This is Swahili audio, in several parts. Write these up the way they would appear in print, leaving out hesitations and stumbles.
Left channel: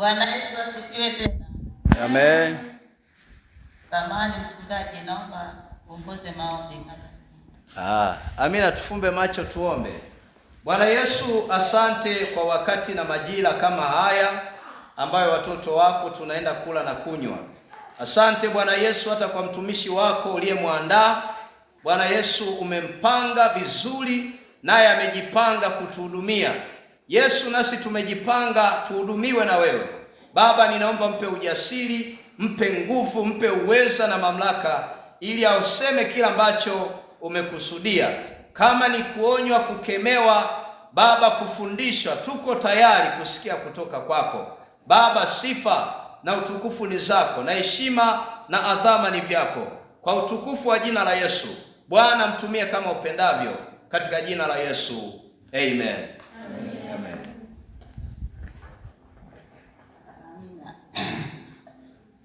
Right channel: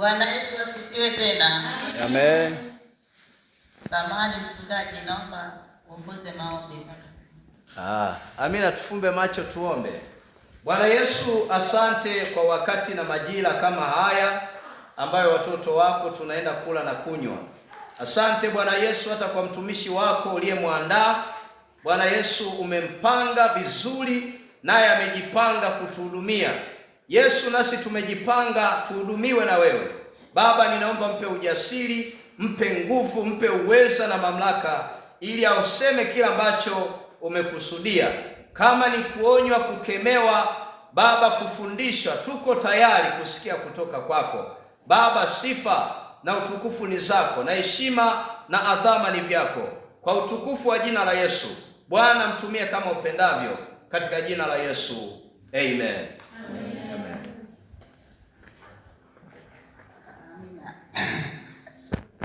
Bwana Yesu asifiwe tena. Amen. Kamani mchungaji, naomba uongoze maombi. Amina, tufumbe macho tuombe. Bwana Yesu, asante kwa wakati na majira kama haya ambayo watoto wako tunaenda kula na kunywa. Asante Bwana Yesu hata kwa mtumishi wako uliyemwandaa. Bwana Yesu, umempanga vizuri naye amejipanga kutuhudumia. Yesu, nasi tumejipanga tuhudumiwe na wewe. Baba, ninaomba mpe ujasiri, mpe nguvu, mpe uweza na mamlaka ili auseme kila ambacho umekusudia. Kama ni kuonywa, kukemewa, Baba, kufundishwa, tuko tayari kusikia kutoka kwako. Baba, sifa na utukufu ni zako, na heshima na adhama ni vyako. Kwa utukufu wa jina la Yesu, Bwana, mtumie kama upendavyo, katika jina la Yesu. Amen.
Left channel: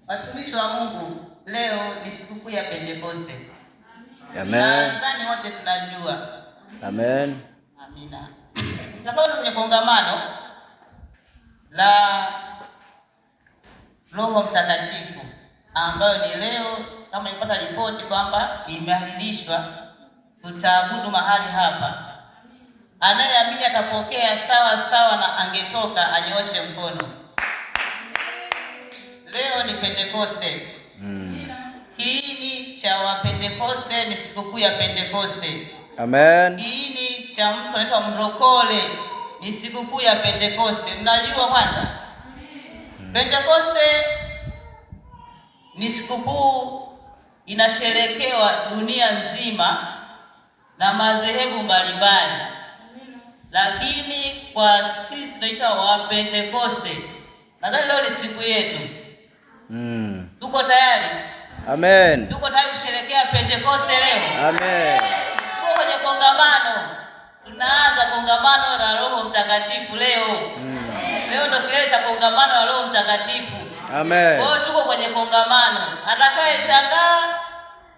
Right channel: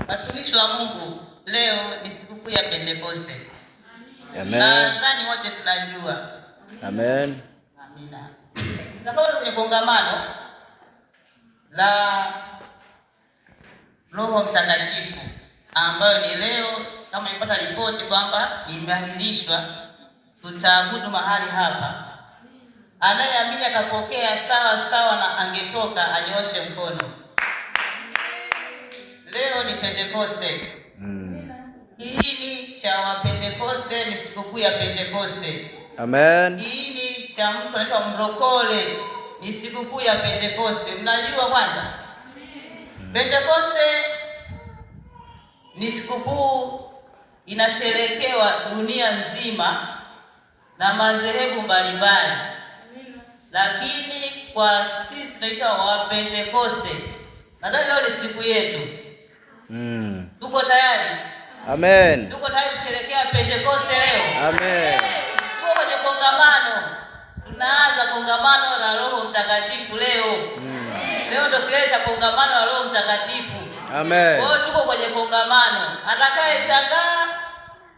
Watumishi wa Mungu, leo ni sikukuu ya Pentekoste. Amen. Nadhani wote tunajua. Amen. Amina. Tutakuwa kwenye kongamano la Roho Mtakatifu ambayo ni leo, kama ipata ripoti kwamba imeahirishwa. Tutaabudu mahali hapa. Anayeamini atapokea sawa sawa na angetoka anyoshe mkono. Leo ni Pentekoste. Kiini cha Wapentekoste ni sikukuu ya Pentekoste. Amen. Kiini cha mtu anaitwa mrokole ni sikukuu ya Pentekoste. Mnajua kwanza? Pentekoste ni sikukuu inasherekewa dunia nzima na madhehebu mbalimbali. Lakini kwa sisi tunaitwa Wapentekoste. Nadhani leo ni siku yetu. Tuko tayari? Amen. Tuko tayari kusherehekea Pentekoste leo? Amen. Tuko kwenye kongamano. Tunaanza kongamano la Roho Mtakatifu leo. Leo ndio kilele cha kongamano la Roho Mtakatifu. Amen. Kwa hiyo tuko kwenye kongamano. Atakaye shangaa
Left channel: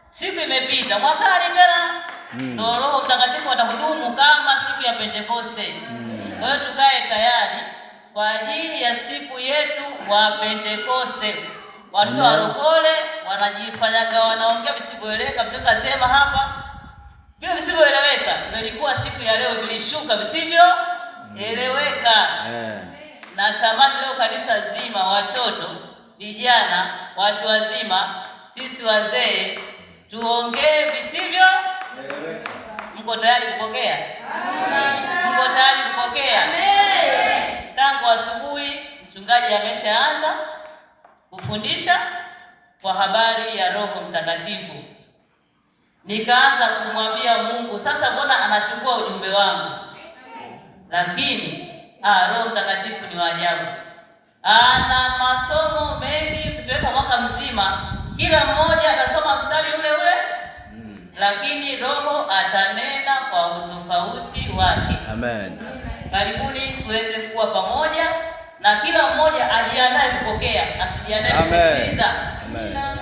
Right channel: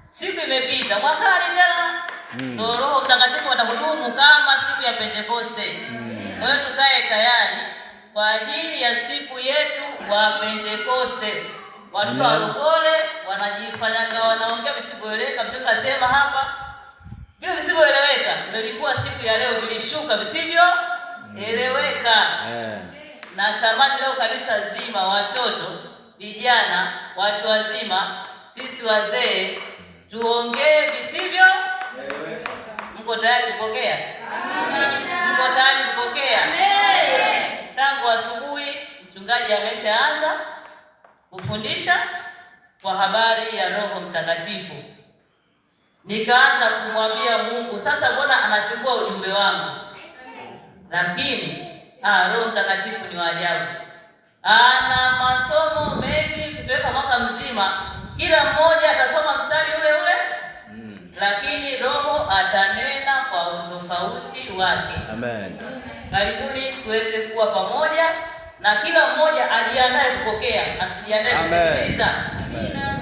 siku imepita, mwakani tena ndio Roho Mtakatifu atahudumu kama siku ya Pentekoste. Kwa hiyo tukae tayari kwa ajili ya siku yetu wa Pentekoste. Watu walokole wanajifanyaga wanaongea visivyoeleweka, tukasema hapa vile visivyoeleweka. Ndio ilikuwa siku ya leo, vilishuka visivyoeleweka. Natamani leo kanisa zima, watoto, vijana, watu wazima, sisi wazee, tuongee visivyoeleweka. Mko tayari kupokea? Mko tayari kupokea? Tangu asubuhi mchungaji ameshaanza kufundisha kwa habari ya Roho Mtakatifu. Nikaanza kumwambia Mungu, sasa mbona anachukua ujumbe wangu? Lakini Roho Mtakatifu ni wa ajabu. Ana masomo mengi, tukiweka mwaka mzima, kila mmoja atasoma mstari ule ule. Lakini Roho atanena kwa utofauti wake. Amen. Karibuni tuweze kuwa pamoja na kila mmoja ajiandae kupokea, asijiandae kusikiliza.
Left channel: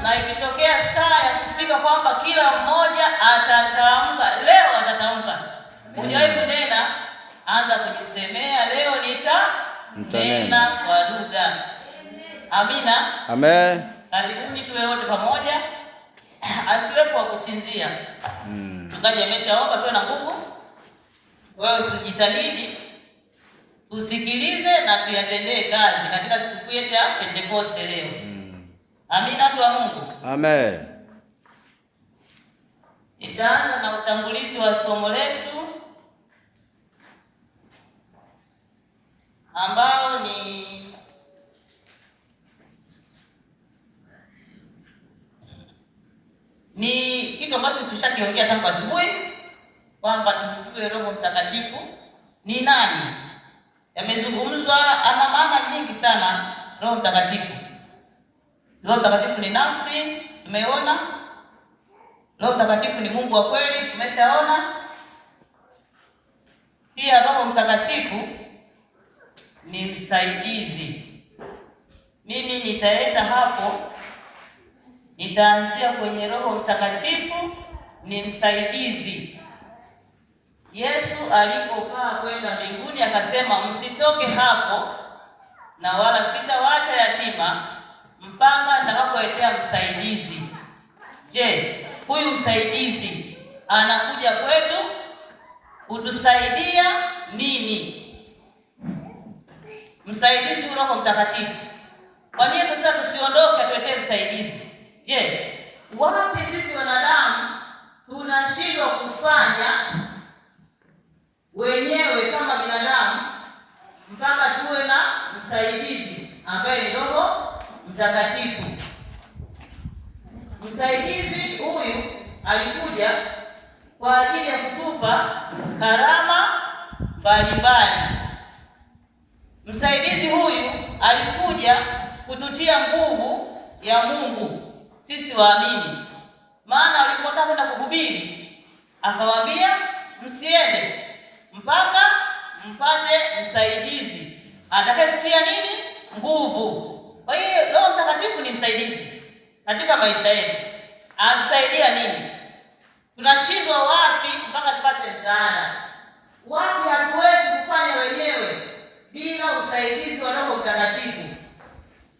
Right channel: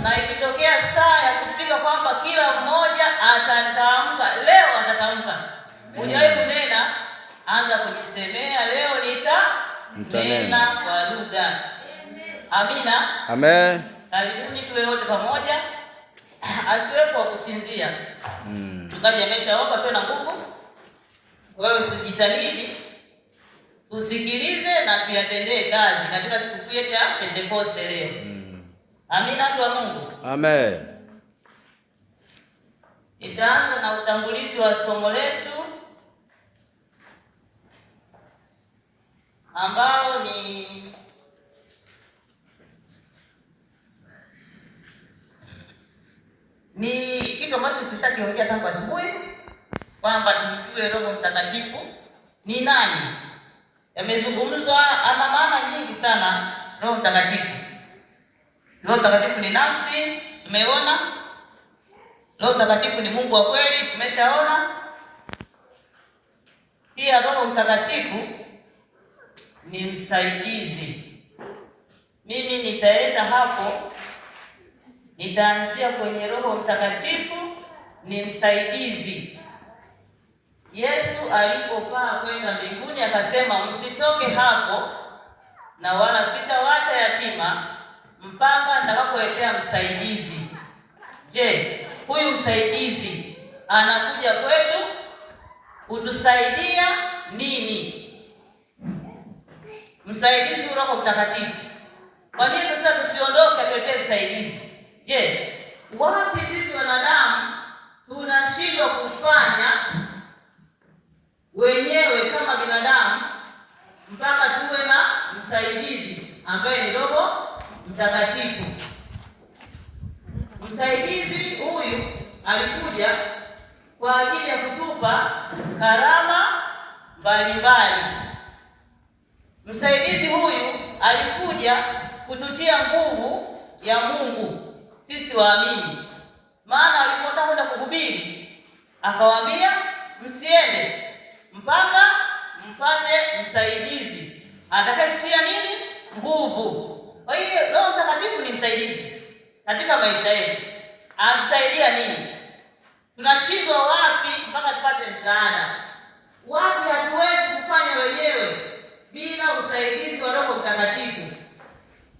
Na ikitokea saa ya kupiga kwamba kila mmoja atatamka, leo atatamka. Hujawahi kunena, anza kujisemea, leo nitanena kwa lugha. Amina. Amen. Karibuni tuwe wote pamoja. Asiwepo kusinzia. Mchungaji ameshaomba pia na nguvu. Wewe tujitahidi tusikilize na tuyatendee kazi katika siku yetu ya Pentekoste leo. Amina, watu wa Mungu. Amen. Itaanza na utangulizi wa somo letu ambao ni kitu ambacho tushakiongea tangu asubuhi kwamba tumjue Roho Mtakatifu ni nani. Yamezungumzwa, ana maana nyingi sana Roho Mtakatifu. Roho Mtakatifu ni nafsi, tumeona. Roho Mtakatifu ni Mungu wa kweli, tumeshaona. Pia Roho Mtakatifu ni msaidizi. Mimi nitaenda hapo, nitaanzia kwenye Roho Mtakatifu ni msaidizi. Yesu alipopaa kwenda mbinguni akasema, msitoke hapo na wala sitawaacha yatima mpaka nitakapoletea msaidizi. Je, huyu msaidizi anakuja kwetu kutusaidia nini? Msaidizi Roho Mtakatifu. Kwa nini sasa tusiondoke atuletee msaidizi? Je, wapi sisi wanadamu tunashindwa kufanya wenyewe kama binadamu mpaka tuwe na msaidizi ambaye ni Roho Mtakatifu? Msaidizi huyu alikuja kwa ajili ya kutupa karama mbalimbali. Msaidizi huyu alikuja kututia nguvu ya Mungu sisi waamini. Maana walipotaka kwenda kuhubiri, akawaambia msiende mpaka mpate msaidizi atakayetutia nini? Nguvu. Kwa hiyo Roho Mtakatifu ni msaidizi katika maisha yetu. Atusaidia nini? Tunashindwa wapi mpaka tupate msaada? Wapi hatuwezi kufanya wenyewe bila usaidizi wa Roho Mtakatifu?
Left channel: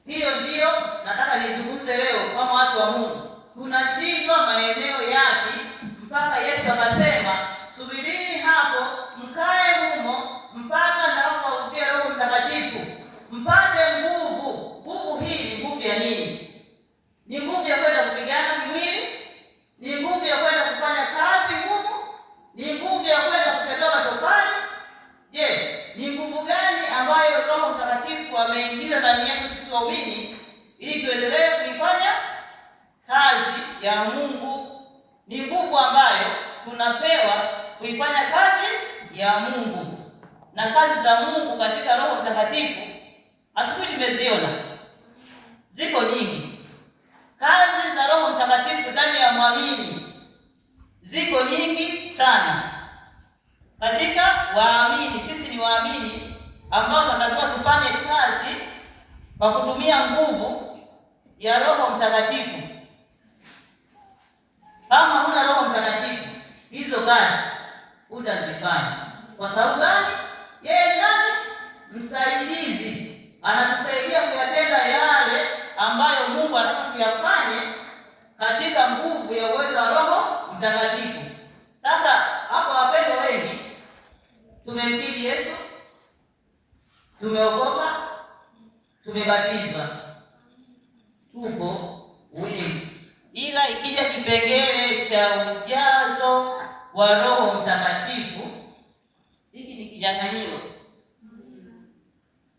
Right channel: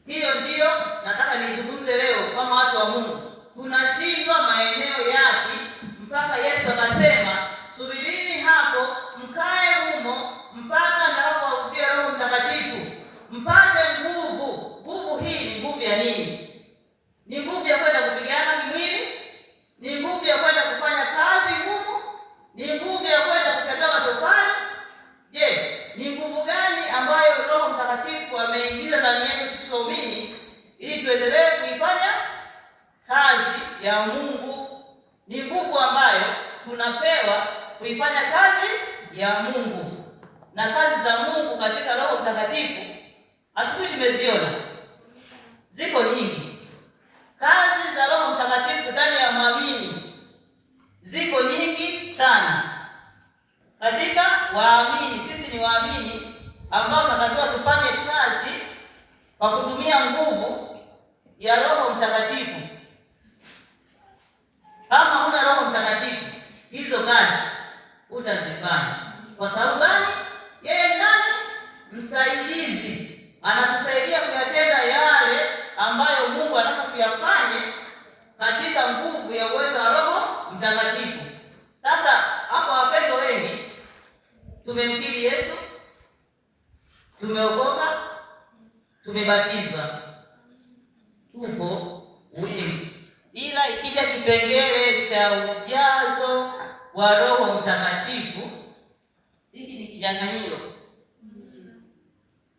Hiyo ndiyo nataka nizungumze leo kama watu wa Mungu. Tunashindwa maeneo yapi mpaka Yesu akasema subirini hapo mkae humo mpaka nitakapowahubiria Roho Mtakatifu mpate nguvu. Nguvu hii ni nguvu ya nini? Ni nguvu ya kwenda kupigana kimwili? Ni nguvu ya kwenda kufanya kazi ngumu? Ni nguvu ya kwenda kupepea matofali? Je, ni nguvu gani ambayo Roho Mtakatifu ameingiza ndani yetu sisi waumini ili tuendelee kuifanya kazi ya Mungu? Ni nguvu ambayo tunapewa kuifanya kazi ya Mungu. Na kazi za Mungu katika Roho Mtakatifu asubuhi tumeziona ziko nyingi. Kazi za Roho Mtakatifu ndani ya mwamini ziko nyingi sana. Katika waamini, sisi ni waamini ambao tunatakiwa kufanya kazi kwa kutumia nguvu ya Roho Mtakatifu. Kama huna Roho Mtakatifu, hizo kazi utazifanya. Kwa sababu gani? Yeye nani? Msaidizi. Anatusaidia kuyatenda yale ambayo Mungu anataka kuyafanye katika nguvu ya uwezo wa Roho Mtakatifu. Sasa hapa wapendwa wengi tumemkiri Yesu, tumeokoka, tumebatizwa, tuko wengi. Ila ikija kipengele cha ujazo wa Roho Mtakatifu, hiki ni kinyang'anyiro.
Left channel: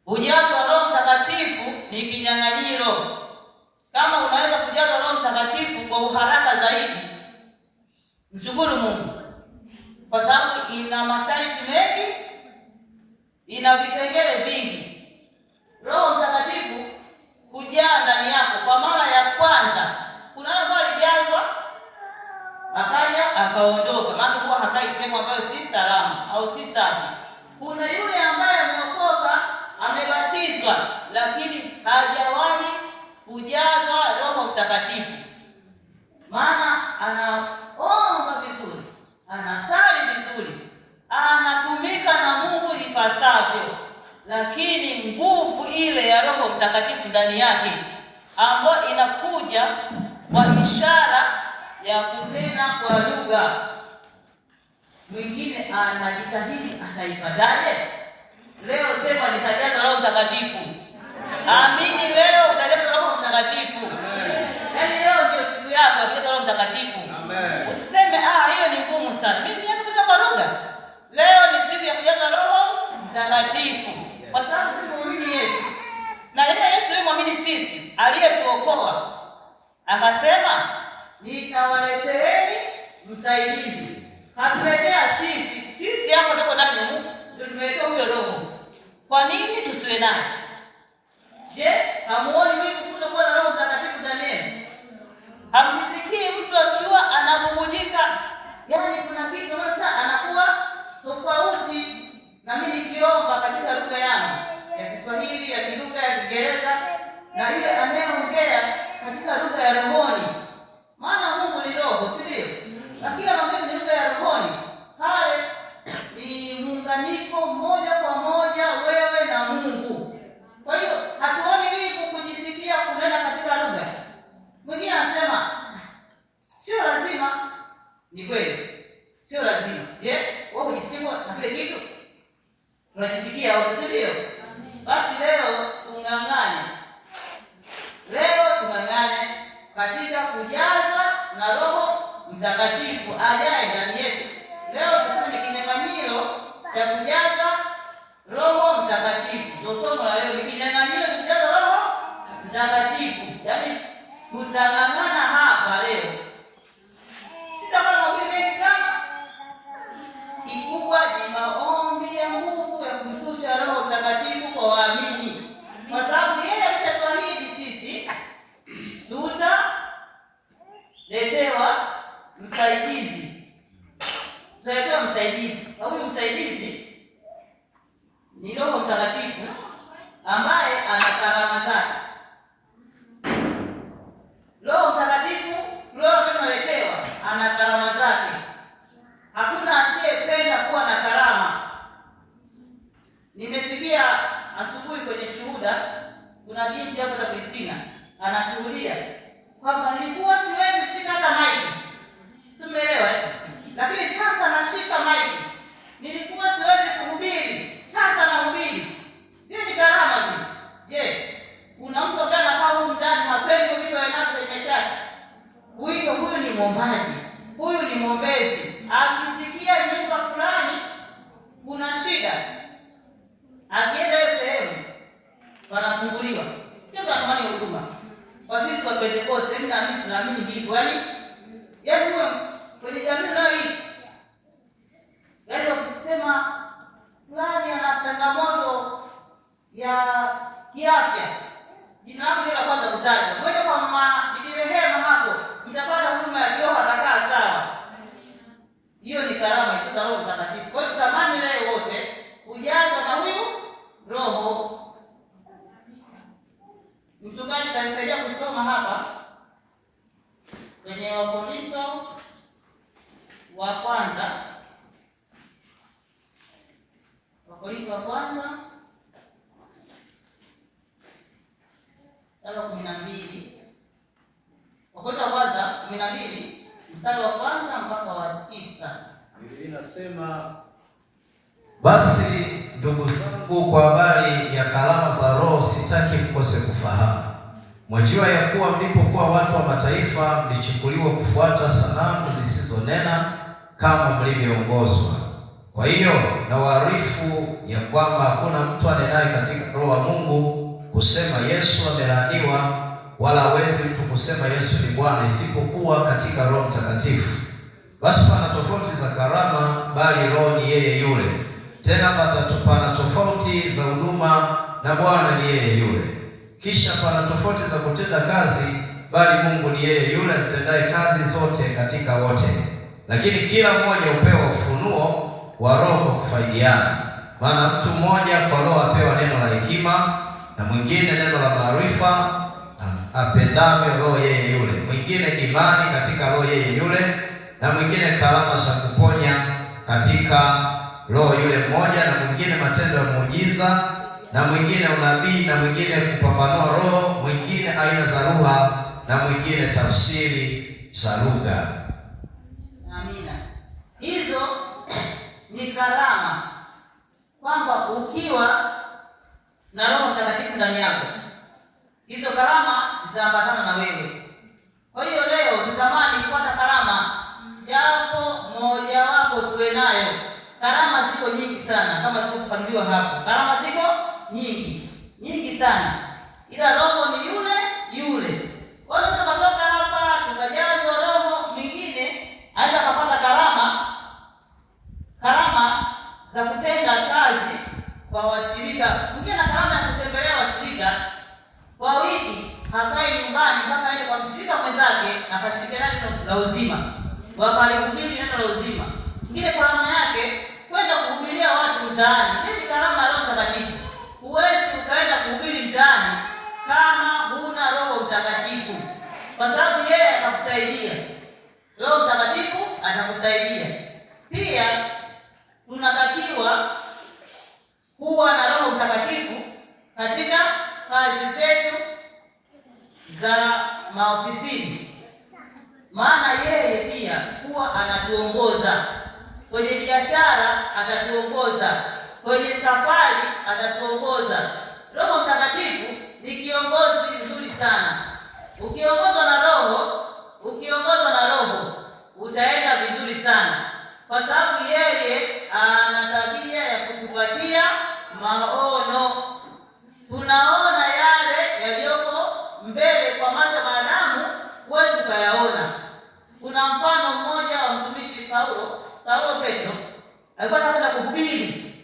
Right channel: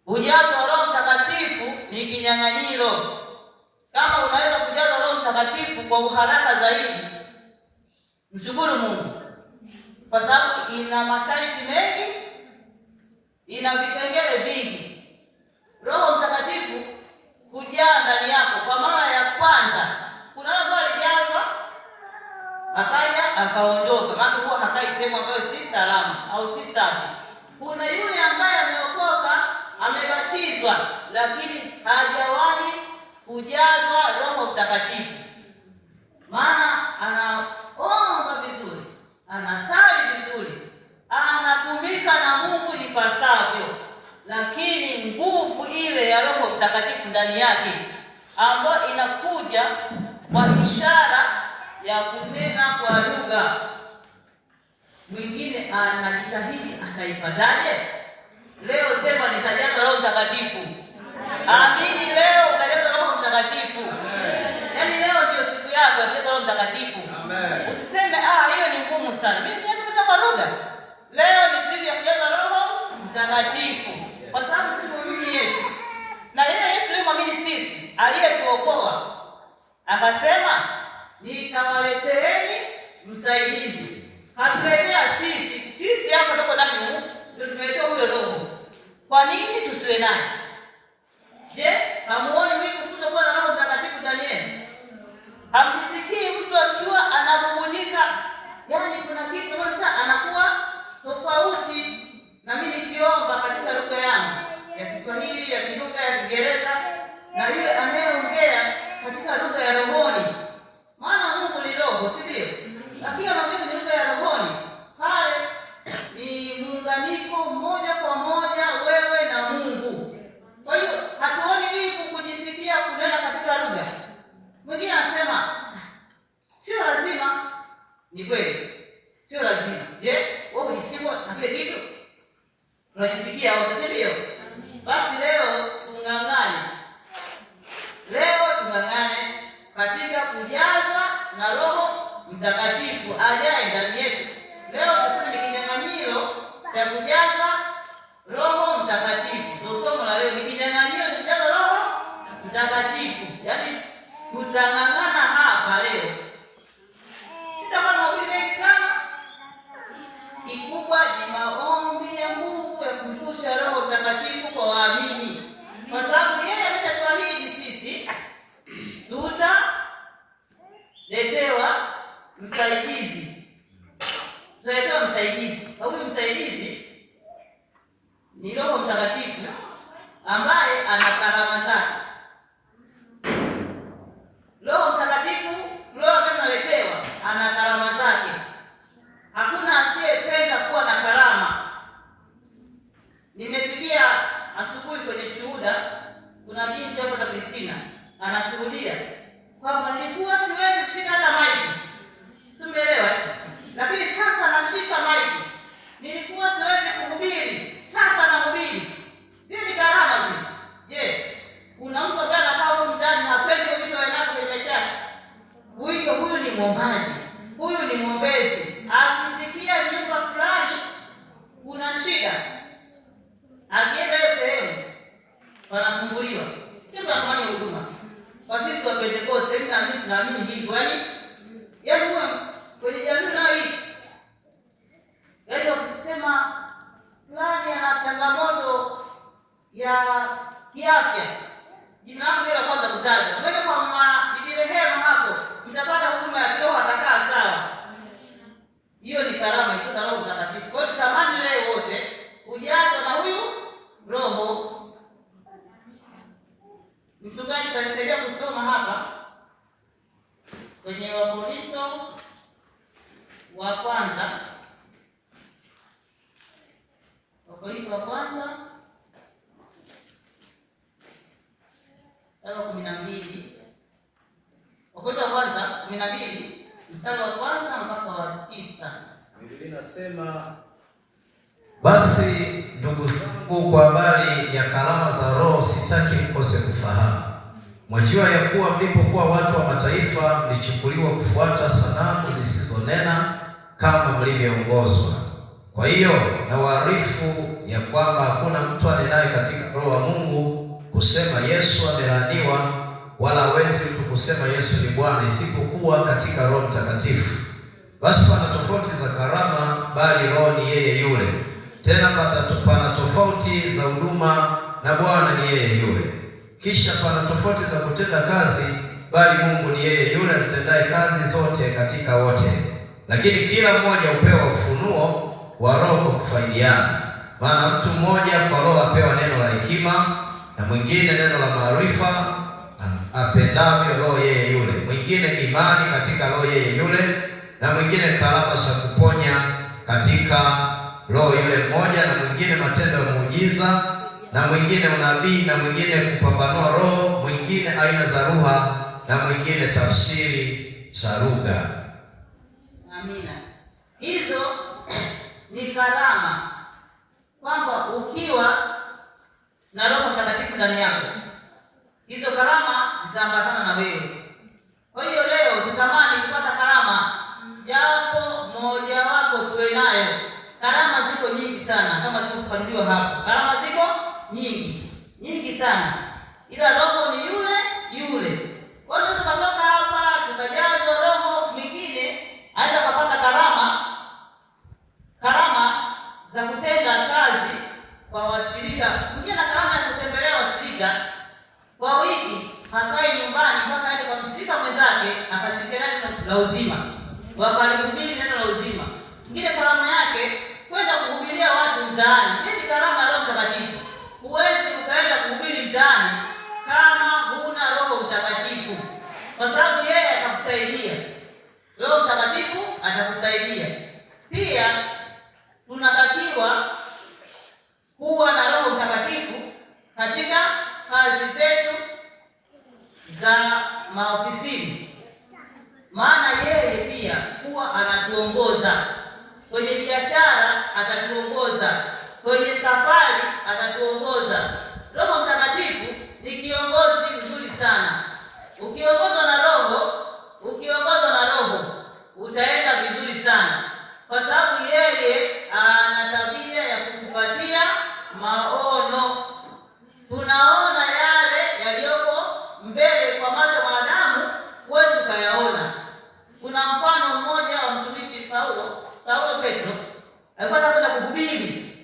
Ujazo wa Roho Mtakatifu ni kinyang'anyiro. Kama unaweza kujaza Roho Mtakatifu kwa uharaka zaidi, mshukuru Mungu, kwa sababu ina masharti mengi, ina vipengele vingi. Roho Mtakatifu kujaa ndani yako kwa mara ya kwanza, kuna wale ambao alijazwa akaja akaondoka, maana huwa hakai sehemu ambayo si salama au si safi. Kuna yule ambaye ameokoka, amebatizwa, lakini hajawahi kujazwa Roho Mtakatifu. Maana anaomba vizuri, anasali vizuri, anatumika na Mungu ipasavyo, lakini nguvu ile ya Roho Mtakatifu ndani yake ambayo inakuja kwa ishara ya kunena kwa lugha, mwingine anajitahidi ataipataje? Leo sema nitajaza Roho Mtakatifu. Amini, leo utajaza Roho Mtakatifu. Yaani leo ndio siku yako ya kujaza Roho Mtakatifu. Amen. Usiseme hiyo ni ngumu sana, mimi nataka kwa lugha. Leo ni siku ya kujaza Roho Mtakatifu, kwa sababu sisi tunaamini Yesu. Na yeye Yesu tulimwamini sisi, aliyetuokoa akasema nitawaleteeni msaidizi. Hatuletea sisi hapo ndio ndani ndio tumeletea huyo Roho. Kwa nini tusiwe naye? Je, hamuoni wivu kutokuwa na Roho Mtakatifu ndani yenu? Hamjisikii mtu akiwa anabubujika? Yaani kuna kitu sasa anakuwa tofauti. Na mimi nikiomba katika lugha yangu ya Kiswahili, ya Kilugha, ya Kiingereza, na ile anayeongea katika lugha ya rohoni. Maana Mungu ni roho, si ndio? Lakini anaongea ni lugha ya rohoni. Pale ni muunganiko moja kwa moja wewe na Mungu. Kwa hiyo Ni kweli? Sio lazima. Je, wewe unajisikia na kile kitu? Unajisikia au sio? Basi leo tung'ang'ane. Leo tung'ang'ane katika kujazwa na Roho Mtakatifu ajaye ndani yetu. Leo tuseme ni kinyang'anyiro cha kujazwa Roho Mtakatifu. Somo la leo ni kinyang'anyiro cha kujazwa Roho Mtakatifu. Yaani tutang'ang'ana hapa leo. Sitakuwa mahubiri mengi sana. Kikubwa ni maombi ya nguvu ya kushusha Roho Mtakatifu kwa waamini. Kwa sababu yeye ameshatuahidi sisi tutaletewa msaidizi. Tutaletewa msaidizi. Na huyu msaidizi ni Roho Mtakatifu ambaye ana karama zake. Roho Mtakatifu tunaletewa ana karama zake. Hakuna asiyependa kuwa na karama. Nimesikia asubuhi kwenye shuhuda, kuna binti hapa na Kristina anashuhudia kwamba nilikuwa siwezi kushika hata maiki. Simeelewa? Lakini sasa nashika maiki. Nilikuwa siwezi kuhubiri, sasa nahubiri. Hizi ni karama hizi. Je, kuna mtu ambaye anakaa huko ndani hapendi vitu vinavyo kwenye maisha yake? Huyu ni mwombaji. Huyu ni mwombezi. Akisikia nyumba fulani kuna shida, akienda hiyo sehemu panafunguliwa. Ndio tunatamani huduma. Kwa sisi wa Pentecost, hivi naamini hivyo. Yaani huwa kwenye jamii unayoishi, yaani ukisema fulani ana changamoto ya kiafya, jina lako ndio la kwanza kutaja. Mwende kwa mama Bibi Rehema hapo, mtapata huduma ya kiroho, atakaa sawa. Hiyo ni karama itoka Roho Mtakatifu. Kwa hiyo tutamani leo wote ujazwe na huyu Roho. Mchungaji atanisaidia kusoma hapa kwenye Wakorintho wa kwanza. Wakorintho wa kwanza sura 12. Wakorintho wa kwanza 12 mstari wa kwanza mpaka wa 9. Biblia inasema, basi ndugu zangu, kwa habari ya karama za Roho sitaki mkose kufahamu. Mwajua ya kuwa mlipokuwa watu wa mataifa mlichukuliwa kufuata sanamu zisizonena kama mlivyoongozwa. Kwa hiyo nawaarifu ya kwamba hakuna mtu anenaye katika Roho wa Mungu kusema Yesu amelaaniwa, wala hawezi mtu kusema Yesu ni Bwana isipokuwa katika Roho Mtakatifu. Basi pana tofauti za karama, bali Roho ni yeye yule. Tena pana tofauti za huduma, na Bwana ni yeye yule. Kisha pana tofauti za kutenda kazi, bali Mungu ni yeye yule azitendaye kazi zote katika wote. Lakini kila mmoja hupewa ufunuo wa Roho kwa kufaidiana. Maana mtu mmoja kwa Roho apewa neno la hekima, na mwingine neno la maarifa apendavyo Roho yeye yule, mwingine imani katika Roho yeye yule, na mwingine karama za kuponya katika Roho yule mmoja, na mwingine matendo ya muujiza, na mwingine unabii, na mwingine kupambanua roho, mwingine aina za lugha, na mwingine tafsiri za lugha. Amina. Hizo ni karama, kwamba ukiwa na Roho Mtakatifu ndani yako, hizo karama zitaambatana na wewe. Kwa hiyo leo tutamani kupata karama, japo moja wapo tuwe nayo. Karama ziko nyingi sana kama zilivyopanuliwa hapo. Karama ziko nyingi sana, ila Roho ni yule yule. Wala tukatoka hapa tukajazwa Roho, mwingine aenda kupata karama za kutenda kazi kwa washirika, mwingine na karama ya kutembelea washirika kwa wiki, hakai nyumbani mpaka aende kwa mshirika mwenzake akashirikiana neno la uzima, wakalihubiri neno la uzima. Mwingine karama yake kwenda kuhubiria watu mtaani. Hii ni karama ya Roho Mtakatifu. Huwezi ukaenda kuhubiri mtaani kama huna Roho Mtakatifu, kwa sababu yeye atakusaidia. Roho Mtakatifu atakusaidia. Pia tunatakiwa kuwa na Roho Mtakatifu katika kazi zetu za maofisini, maana yeye pia huwa anatu atatuongoza kwenye safari, atatuongoza. Roho Mtakatifu ni kiongozi mzuri sana. Ukiongozwa na Roho utaenda vizuri sana, kwa sababu yeye ana tabia ya kutupatia maono. Tunaona yale yaliyoko mbele kwa macho ya wanadamu, huwezi kuyaona. Kuna mfano mmoja wa mtumishi Petro, alikuwa anakwenda kuhubiri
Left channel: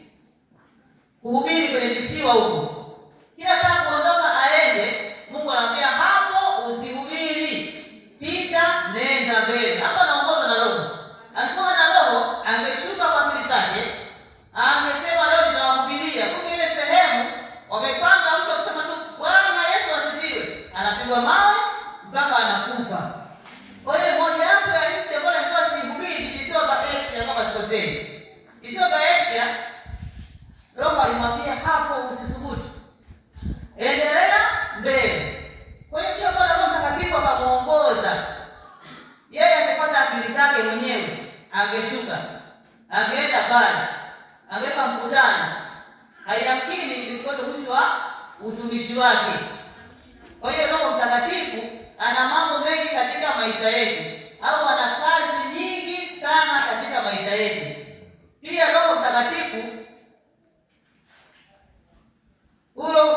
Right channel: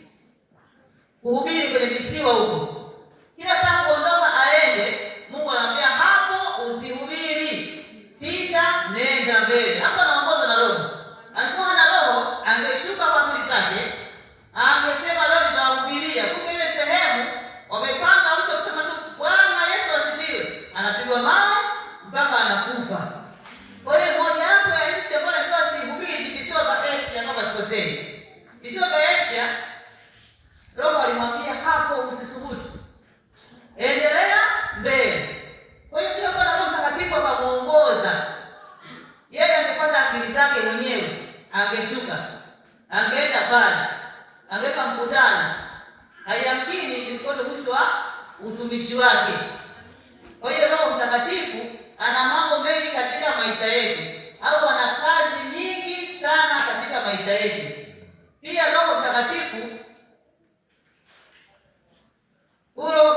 kwenye visiwa huko. Kila tangu kuondoka aende, Mungu anamwambia hapo usihubiri, pita nenda mbele. Hapa anaongozwa na Roho. Alikuwa na Roho, angeshuka kwa akili zake, angesema leo nitawahubiria. Kumbe ile sehemu wamepanga mtu akisema tu Bwana Yesu asifiwe, anapigwa mawe mpaka anakufa. Kwa hiyo moja hapo ya nchi ambayo ilikuwa sihubiri visiwa vya Asia, kama sikosei. Visiwa vya Asia, Roho alimwambia hapo usisubutu, endelea mbele. Kwa hiyo ndio Bwana Roho Mtakatifu akamuongoza. Yeye angepata akili zake mwenyewe, angeshuka, angeenda pale, angeweka mkutano, hayamkini ilikuwa mwisho wa utumishi wake. Kwa hiyo Roho Mtakatifu ana mambo mengi katika maisha yetu, au ana kazi nyingi sana katika maisha yetu. Pia Roho Mtakatifu, Roho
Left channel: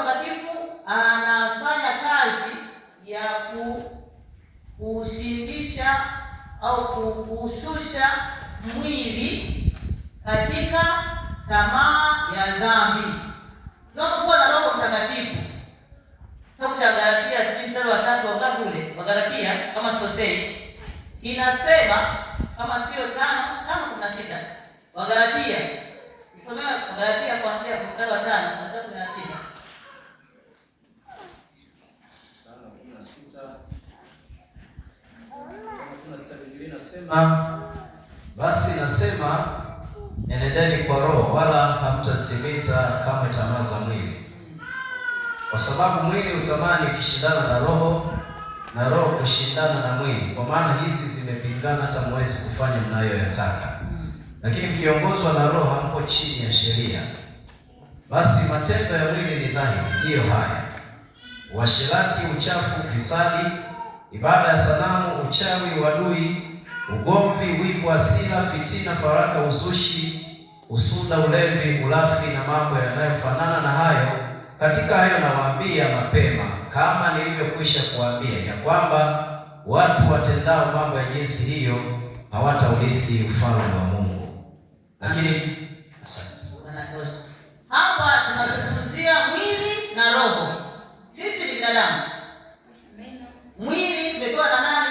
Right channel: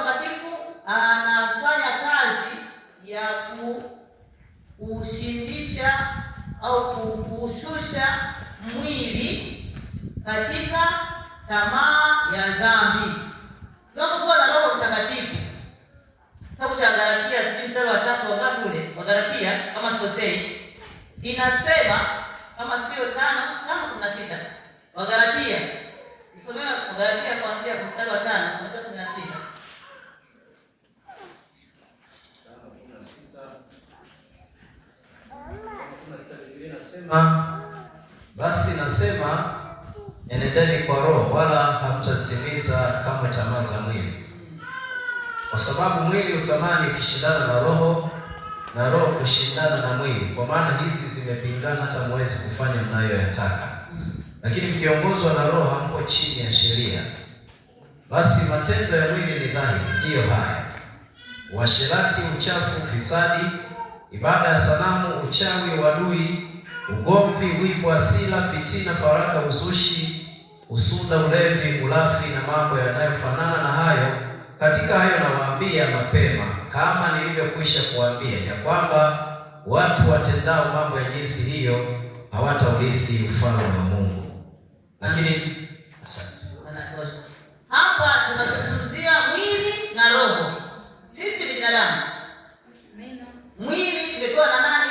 Mtakatifu anafanya kazi ya kushindisha au kushusha mwili katika tamaa ya dhambi. Tunapokuwa na Roho Mtakatifu, kitabu cha Galatia 3:3 wangapi ule? Wa Galatia kama sikosei, inasema kama sio 5:16. Wa Galatia. Nisomea wa Galatia kuanzia mstari wa 5 hadi 16. Basi nasema enendeni kwa Roho, wala hamtazitimiza kamwe tamaa za mwili. Kwa sababu mwili utamani ukishindana na Roho, na Roho kushindana na mwili, kwa maana hizi zimepingana, hata mwezi kufanya mnayoyataka. Lakini mkiongozwa na Roho hampo chini ya sheria. Basi matendo ya mwili ni dhahiri, ndiyo haya: uasherati, uchafu, ufisadi, ibada ya sanamu, uchawi, uadui, ugomvi, wivu, hasira, fitina, faraka, uzushi, usuda, ulevi, ulafi na mambo yanayofanana na hayo. Katika hayo nawaambia mapema, kama nilivyokwisha kuambia, ya kwamba watu watendao mambo ya jinsi hiyo hawataurithi ufalme wa Mungu. Lakini hapa tunazungumzia mwili na roho. Sisi ni binadamu. Mwili tumepewa na nani?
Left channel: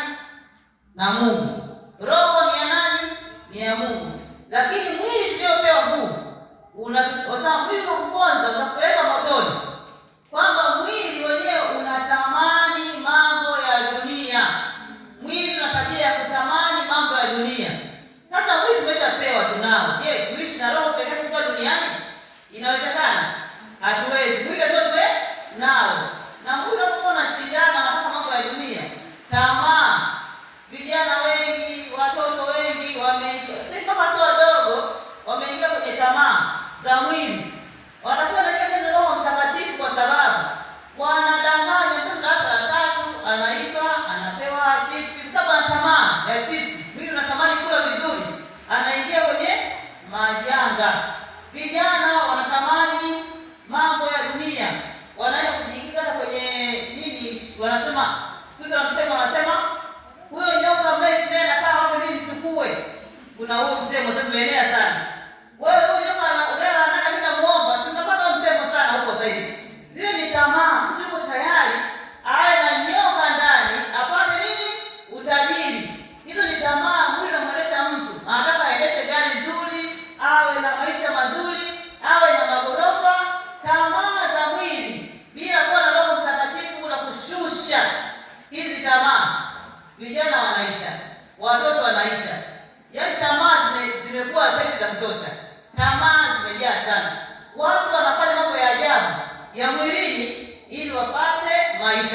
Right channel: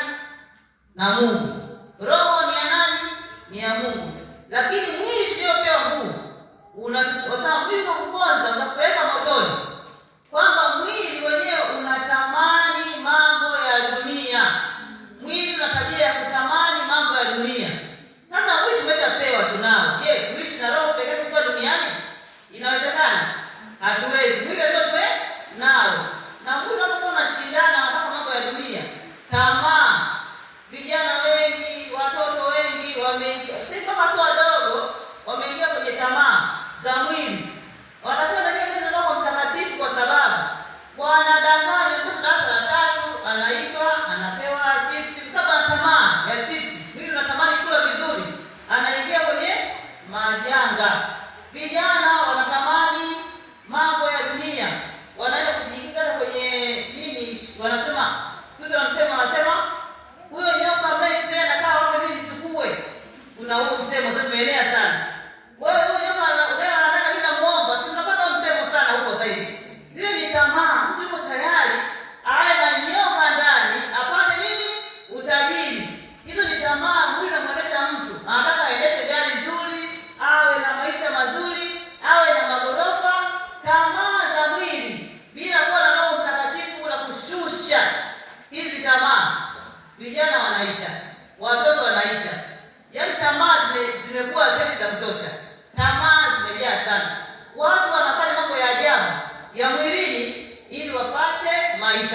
Na Mungu. Roho ni ya nani? Ni ya Mungu. Lakini mwili tuliopewa Mungu unasema mwili kwa kuponza unakupeleka motoni, kwamba mwili wenyewe unatamani mambo ya dunia. Mwili una tabia ya kutamani mambo ya dunia. Sasa mwili tumeshapewa, tunao. Je, kuishi na roho pekee tukiwa duniani inawezekana? Hatuwezi. Mwili ndio nao. Na mwili unapokuwa unashindana na mambo ya dunia, tamaa, vijana wengi, watoto wengi wameingia, mpaka watu wadogo wameingia kwenye tamaa za mwili. Wanatakiwa na Roho Mtakatifu, kwa sababu wanadanganya. Mtoto darasa la 3 anaiba, anapewa chips, kwa sababu ana tamaa ya chips. Mwili unatamani kula vizuri, anaingia kwenye majanga. Vijana wanatamani mambo ya dunia, wanaenda kujiingiza kwenye nini, wanasema huyo nyoka mreshi anakaa hapo, mimi nichukue. Kuna huo msemo sasa umeenea sana. Wewe huyo nyoka anataka bila muomba, si unapata msemo sana huko zaidi. Zile ni tamaa. Mtu yuko tayari awe na nyoka ndani apate nini? Utajiri. Hizo ni tamaa. Mwili unamwendesha mtu, anataka aendeshe gari nzuri, awe na maisha mazuri, awe na magorofa. Tamaa za mwili bila kuwa na Roho Mtakatifu na kushusha hizi tamaa, vijana wanaisha, watoto wanaisha. Yaani tamaa zimekuwa zaidi za kutosha. Tamaa zimejaa sana. Watu wanafanya mambo ya ajabu ya mwilini ili wapate maisha.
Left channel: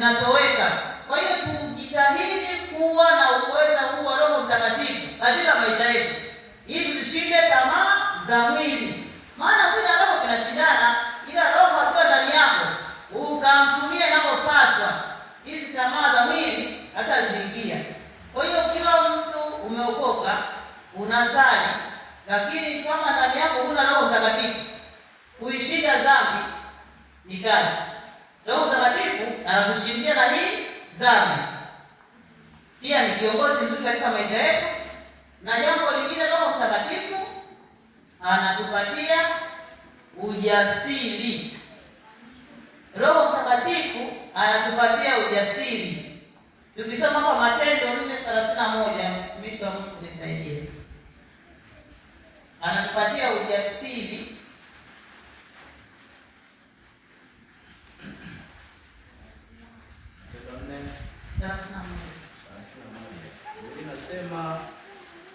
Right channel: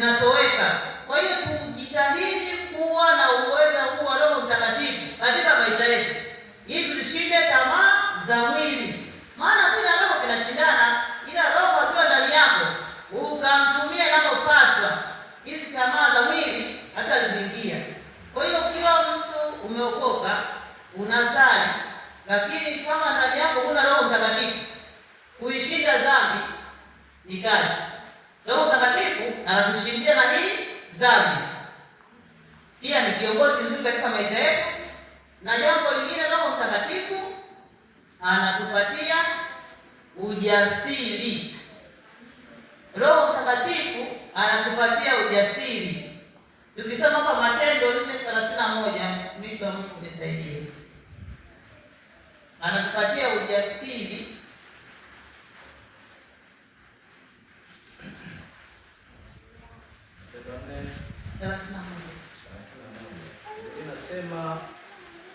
zinatoweka. Kwa hiyo tujitahidi kuwa na uwezo huu wa Roho Mtakatifu katika maisha yetu, ili tusishinde tamaa za mwili, maana kila roho kinashindana. Ila Roho akiwa ndani yako ukamtumia inapopaswa, hizi tamaa za mwili hataziingia. Kwa hiyo kila mtu umeokoka, unasali, lakini kama ndani yako huna Roho Mtakatifu, kuishinda dhambi ni kazi. Roho Mtakatifu anatushindia na hii dhambi. Pia ni kiongozi mzuri katika maisha yetu. Na jambo lingine, Roho Mtakatifu anatupatia ujasiri. Roho Mtakatifu anatupatia ujasiri. Tukisoma hapa Matendo 4:31, mwisho wa Mungu nisaidie. Anatupatia ujasiri.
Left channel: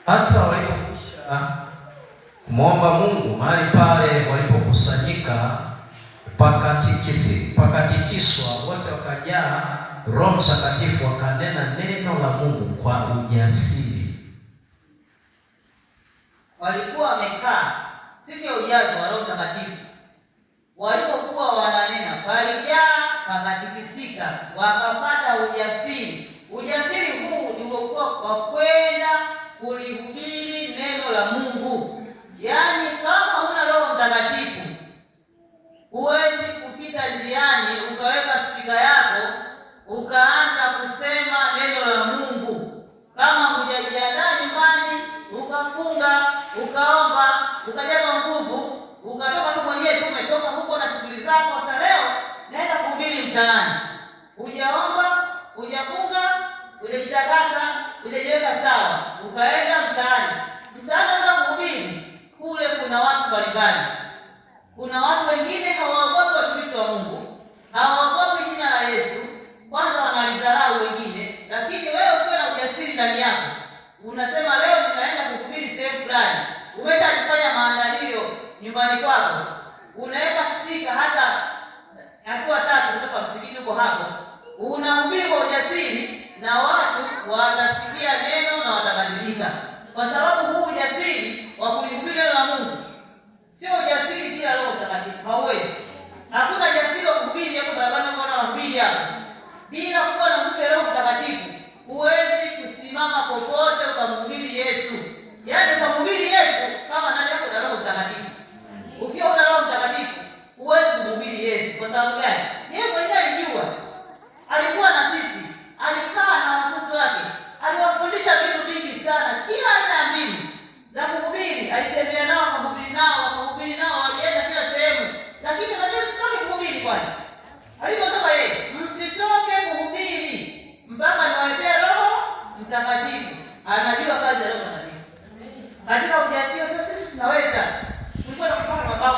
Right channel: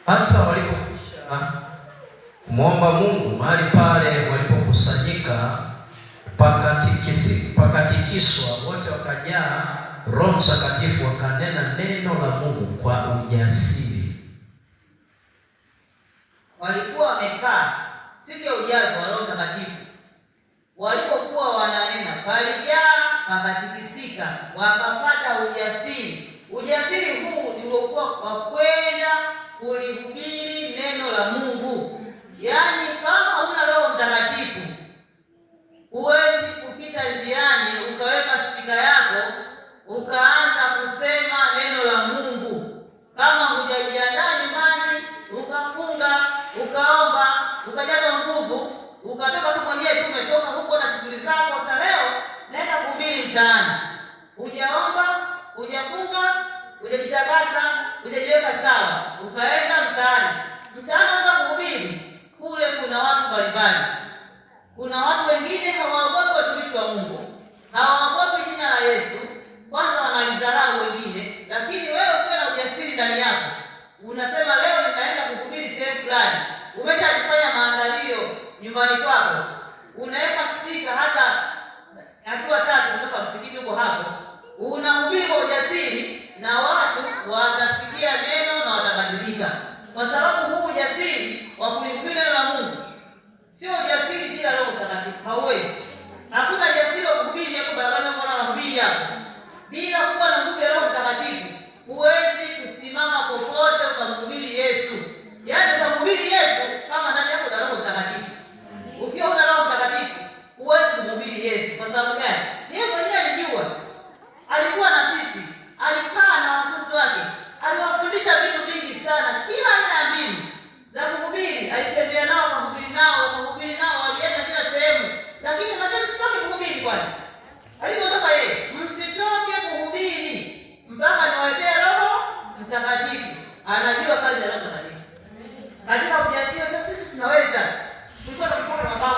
Hata walipokwisha kumwomba Mungu mahali pale walipokusanyika, pakatikiswa, wote wakajaa Roho Mtakatifu, wakanena neno la Mungu kwa ujasiri. Walikuwa wamekaa siku ya ujazo wa Roho Mtakatifu. Walipokuwa wananena, palijaa, pakatikisika, wakapata ujasiri. Ujasiri huu ni kwa kwenda kulihubiri neno la Mungu. Yaani kama huna Roho Mtakatifu, huwezi kupita njiani ukaweka spika yako ukaanza kusema neno la Mungu. Kama hujajiandaa nyumbani, ukafunga, ukaomba, ukajaza nguvu, ukatoka tu mwenyewe tu, umetoka huko na shughuli zako, sasa leo naenda kuhubiri mtaani. Hujaomba, hujafunga, hujajitakasa, hujajiweka sawa, ukaenda mtaani. Mtaani unaenda kuhubiri, kule kuna watu mbalimbali. Kuna watu wengine hawaogopi watumishi wa Mungu, hawaogopi jina la Yesu, kwanza wanalizarau wengine. Lakini wewe ukiwa na ujasiri ndani yako, unasema leo nitaenda kuhubiri sehemu fulani, umeshajifanya maandalio nyumbani kwako, unaweka spika hata hatua 3 kutoka msikitini huko hapo, unahubiri kwa ujasiri, na watu watasikia neno na watabadilika, kwa sababu huu ujasiri wa kulihubiri neno la Mungu sio ujasiri bila Roho Mtakatifu. Hauwezi. Hakuna jasiri wa kuhubiri hapo barabarani kwa wanahubiri hapo bila kuwa na nguvu ya Roho Mtakatifu. Huwezi kusimama popote ukamhubiri Yesu. Yaani ukamhubiri Yesu kama ndani yako na Roho Mtakatifu. Ukiwa una Roho Mtakatifu huwezi kumhubiri Yesu. Kwa sababu gani? Yeye mwenyewe alijua. Alikuwa na sisi, alikaa na wanafunzi wake, aliwafundisha vitu vingi sana, kila aina ya mbinu za kuhubiri. Alitembea nao, akahubiri nao, walienda kila sehemu. Lakini anasema msitoke kuhubiri kwanza. Alipotoka yeye, msitoke kuhubiri mpaka niwaletee Roho Mtakatifu. Anajua kazi ya Roho Mtakatifu. Katika ujasiri sasa sisi tunaweza. Kulikuwa na mfano mabao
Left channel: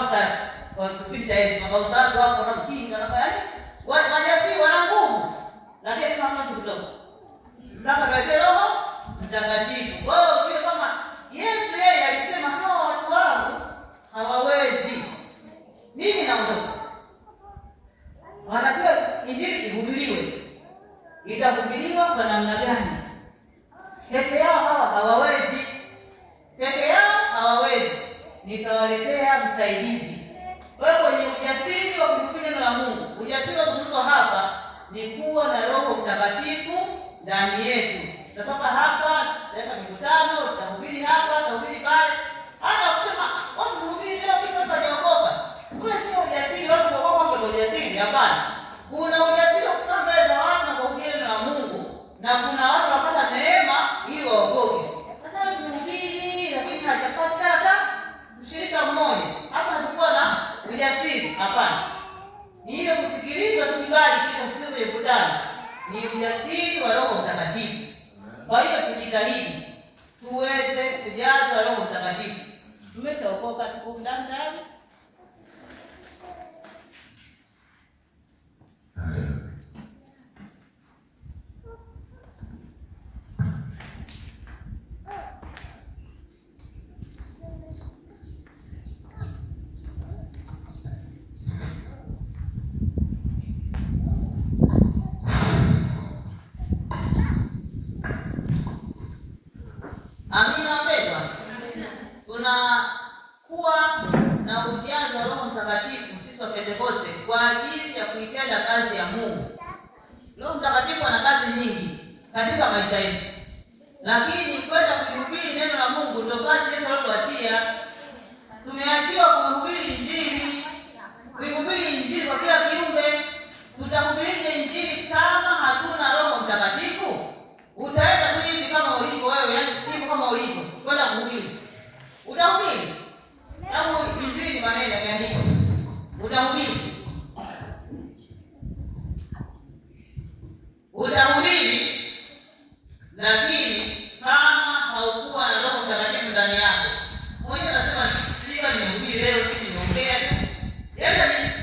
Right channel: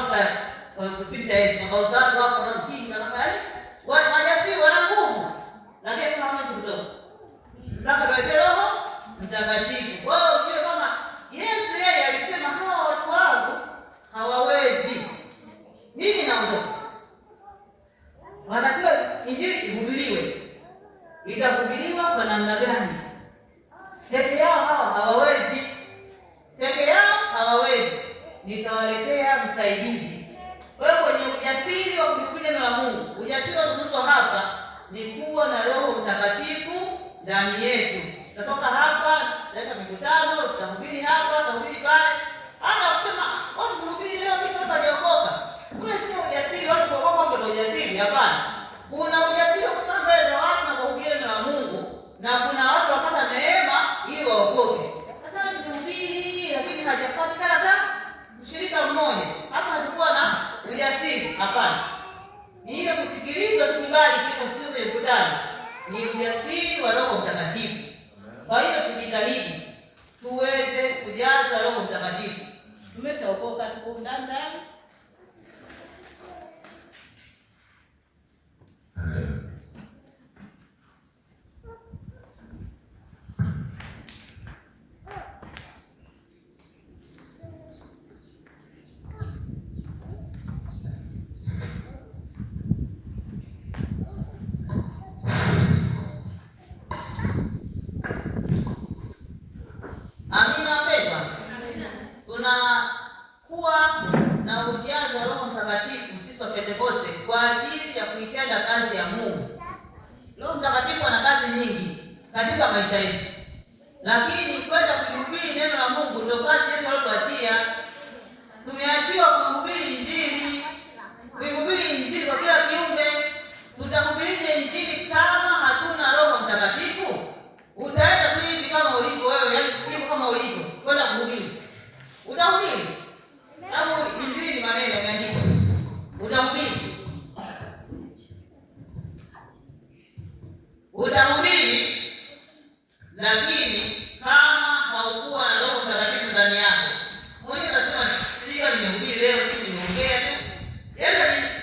kwa kipindi cha Yesu, mabao watu wako na mkinga na kali. Wajasiri wana nguvu. Lakini kama mtu mdogo. Mpaka niwaletee Roho Mtakatifu. Wao vile kama Yesu yeye alisema hawa watu wangu hawawezi, mimi naondoka. Wanatakiwa injili ihubiriwe. Itahubiriwa kwa namna gani? Peke yao hawa hawawezi. Nitawaletea msaidizi. Wewe kwenye ujasiri wa kuhubiri neno la Mungu, ujasiri wa kuzungumza hapa ni kuwa na Roho Mtakatifu ndani yetu. Tutatoka hapa, tutaenda mikutano, tutahubiri hapa, tutahubiri pale. Hata kusema watu kuhubiri leo kitu hapa hajaokoka. Kule sio ujasiri watu kuokoka mambo ya ujasiri, hapana. Kuna ujasiri wa kusimama mbele za watu na kuhubiri neno la Mungu, na kuna watu wanapata neema ili waokoke. Sasa ni kuhubiri lakini hajapata hata mshirika mmoja. Hapa hatakuwa na ujasiri, hapana. Ni ile kusikiliza tukibali kisha usikize mikutano. Ni ujasiri wa Roho Mtakatifu. Kwa hiyo tujitahidi tuweze kujaza Roho Mtakatifu. Tumeshaokoka, tuko ndani tayari. kwa ajili ya kuitenda kazi ya Mungu. Roho Mtakatifu ana kazi nyingi katika maisha yetu, lakini kwenda kuhubiri neno la Mungu ndio kazi Yesu alituachia. Tumeachiwa kuhubiri Injili, kuhubiri Injili kwa kila kiumbe. Tutahubirije Injili kama hatuna Roho Mtakatifu? Utaenda tu hivi kama ulipo wewe, yaani hivi kama ulipo kwenda kuhubiri. Utahubiri. Sababu Injili ni maneno yameandikwa. Utahubiri. Utahubiri, lakini kama haukuwa na Roho Mtakatifu ndani yako, mwenyewe unasema sio nimehubiri leo, si nimeongea tu.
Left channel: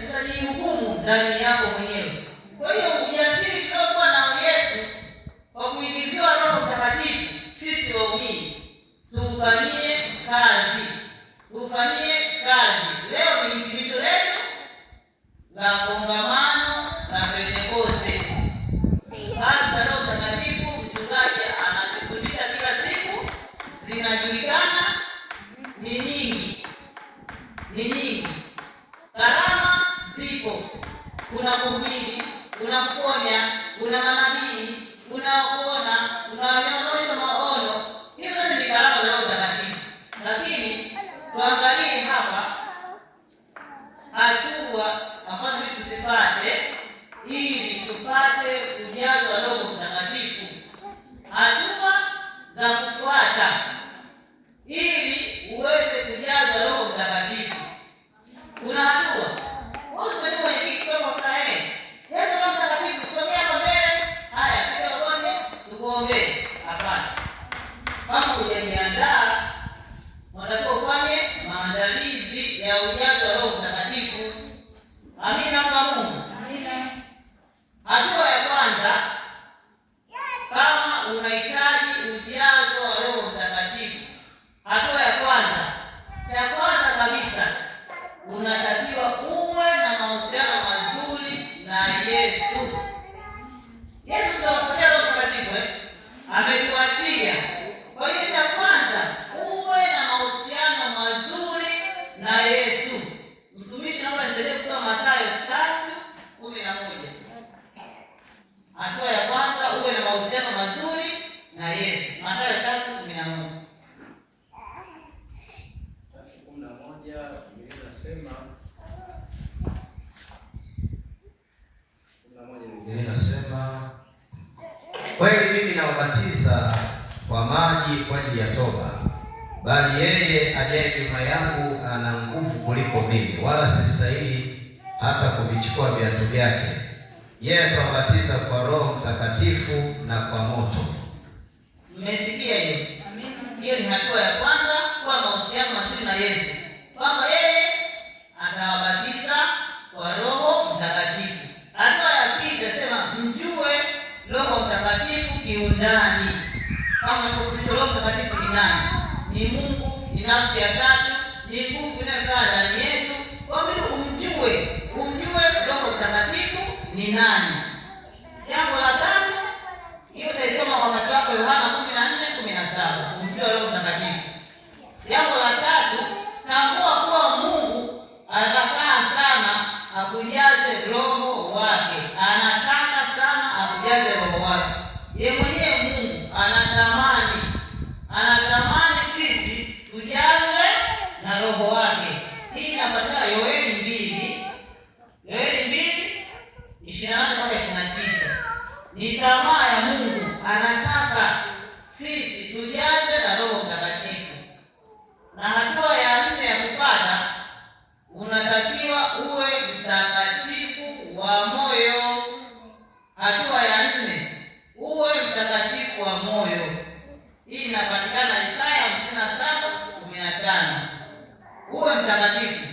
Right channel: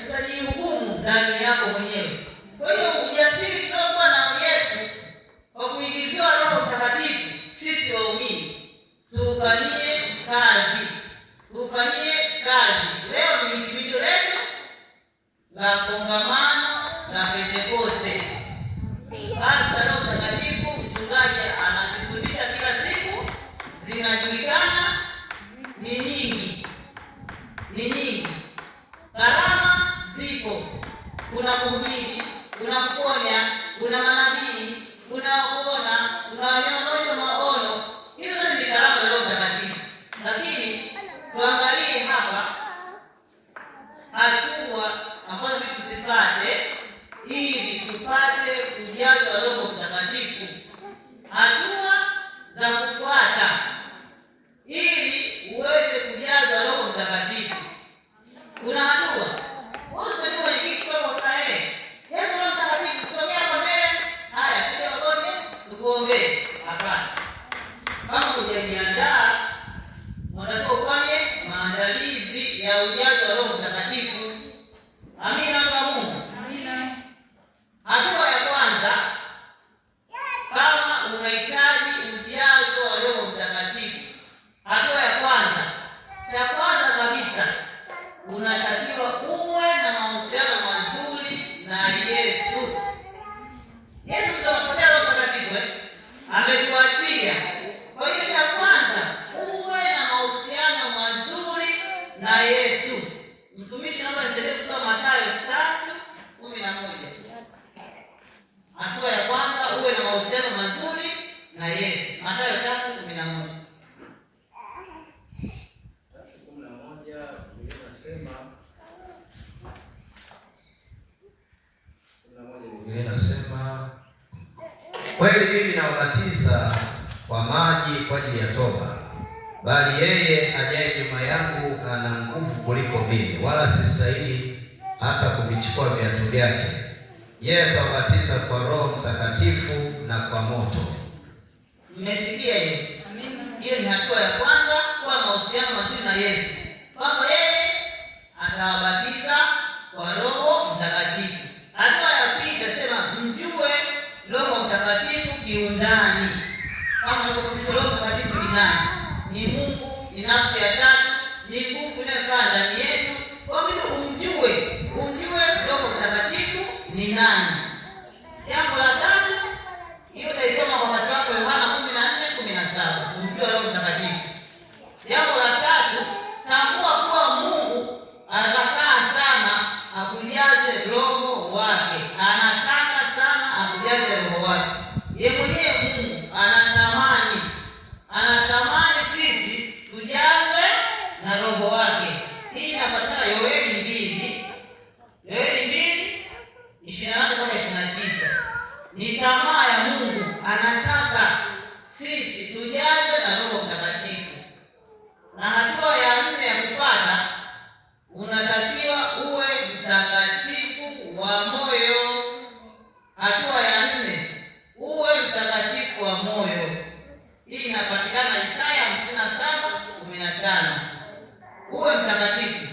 Utajihukumu ndani yako mwenyewe. Kwa hiyo ujasiri tunaokuwa na Yesu kwa kuingiziwa Roho Mtakatifu, sisi waumini tufanyie kazi. Tufanyie kazi. Leo ni hitimisho letu la kongamano la Pentekoste. Kazi za Roho Mtakatifu mchungaji anatufundisha kila siku, zinajulikana, ni nyingi. Karama ziko. Kuna kuhubiri, kuna kuponya, kuna manabii, kuna kuona, kuna wanaonyesha maono. Hizo ni karama za Roho Mtakatifu. Lakini tuangalie hapa hatua ambazo tuzipate ili tupate kujazwa Roho Mtakatifu. Hatua za kufuata ili uweze kujazwa Roho Mtakatifu. Kuna hatua. Wewe unajua hiki kidogo sahihi. Yesu Roho Mtakatifu kusomea kwa mbele. Haya, kidogo tukuombe. Hapana. Kama hujajiandaa, unataka ufanye maandalizi ya ujazo wa Roho Mtakatifu. Amina kwa Mungu. Amina. Hatua ya kwanza, kama unahitaji ujazo wa Roho Mtakatifu. Hatua ya kwanza, cha kwanza kabisa, unatakiwa uwe na mahusiano mazuri na Yesu. Yesu sio Roho Mtakatifu, ametuachia. Kwa hiyo cha kwanza, uwe na mahusiano mazuri na Yesu. Mtumishi naomba nisaidie kusoma Mathayo 3:11. Hatua ya kwanza, uwe na mahusiano mazuri na Yesu. Mathayo 3:11. 3:11 Biblia inasema, kweli mimi nawabatiza kwa maji kwa ajili ya toba, bali yeye ajaye nyuma yangu ana nguvu kuliko mimi, wala sistahili hata kuvichukua viatu vyake. Yeye atawabatiza kwa Roho Mtakatifu na kwa moto. Mmesikia hiyo? Hiyo ni hatua ya kwanza, kuwa mahusiano mazuri na Yesu, kwamba yeye atawabatiza kwa Roho Mtakatifu. Hatua ya pili tunasema mjue Roho Mtakatifu kiundani. Kama nilivyofundishwa, Roho Mtakatifu ni nani? Ni Mungu, ni nafsi ya tatu, ni nguvu inayokaa ndani yetu. Kwa hiyo umjue Roho Mtakatifu ni nani. Jambo la tatu, hiyo utaisoma wakati wako Yohana 14:17, umjue Roho Mtakatifu. Jambo la tatu, tambua kuwa Mungu anataka sana akujaze Roho wake. Anataka sana akujaze Roho wake. Yeye mwenyewe Mungu anatamani sisi tujazwe na Roho wake. Hii inapatikana Yoeli 2:28-29. Ni tamaa ya Mungu, anataka sisi tujazwe na Roho Mtakatifu. Na hatua ya 4 ya kufuata, unatakiwa uwe mtakatifu wa moyo. Hatua ya 4, uwe mtakatifu wa moyo. Hii inapatikana Isaya 57:15. Uwe mtakatifu.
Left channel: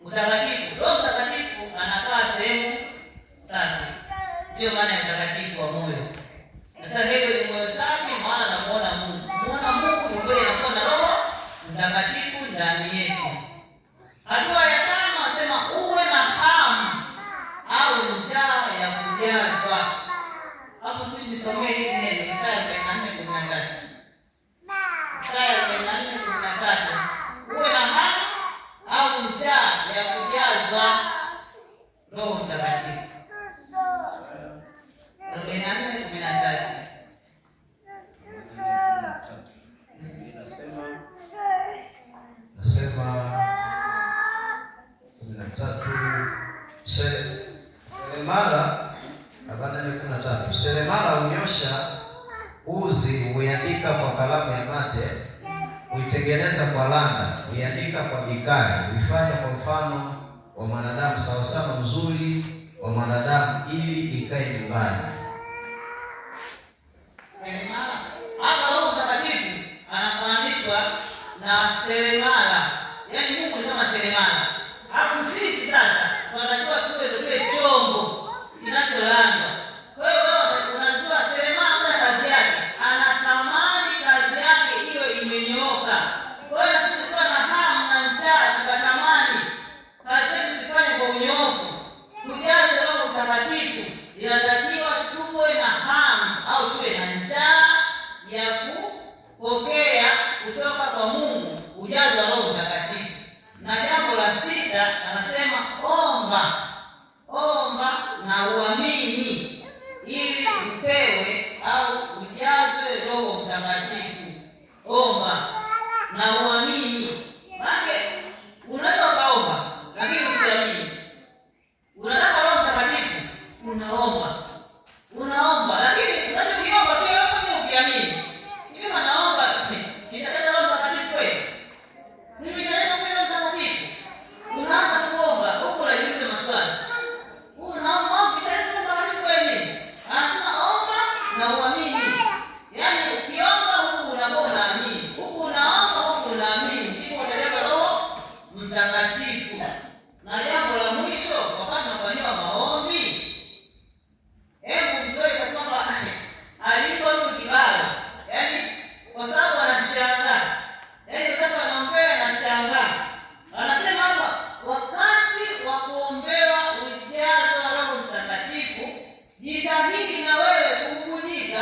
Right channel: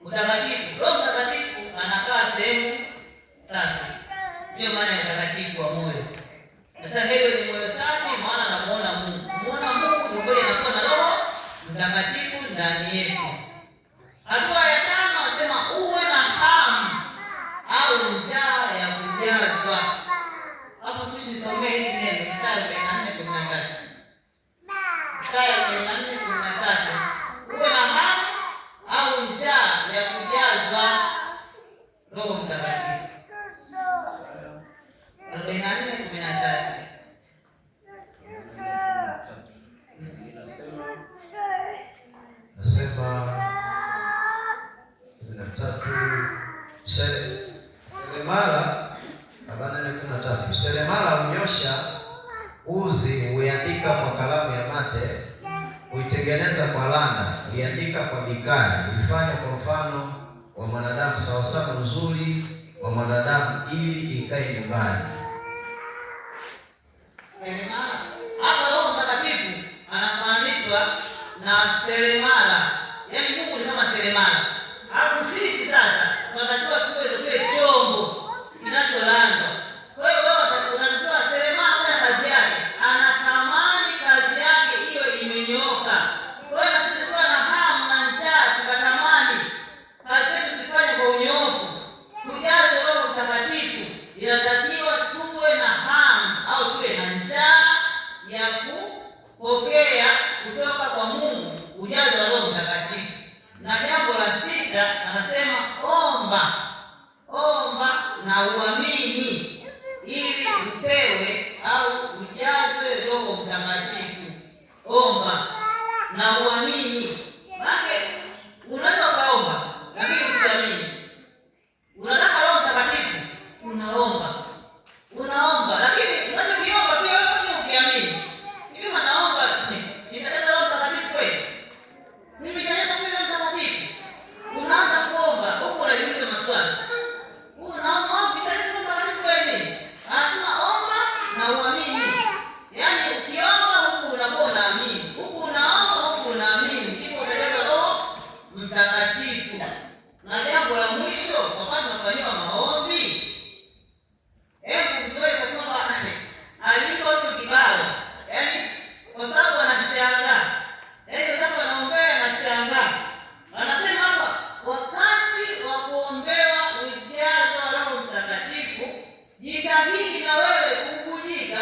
Utakatifu. Roho Mtakatifu anakaa sehemu tatu. Ndio maana ya utakatifu wa moyo. Sasa leo ni moyo safi, maana namuona Mungu. Muona Mungu ni kweli, anakuwa na Roho Mtakatifu ndani yetu. Hatua ya 5 nasema uwe na hamu au njaa ya kujazwa. Hapo tusomee hili neno Isaya 44:13. Isaya 44:13. Uwe na hamu au njaa ya kujazwa. Roho Mtakatifu. 44:13. Nasema 13 seremala 44:13. Seremala hunyosha uzi, huiandika kwa kalamu ya mate, huitengeneza kwa landa, huiandika kwa bikari, huifanya kwa mfano wa mwanadamu, sawasawa uzuri wa mwanadamu, ili ikae nyumbani. Seremala. Hapa Roho Mtakatifu anafananishwa na seremala. Yaani Mungu ni kama seremala. Alafu sisi sasa tunatakiwa tuwe chombo kinacholanda. Kwa hiyo unajua seremala na kazi yake, anatamani kazi yake hiyo imenyooka. Kwa hiyo sisi tukiwa na hamu na njaa, tukatamani kazi yetu tufanye kwa unyoofu, tujaze Roho Mtakatifu. Inatakiwa tuwe na hamu au tuwe na njaa ya kupokea kutoka kwa Mungu ujazo wa Roho Mtakatifu. Na jambo la 6 anasema omba na uamini ili upewe au ujazwe Roho Mtakatifu. Omba na uamini. Maana unaweza ukaomba lakini usiamini. Unataka Roho Mtakatifu, unaomba lakini unachokiomba pia wewe ukiamini. Mimi naomba nitaleta Roho Mtakatifu kweli? Mimi nitaleta Roho Mtakatifu? Unaanza kuomba huko unajiuliza maswali. Unaomba nitaleta Roho Mtakatifu kweli? Anasema omba na uamini. Yaani ukiomba huku unakuwa unaamini. Huku unaomba huku unaamini. Ndipo utaleta Roho Mtakatifu. Na jambo la mwisho, wakati tunafanywa maombi, hebu mtoe kwa sababu alipo mtu kibao. Yaani kwa sababu anashangaa. Yaani wakati anaombea anashangaa. Anasema hapa wakati wa kuombewa ujazo wa Roho Mtakatifu, jitahidi na wewe kububujika,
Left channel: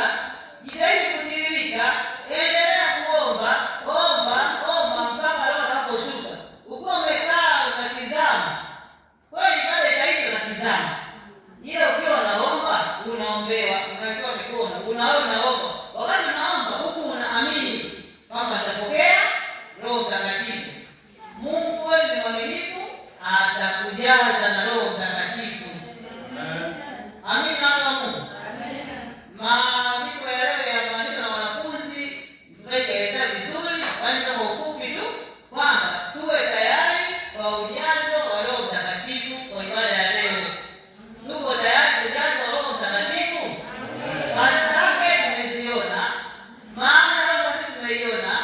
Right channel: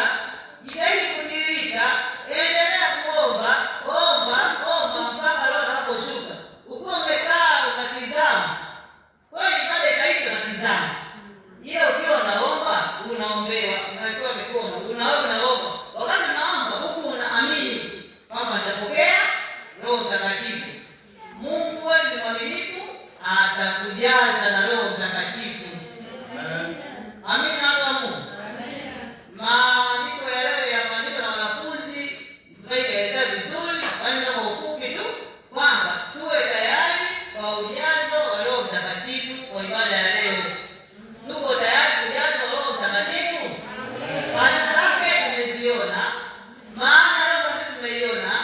jitahidi kutiririka, endelea kuomba, omba mpaka Roho anaposhuka. Ukiwa umekaa unatizama, kweli baada ya kaisha unatizama. Ila ukiwa unaomba, unaombewa, unapewa mikono, unaomba. Wakati unaomba huku unaamini kwamba utapokea Roho Mtakatifu. Mungu wewe ni mwaminifu, atakujaza na Roho Mtakatifu. Amina kwa Mungu. Maandiko ya leo ya maandiko na wanafunzi tumeeleza vizuri, bali kwa ufupi tu kwamba tuwe tayari kwa ujazo wa Roho Mtakatifu kwa ibada ya leo. Tuko tayari kujazwa Roho Mtakatifu? Kazi zake tumeziona, maana Roho Mtakatifu tumeiona.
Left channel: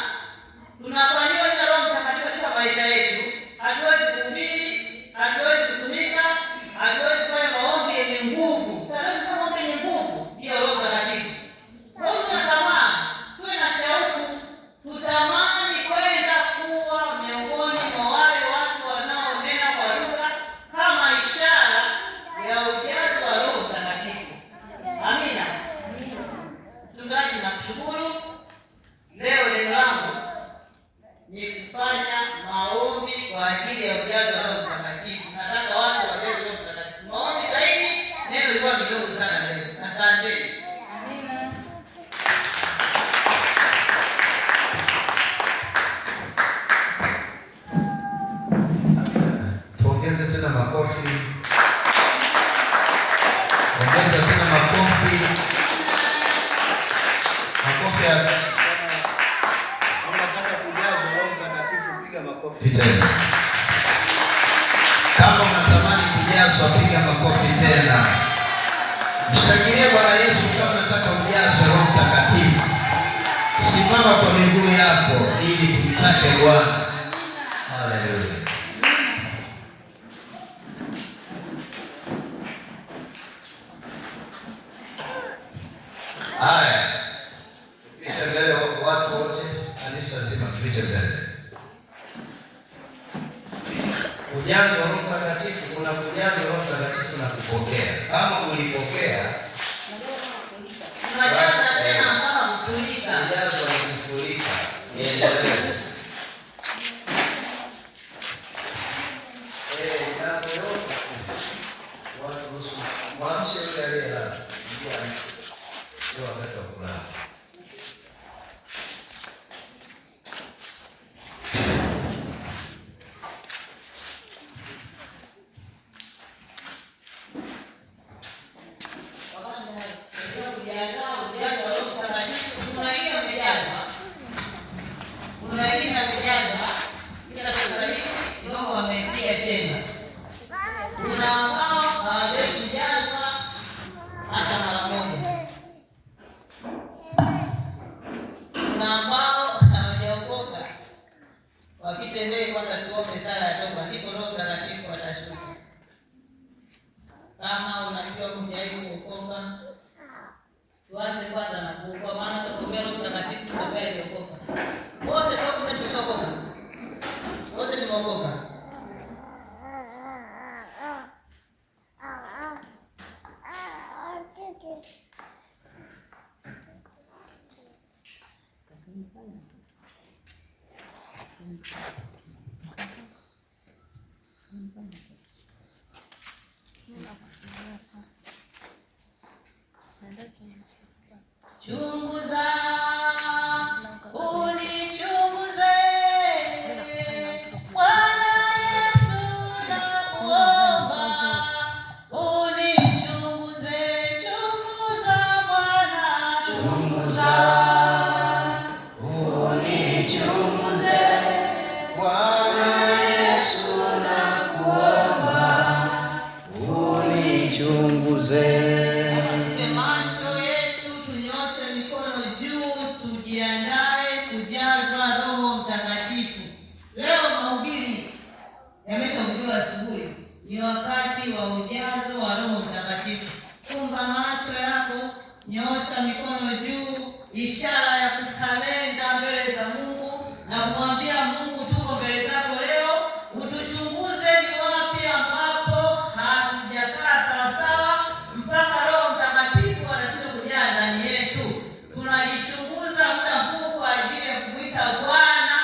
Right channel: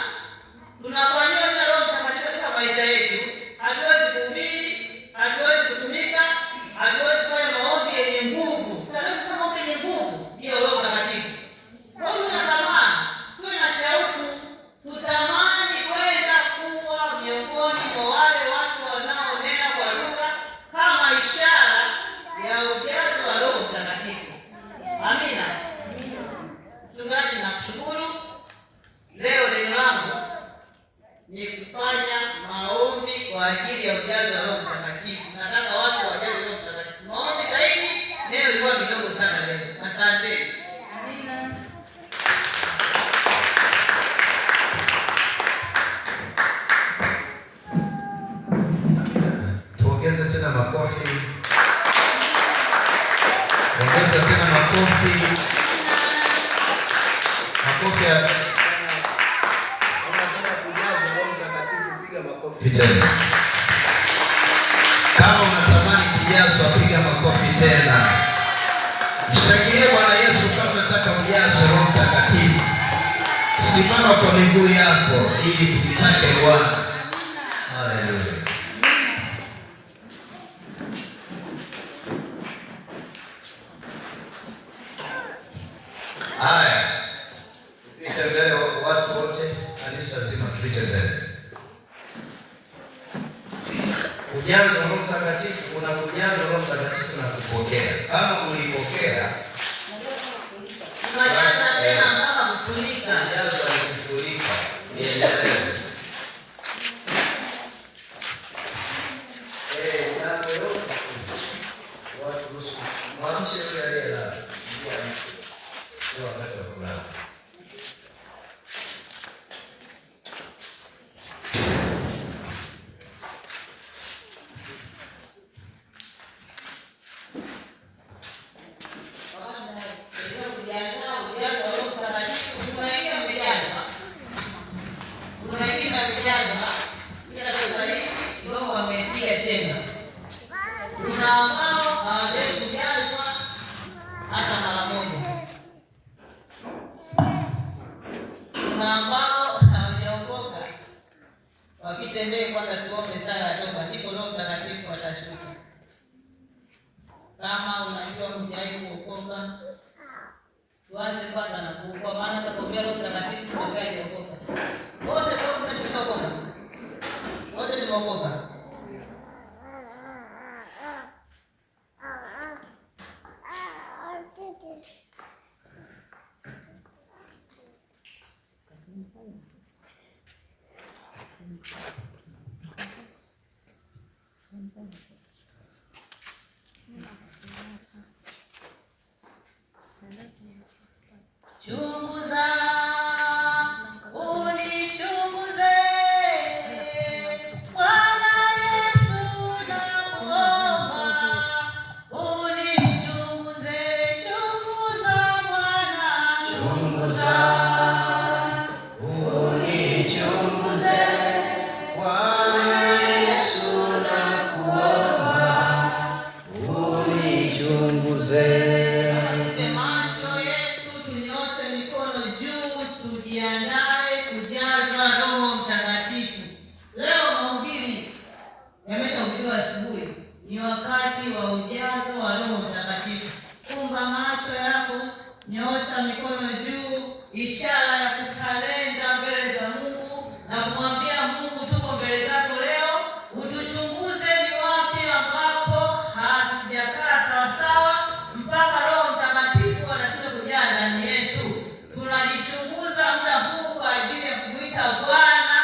Tunafanywa na Roho Mtakatifu katika maisha yetu. Hatuwezi kuhubiri, hatuwezi kutumika, hatuwezi kufanya maombi yenye nguvu. Sasa kama maombi yenye nguvu bila Roho Mtakatifu. Kwa hiyo tunatamani, tuwe na shauku, tutamani kwenda kuwa miongoni mwa wale watu wanaonena kwa lugha kama ishara ya ujazo wa Roho Mtakatifu. Amina. Mchungaji, nakushukuru. Leo neno langu ni kufanya maombi kwa ajili ya ujazo wa Roho Mtakatifu. Nataka watu wajaze Roho Mtakatifu. Maombi zaidi, neno lilikuwa kidogo sana leo. Asante. Amina. Tuongeze tena makofi. Ongeza tena makofi. Makofi ya Unataka kujazwa Roho Mtakatifu, piga makofi. tena. Kama unatamani kujazwa, piga makofi tena. Mshangilie Bwana Yesu kama unataka ujazwe Roho Mtakatifu. Simama kwa miguu yako ili tumtake Bwana. Haleluya. Haya. Tupite mbele watu wote, kanisa zima tupite mbele. Ujazo wa Roho Mtakatifu, kuna kujaza Roho Mtakatifu na kupokea. Kama ulipokea, Tunajaza tena mpaka kufurika. ujazo ukifurika, endelee. Mwamshe yule aliyelala. Sio wakati wa kulala. Wapite kwanza tuombe sala ya toba, ndipo Roho Mtakatifu atashuka. Kama unajua mjaribu kuokoka, tuanze kwanza na kuokoka, maana tutaombea Roho Mtakatifu ambaye aliokoka. Wote tumeshaokoka. Wote tumeokoka. Chunguza, unichunguze, Bwana Yesu nakuomba, unichunguze, chunguza Bwana, chunguza, unichunguze, Bwana Yesu nakuomba, unichunguze. Tujiandae kujazwa Roho Mtakatifu. Leo mahubiri yameshahubiriwa asubuhi, ni wakati wa ujazo wa Roho Mtakatifu. Fumba macho yako, nyoosha mikono juu, ishara ya kusalenda mbele za Mungu na kumwambia Mungu, tuko mbele zako leo, utuchunguze ni wapi ambapo hatujakaa sawasawa mpaka Roho Mtakatifu anashinda kujaa ndani yetu. Tunajichunguza muda huu kwa ajili ya kumwita Bwana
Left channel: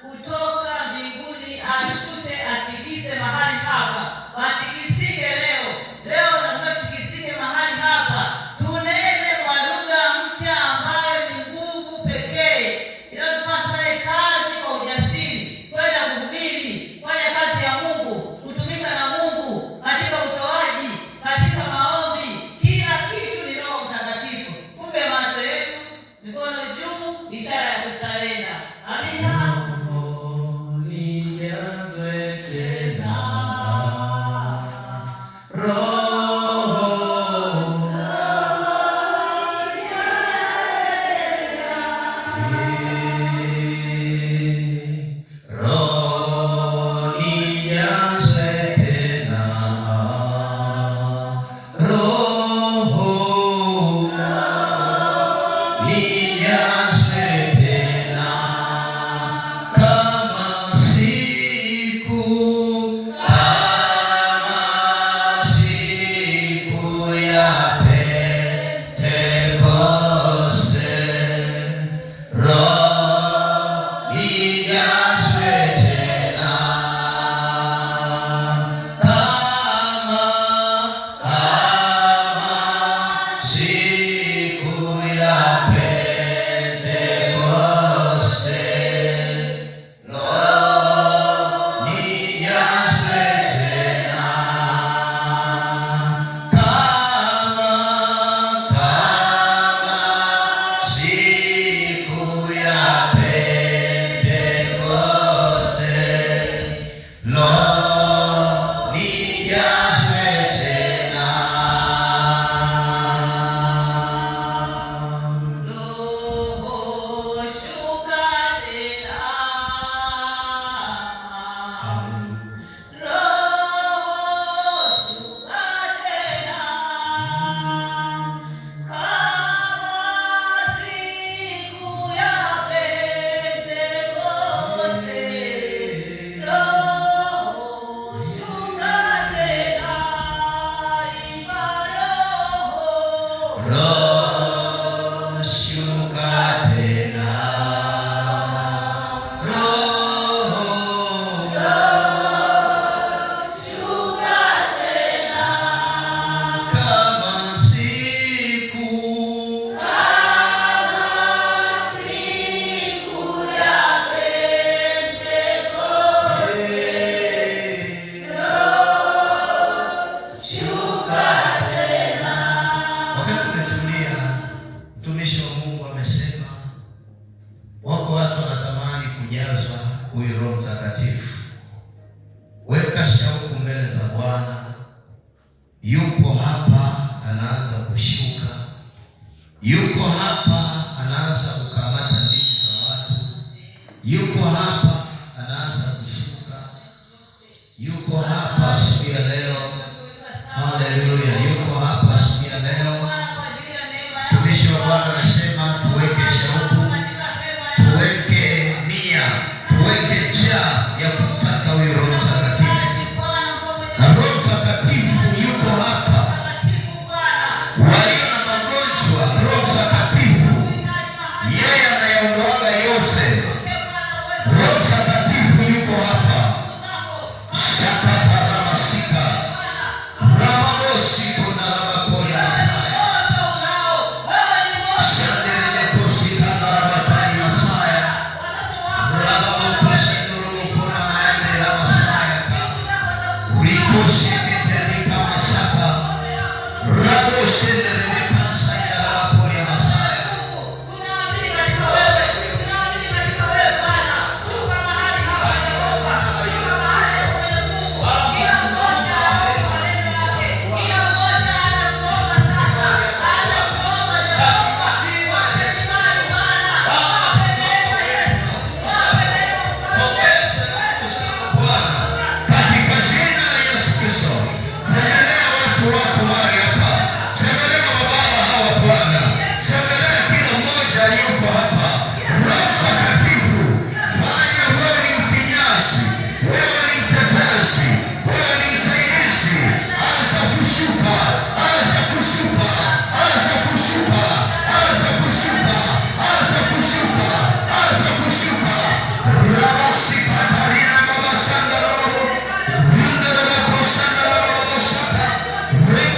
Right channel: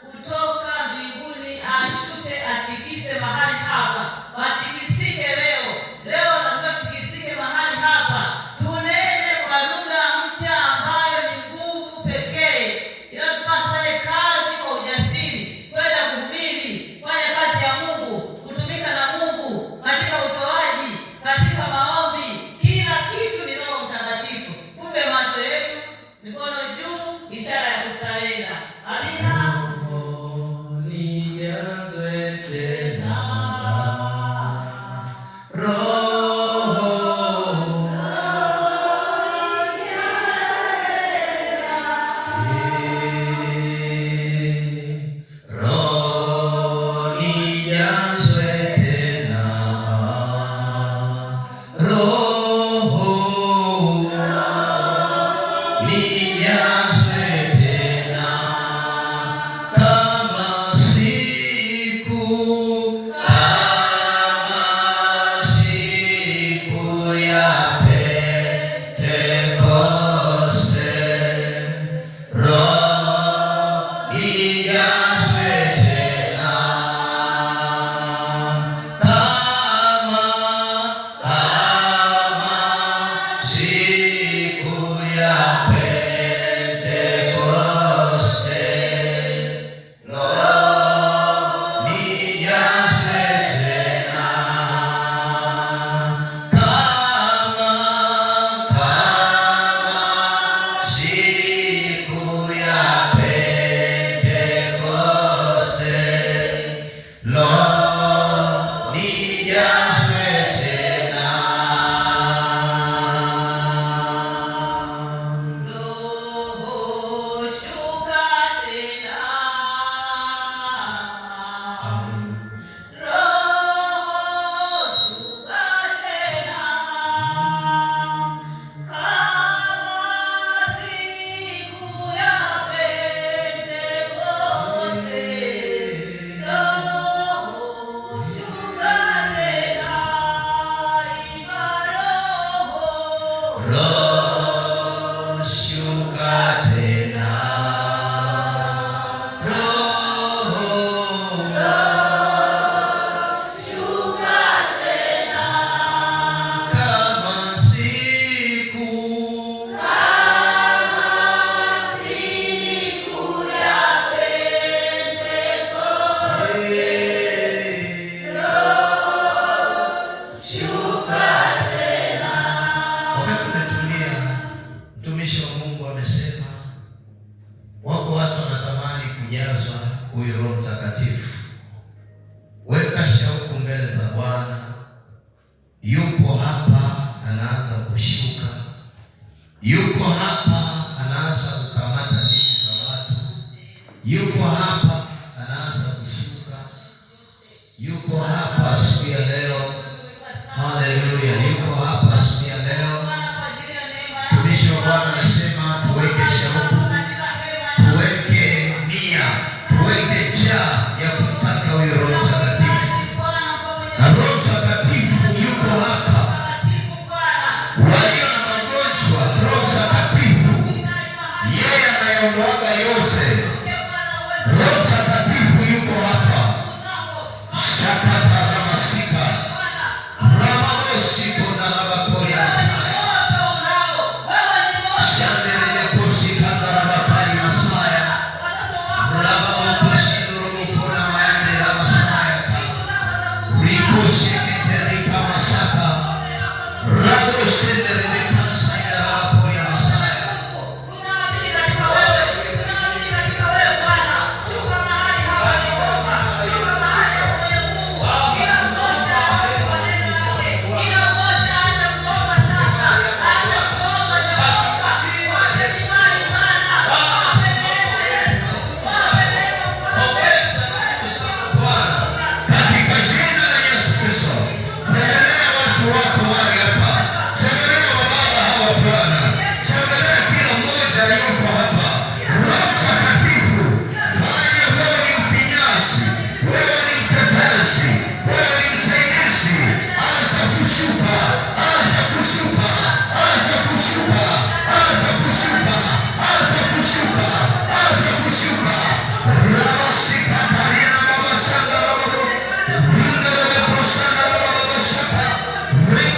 kutoka mbinguni ashushe, atikise mahali hapa. Watikisike leo. Leo nataka tutikisike mahali hapa. Tunene kwa lugha mpya ambayo ni nguvu pekee. yupo hapa anaanza kushuka, yuko hapa anaanza kukamata dini za watu, yuko hapa anaanza kushuka, yuko hapa siku ya leo. Haleluya, yuko hapa siku ya leo. Mtumishi wa Bwana anasema tuweke shauku, tuweke nia, tuweke njaa ya kumtaka huyo Roho Mtakatifu. Na Roho Mtakatifu yuko hapa. Walio na magonjwa, Roho Mtakatifu yeye anayaondoaga yote. Roho Mtakatifu yuko hapa. Shakataramasika ramabosiko na rabakori Masaya shandeleleposika na rabakari Masaya rababokosinurumufuna maende la Masaya urikosikiterika masaka rabosendelelekasa ya rabakori Masaya. Break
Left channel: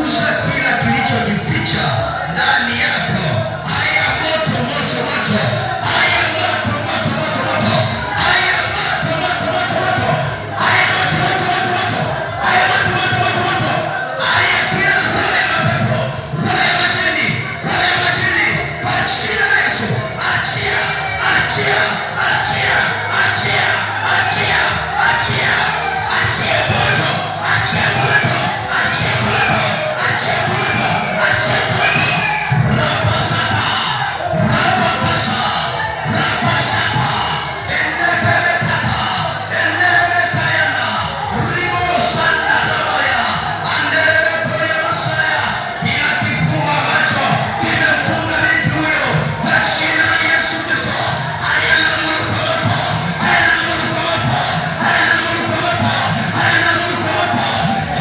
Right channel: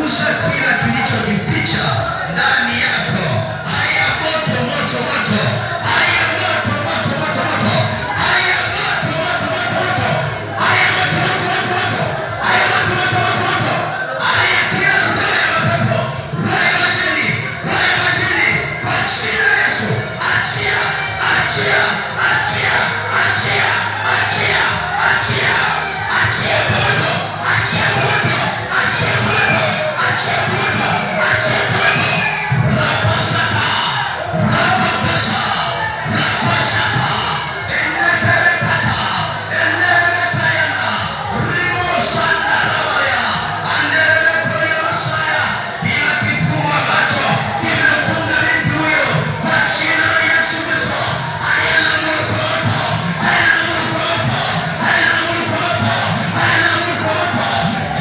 Chunguza kila kilichojificha ndani yako. Haya moto moto moto, haya moto moto moto moto, haya moto moto moto moto, haya moto moto moto moto, haya moto moto moto moto, haya kila roho ya mapepo, roho ya majini, roho ya majini, kwa jina la Yesu, achia, achia, achia, achia, achia, achia, achia moto, achia moto, achia moto, achia moto, achia moto. Rapasaka, rapapasa, rapasaka, enebelekata, enebelekayana, rimosanda rabaya, anderebekoya masaya. Kila kifunga macho kimefunga mtu huyo kwa jina la Yesu Kristo. Hayana moto, hayana moto, hayana moto, hayana moto.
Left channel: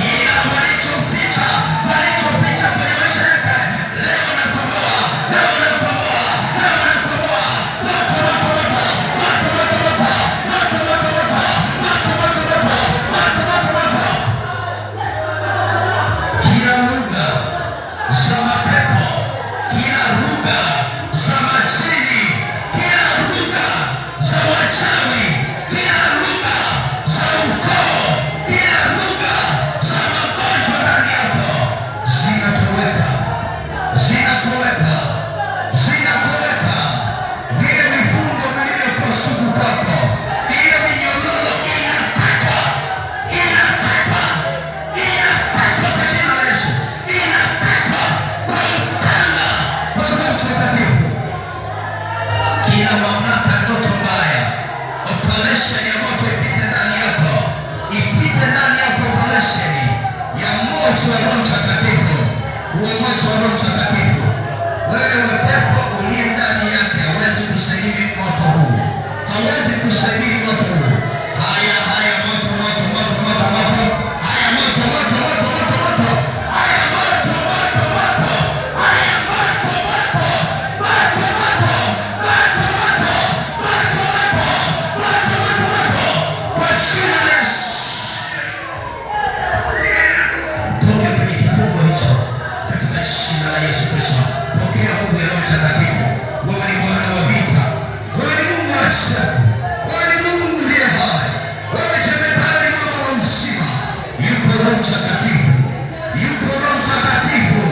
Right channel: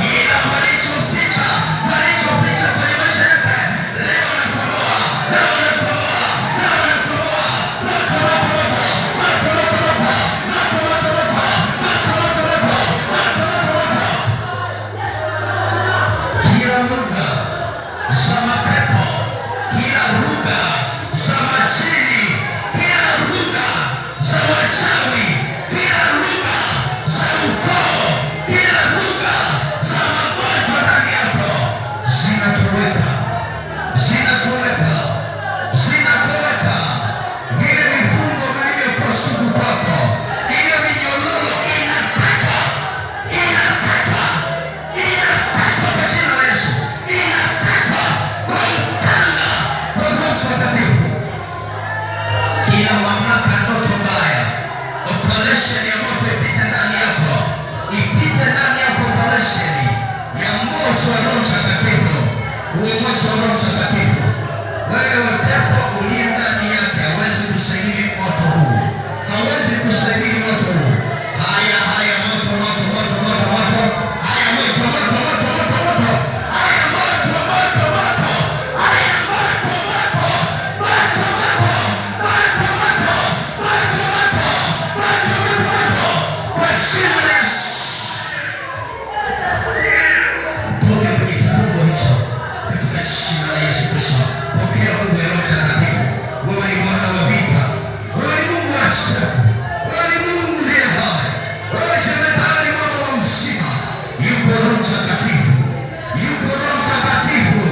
Kila walichoficha, walichoficha kwenye maisha yake, leo nakomboa, leo nakomboa, leo nakomboa. Moto moto moto, moto moto moto, moto moto moto, moto moto moto, moto moto moto. Kila lugha za mapepo, kila lugha za majini, kila lugha za wachawi, kila lugha za ukoo, kila lugha za magonjwa ndani yako zinatoweka, zinatoweka, zinatoweka. Vile vifungo vilivyokuwa sugu kwako, ile minyororo inakatwa, inakatwa, inakatwa kwa jina la Yesu, inakatwa kwa upanga wa Roho Mtakatifu. Kila mamlaka ya ndoto mbaya, operation ya moto ipite ndani yako, ipite ndani yako, operation ya moto wa Roho Mtakatifu, uwe moto wa Roho Mtakatifu. Wewe pepo uliye ndani yake hawezi kusaidia moto huu, hawezi kusaidia moto huu. Haya haya moto moto moto moto moto, haya moto moto moto moto moto, haya moto moto moto, haya moto moto moto moto, moto moto moto moto moto moto, kwa jina la Yesu. Toka kwenye kifungo hicho katika jina la Yesu Kristo. Pokea nguvu ya Roho Mtakatifu. Wewe ni Bwana wa vita, wewe ni Mungu wa ajabu, wewe ni Mungu aliye hai, wewe jemedari, mwamba wa uzima. Yuko Roho Mtakatifu, yuko Roho Mtakatifu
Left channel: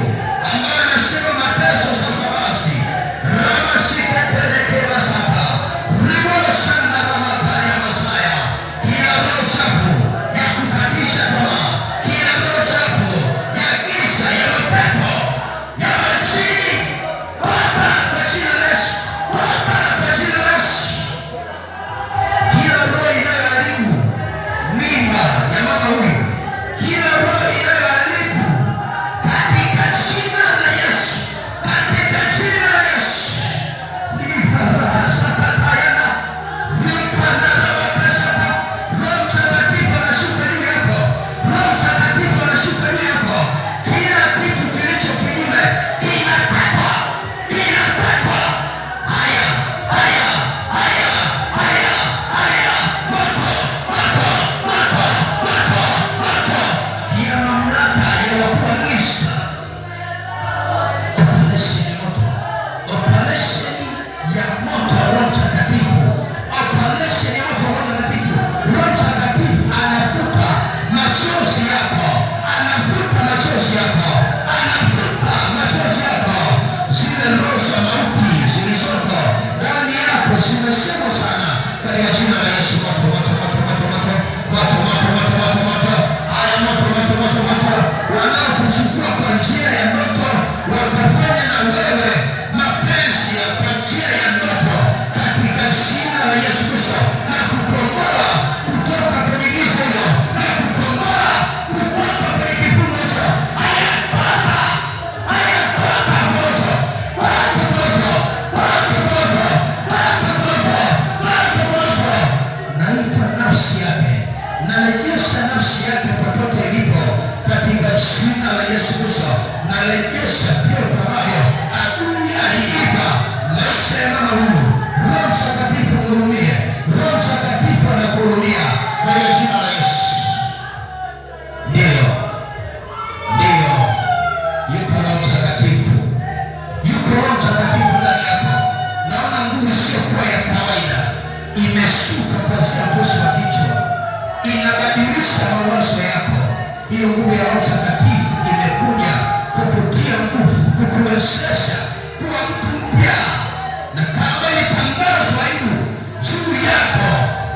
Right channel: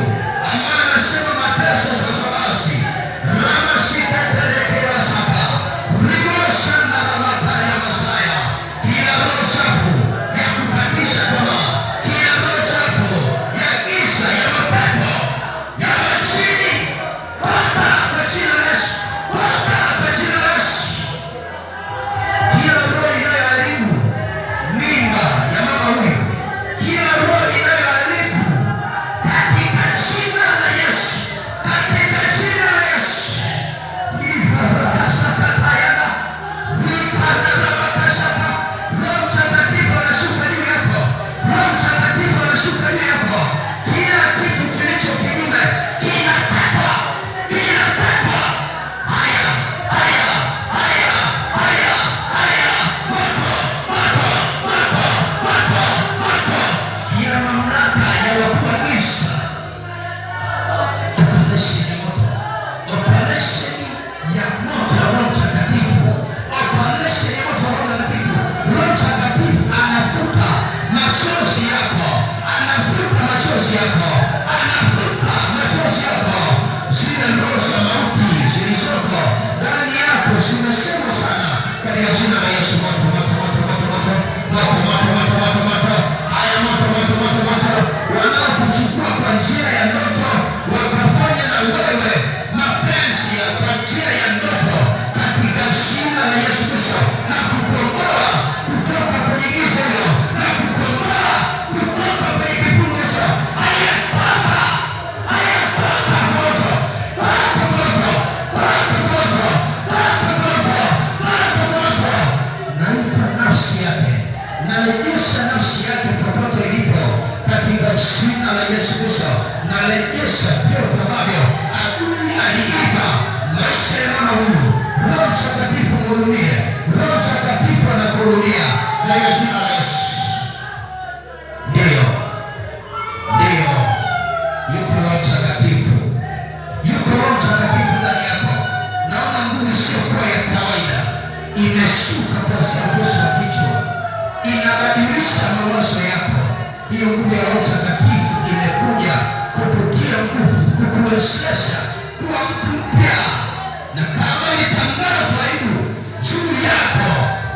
ambaye anasema mateso sasa basi ramasikaterekerasaka rimosanda ramakaya masaya. Kila roho chafu ya kukatisha tamaa, kila roho chafu ya giza, ya mapepo, ya majini, toka kwa jina la Yesu, toka kwa jina la Yesu. Kila roho inayoharibu mimba ya mama huyu, kila roho inayoharibu, katika jina la Yesu, katika jina la Yesu. Libarahasakatayana, lipanarabakasaka. Roho Mtakatifu anashuka juu yako, Roho Mtakatifu anashuka juu yako. Kila kitu kilicho kinyume kinakatwa, kinakatwa. Haya, haya, haya, haya, haya, moto, moto, moto, moto, moto. Kila mamlaka ya wakuu wa giza, operation ya moto, operation ya moto wa Roho Mtakatifu, operation ya moto wa Roho Mtakatifu. Roho Mtakatifu anafuta machozi yako, anafuta machozi yako, anafuta machozi yako. Zile roho za mauti zilizoko ndani yako zimesemwa sana katika jina la Yesu. Moto moto moto moto moto, moto moto moto moto moto, haya moto moto moto moto. Wanaokuchukua kwa njia ya ndoto wakafanya na wewe mapenzi ya kwa njia ya ndoto, katika jina la Yesu Kristo, na kukomboa kutoka kwenye giza hilo, na kukomboa kutoka kwenye kifungo hicho. Haya toka, haya toka moto, toka moto, toka moto, toka moto, toka moto. Naita nafsi yake, narejesha nafsi yake popote ilipo katika jina la Yesu Kristo. Narejesha vyote ambavyo adui aliiba maisha ya mama huyu. Roho Mtakatifu mhurumie, Roho Mtakatifu anakuhurumia kwa jina la Yesu. Ndio, ndio, kuanzia utosi wa kichwa, inabadilisha mawazo yako. Hiyo nguvu ya Roho Mtakatifu imekuja kukutia nguvu, kukuwezesha kuwa mtu mpya. Na kama ilitangazwa aibu juu yako,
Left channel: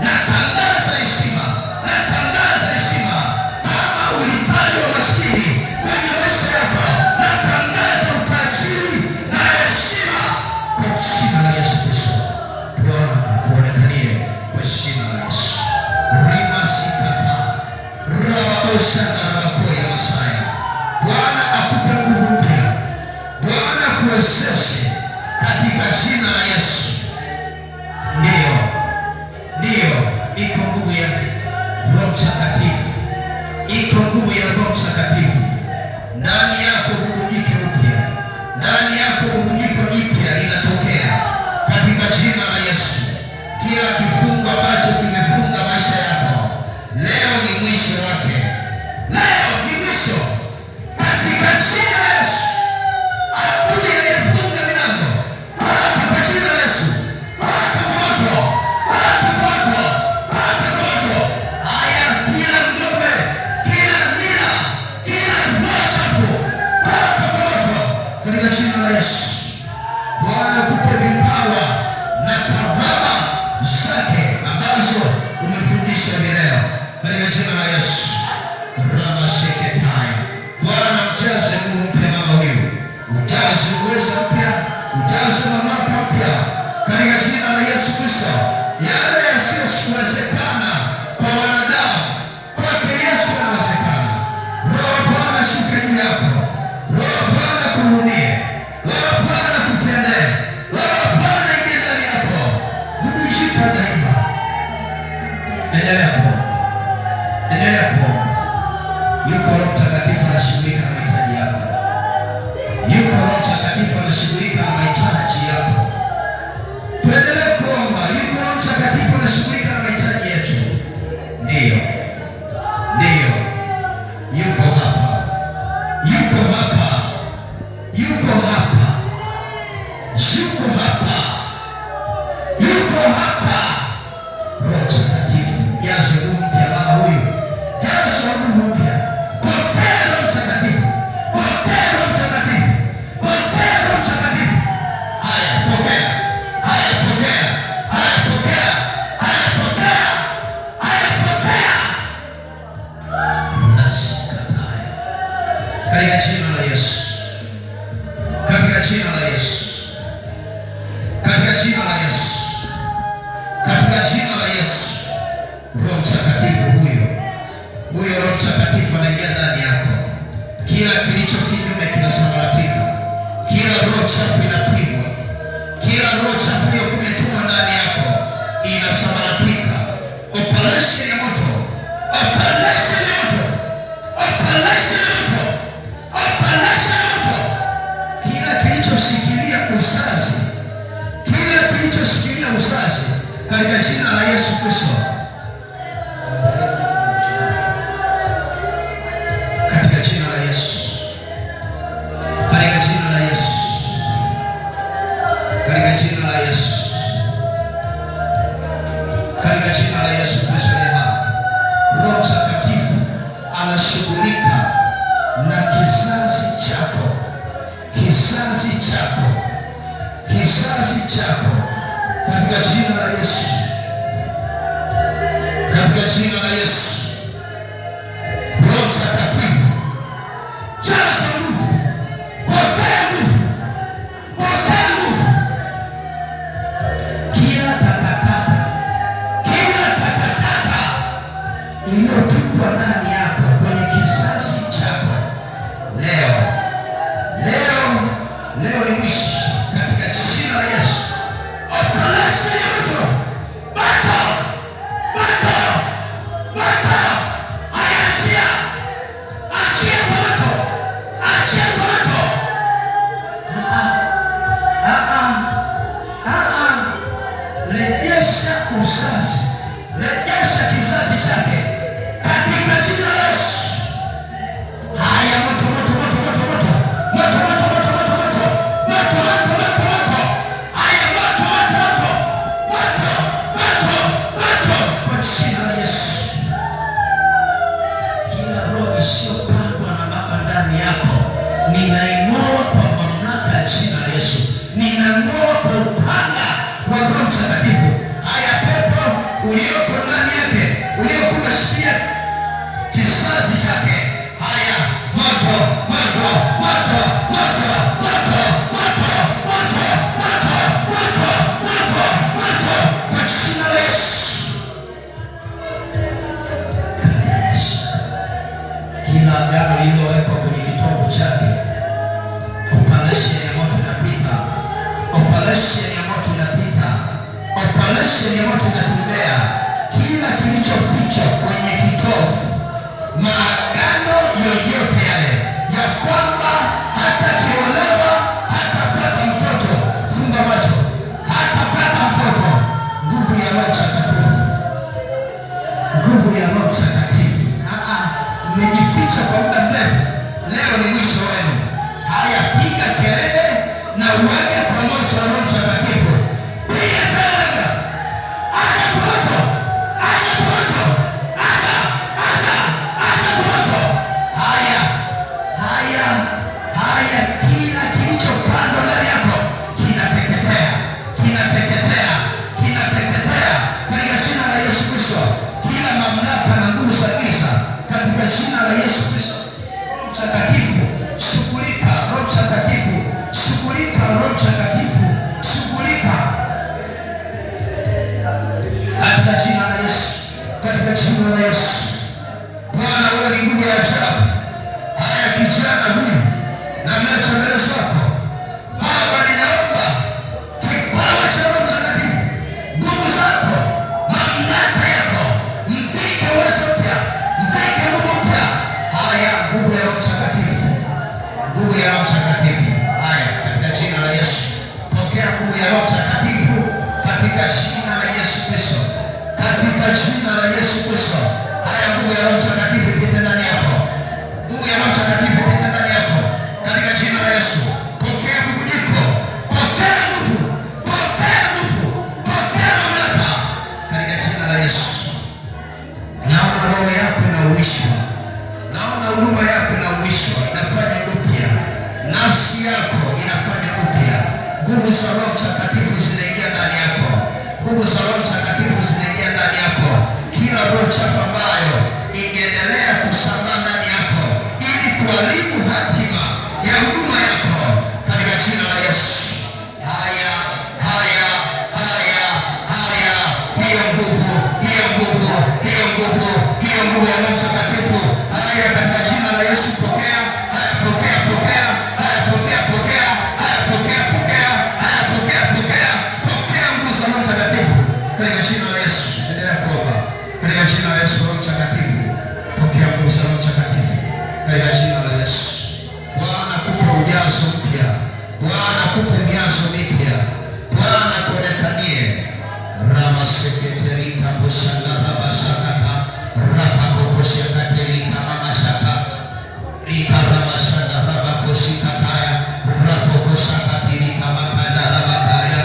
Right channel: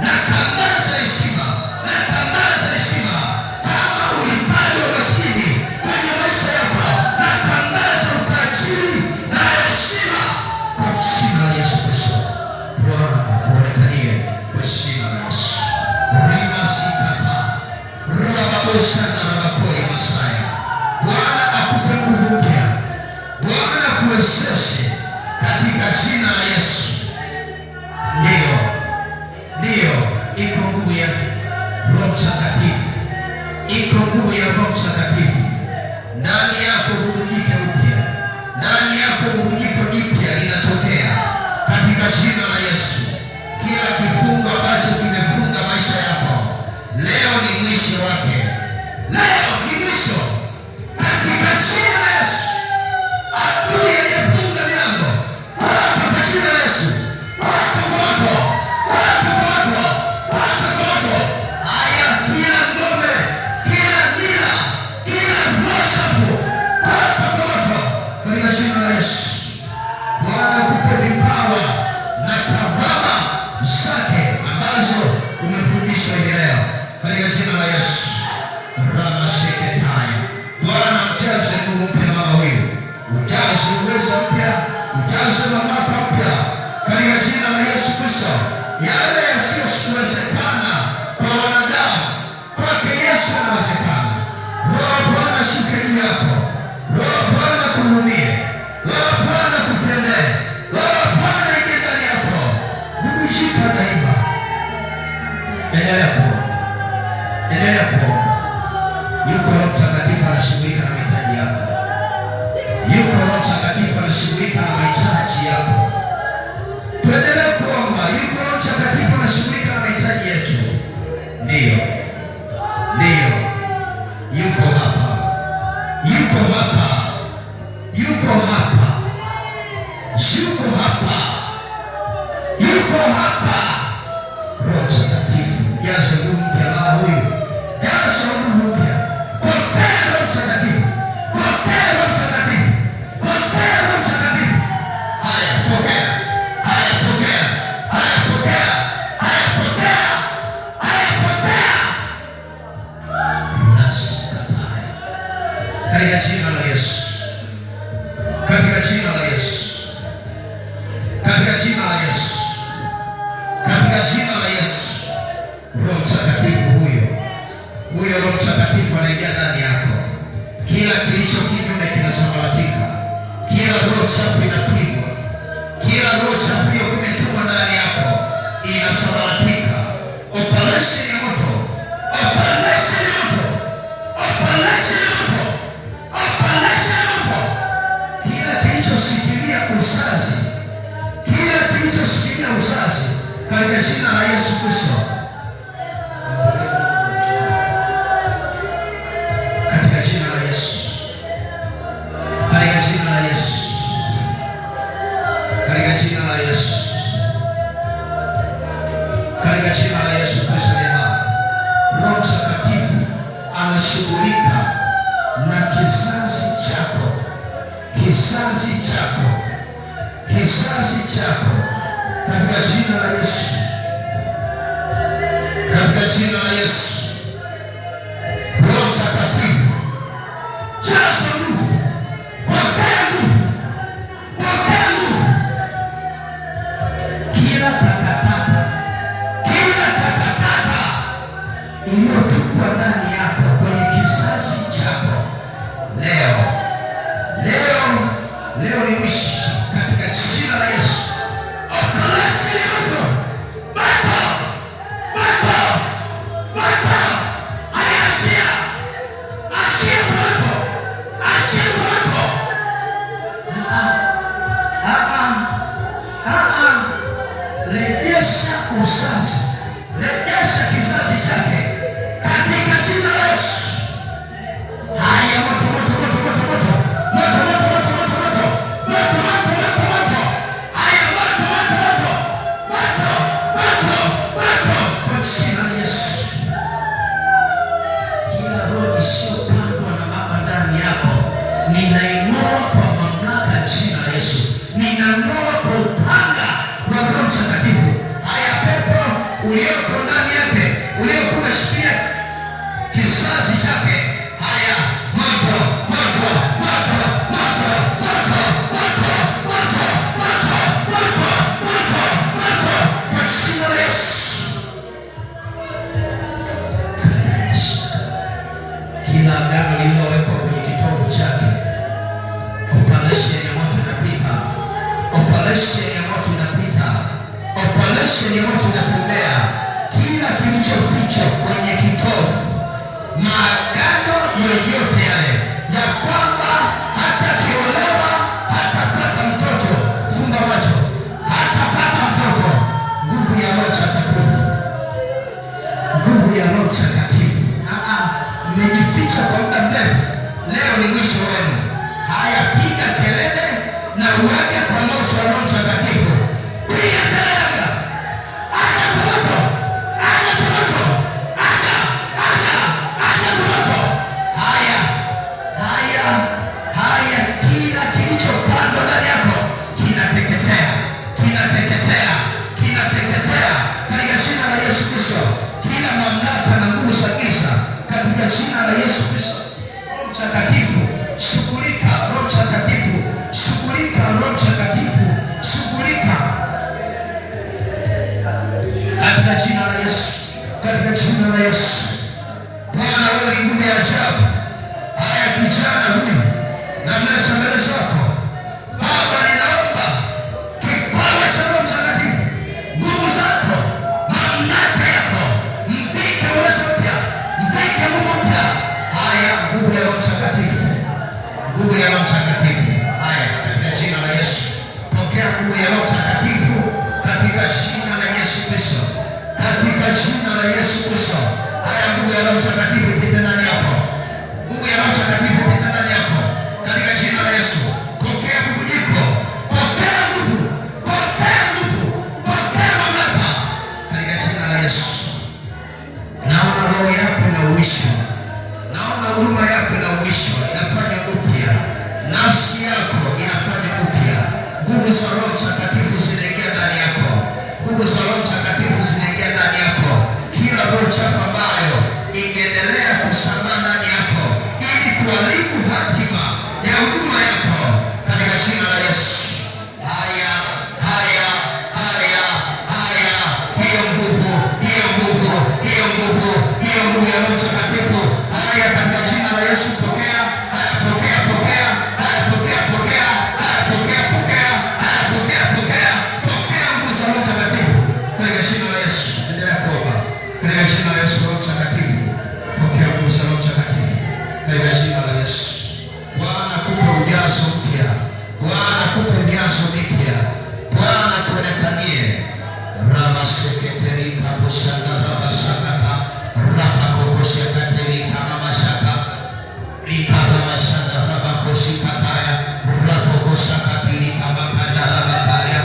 na tangaza heshima, na tangaza heshima. Kama ulitajwa maskini kwenye maisha yako, na tangaza utajiri na heshima kwa jina la Yesu Kristo. Bwana akuonekanie kwa jina la Yesu. Rimasikata rababosana rabakoya Masaya. Bwana akupe nguvu mpya, Bwana kuwezeshe katika jina la Yesu. Ndiyo, iko nguvu ya Roho Mtakatifu, iko nguvu ya Roho Mtakatifu ndani yako. Bubujike upya ndani yako, bubujiko jipya linatokea katika jina la Yesu. Kila kifungo ambacho kimefunga maisha yako, leo ni mwisho wake, leo ni mwisho katika jina la Yesu. Adui aliyefunga milango, hapa kwa jina la Yesu, hapa kwa moto, hapa kwa moto, hapa kwa moto. Haya, kila ngome, kila nira, kila roho chafu, hapa kwa moto katika jina la Yesu. Bwana akupe vipawa na karama zake ambazo umefundishwa leo katika jina la Yesu. Ramaseketai. Bwana mjaze nguvu mpya mama huyu, ujaze uwezo mpya, ujaze mamlaka mpya katika jina la Yesu Kristo. Yale yasiyowezekana kwa wanadamu, kwake Yesu yanawezekana. Roho Bwana shuke juu yako, Roho Bwana kuhudumie, Roho Bwana kutendee, Roho Bwana ingie ndani yako. Bubujika daima. Endelea kuomba, endelea kuomba. Yuko Roho Mtakatifu anashughulika na mahitaji yako. Yuko Roho Mtakatifu anashughulika na mahitaji yako. Tuendelee kuomba. Yuko Roho Mtakatifu anashughulika na mahitaji yetu. Ndiyo, yuko hapa, yuko hapa, yuko hapa, yuko hapa, yuko hapa. Roho Mtakatifu, jaza nguvu mpya mama huyu, jaza nguvu mpya. Pokea Roho Mtakatifu, pokea Roho Mtakatifu, pokea Roho Mtakatifu. Haya, pokea, haya, pokea, haya, pokea, haya, pokea, haya, pokea. Nasikatai katika jina la Yesu, katika jina la Yesu, katika jina la Yesu, katika jina la Yesu. Roho Mtakatifu huyo Roho Mtakatifu anaingia ndani yako. Kila kilicho kinyume kinasambaratika, kila roho chafu inapigwa, kila roho chafu iliyokumetuma ndani yako inasambaratika. Operation ya moto, operation ya moto, operation ya moto, operation ya moto. Kila kilichoshikilia uzazi, kila kilichoshikilia uzazi katika jina la Yesu Kristo, katika jina la Yesu, katika jina la Yesu, katika jina la Yesu, katika jina la Yesu Kristo aliye hai. Roho Mtakatifu anashughulika na kizazi chako, kizazi chako, kizazi chako katika jina la Yesu, katika jina la Yesu. Roho Mtakatifu, jaza nguvu, pokea nguvu, pokea nguvu. Kila takataka iliyotupwa ndani yako kwenye kizazi chako, leo ni mwisho katika jina la Yesu. Operation ya moto, moto, moto, moto. Achia, achia moto, achia moto. Rejesha uzazi, rejesha kizazi chake katika jina la Yesu. Haya, moto, moto, moto, moto, moto, moto, moto, moto, moto, moto, moto, moto. ninaing'oa kwa mamlaka ya jina la Yesu. Ninang'oa kwa upanga wa Roho Mtakatifu. Haya pepo ulioko ndani yake, ulioko umeshikilia kizazi chake, haya moto, moto, moto, moto, moto, moto, moto, moto, moto, moto, moto, kwa jina la Yesu. Kila agano lililowekwa kwenye kitovu chake, operation ya moto inapita, operation ya moto inapita, operation ya moto inatembea. Kila kilichofichwa kwenye kitovu, maagano yoyote yale ya kwamba hata kiolewa hatapata mtoto, funga macho, hatapata mtoto, nguvu ya Roho Mtakatifu, nguvu ya Roho Mtakatifu. Mmejificha kwa muda mrefu, leo ni mwisho wenu. Haya, piga kelele na uweke kwa moto wa Roho Mtakatifu. Piga kelele, aja kwa moto, aja kwa moto, aja kwa moto. Haya, haya, haya, kila kilichopandwa ndani yako kinateketea, kinateketea, kinateketea katika jina la Yesu Kristo. Kila mamlaka na nguvu za giza katika jina la Yesu Kristo. Roho Mtakatifu, shughulika. Roho Mtakatifu, shughulika. Roho Mtakatifu, shughulika katika jina la Yesu, katika jina la Yesu. Bwana, wewe ni nguvu ya ajabu. Haya, kijana huyu na mlecha mbele zako Baba, ninaomba kipawa cha Roho Mtakatifu, nguvu zako, mamlaka yako, mvike uwezo mpya, mvike nguvu mpya. Haya, nguvu ya Roho Mtakatifu, nguvu ya Roho Mtakatifu. Haya, katika jina la Yesu, pokea nguvu ya Roho Mtakatifu katika jina la Yesu Kristo, katika jina la Yesu Kristo. Haya, nguvu ya Roho Mtakatifu ipite ndani yako, nguvu ya Roho Mtakatifu ipite ndani yako katika jina la Yesu. Pokea bubujiko, pokea nguvu, pokea nguvu, pokea mamlaka katika jina la Yesu. Naona roho yako inauishwa, naona huduma yako inauishwa, inafanya upya, nafsi yako inafanya upya. Nguvu za Roho Mtakatifu zinaingia ndani yako, nguvu za Roho Mtakatifu zinaingia ndani yako. Kila roho chafu ambayo ingeendelea kusambaa ndani yako ili kuharibu hatima ya huduma yako katika jina la Yesu. Haya, haya, haya, haya, hiyo nguvu, hiyo nguvu, hiyo nguvu, hiyo nguvu ya Roho Mtakatifu. Haya, katika jina la Yesu, pokea. Haya, pokea, pokea. Haya, pokea, pokea. Haya, pokea, pokea. Haya, pokea, pokea. Pokea nguvu za Roho Mtakatifu katika jina la Yesu. Endelea kuomba katika jina la Yesu. Roho Mtakatifu, pokea nguvu za Roho Mtakatifu katika jina la Yesu. Bwana, kupe ujazo mpya, Bwana kupe ujazo mpya, Bwana kuonekanie. Ramaseketerika busanga rabasakata rapakokoshekaterika mamasaka likaramasanga rabakosikataya rapokoshakatirika makanda rabakaria.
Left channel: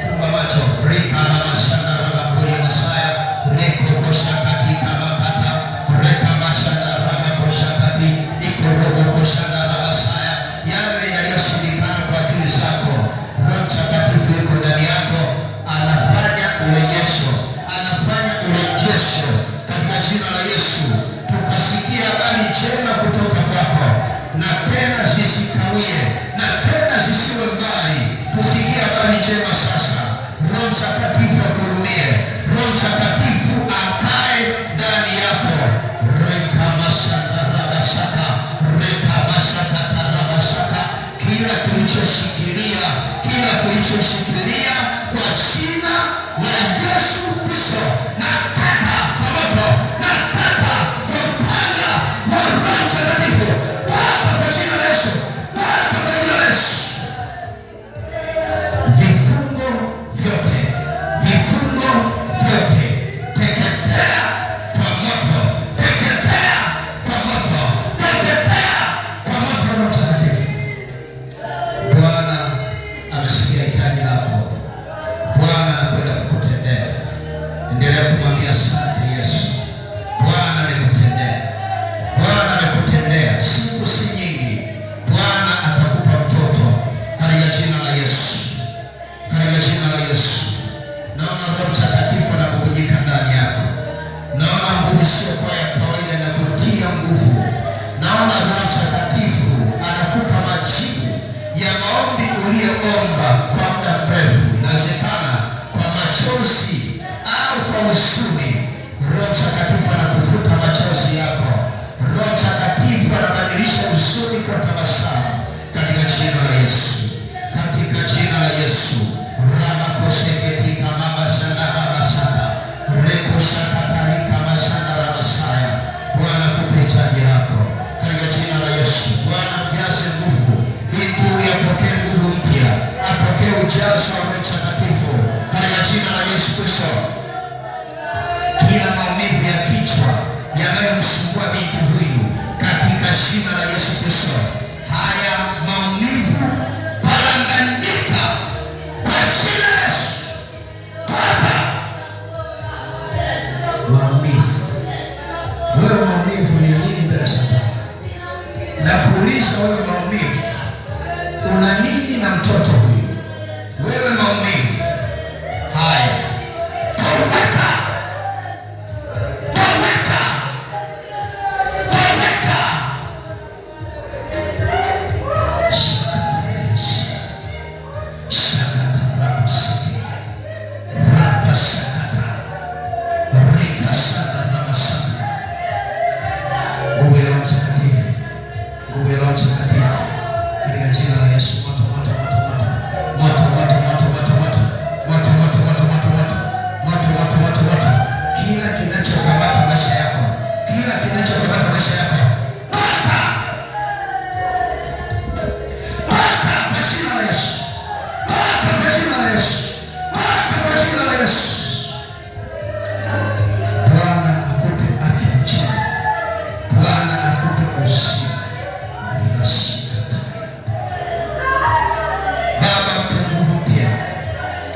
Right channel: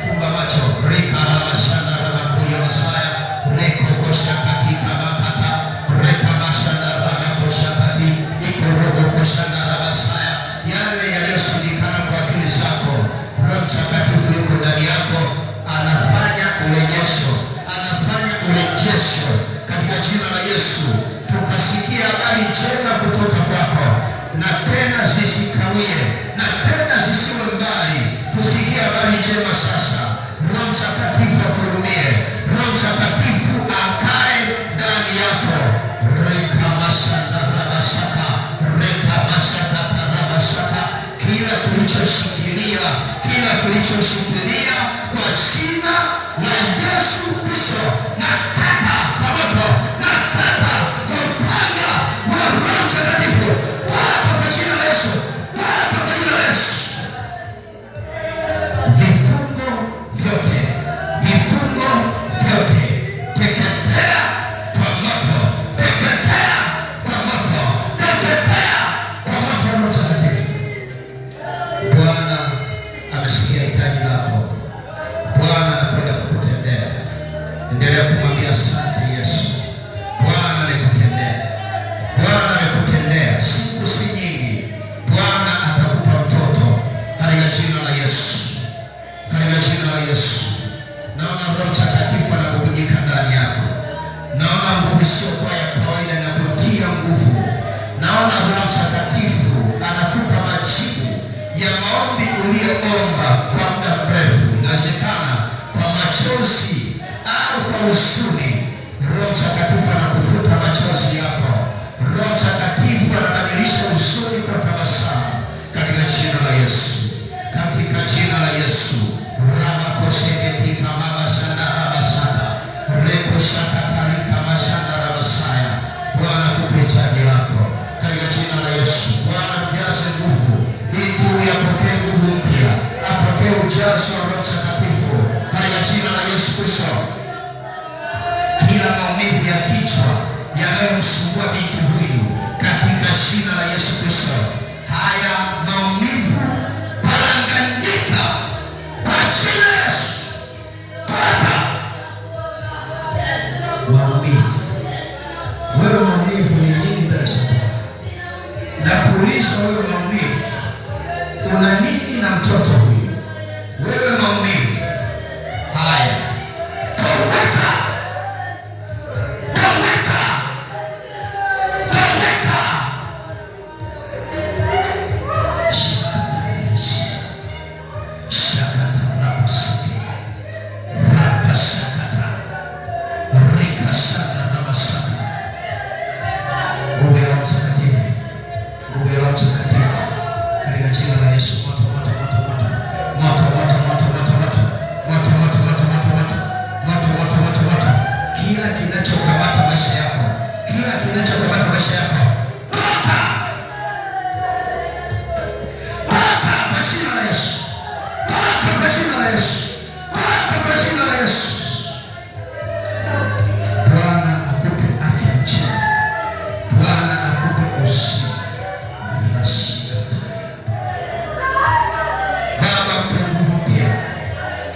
Funga macho. Rikaramasanga rabakuria masaya rekokoshakatika makata rekamasanga rabakoshakati ikorobokoshanga rabasaya. Yale yaliyoshindikana kwa akili zako, Roho Mtakatifu yuko ndani yako, anafanya urejesho, anafanya urejesho katika jina la Yesu. Tukasikia habari njema kutoka kwako, na tena zisikawie, na tena zisiwe mbali. Tusikie habari njema sasa. Roho Mtakatifu akurumie, Roho Mtakatifu akae ndani yako. Rekamasaka rabasaka, rekamasaka rabasaka. Kila kilichoshikilia, kila kilichoshikilia kwa jina la Yesu Kristo, nataka kwa moto, nataka kwa upanga wa Roho Mtakatifu, taka kwa jina la Yesu, taka kwa jina la Yesu. Vifungo vyote, vifungo vyote, teketea kwa moto, teketea kwa moto, teketea kwa moto wa Roho Mtakatifu. Bwana amesikia hitaji lako. ulioomba kwa muda mrefu, inawezekana kwa machozi au kwa huzuni, Roho Mtakatifu anakufuta machozi yako. Roho Mtakatifu anabadilisha huzuni kwa tabasamu katika jina la Yesu. Katika jina la Yesu. Rama koseketika mama sana baba sana. Reko shakatarika masana la Masaya. Bwana kupitaji lako. Katika jina la Yesu. Bwana mjaze nguvu. Itu yapokee nguvu mpya. Apokee ujazo wa Roho Mtakatifu. Katika jina la Yesu Kristo. Kila maumivu ya kichwa yanayomsumbua binti huyu katika jina la Yesu Kristo. Haya maumivu paranganyika kwa jina la Yesu. Pata maumivu. Wewe maumivu ni nini mbele za Bwana? Nakuuliza wewe maumivu, una nini na mtoto huyu? Wewe maumivu haya toweka.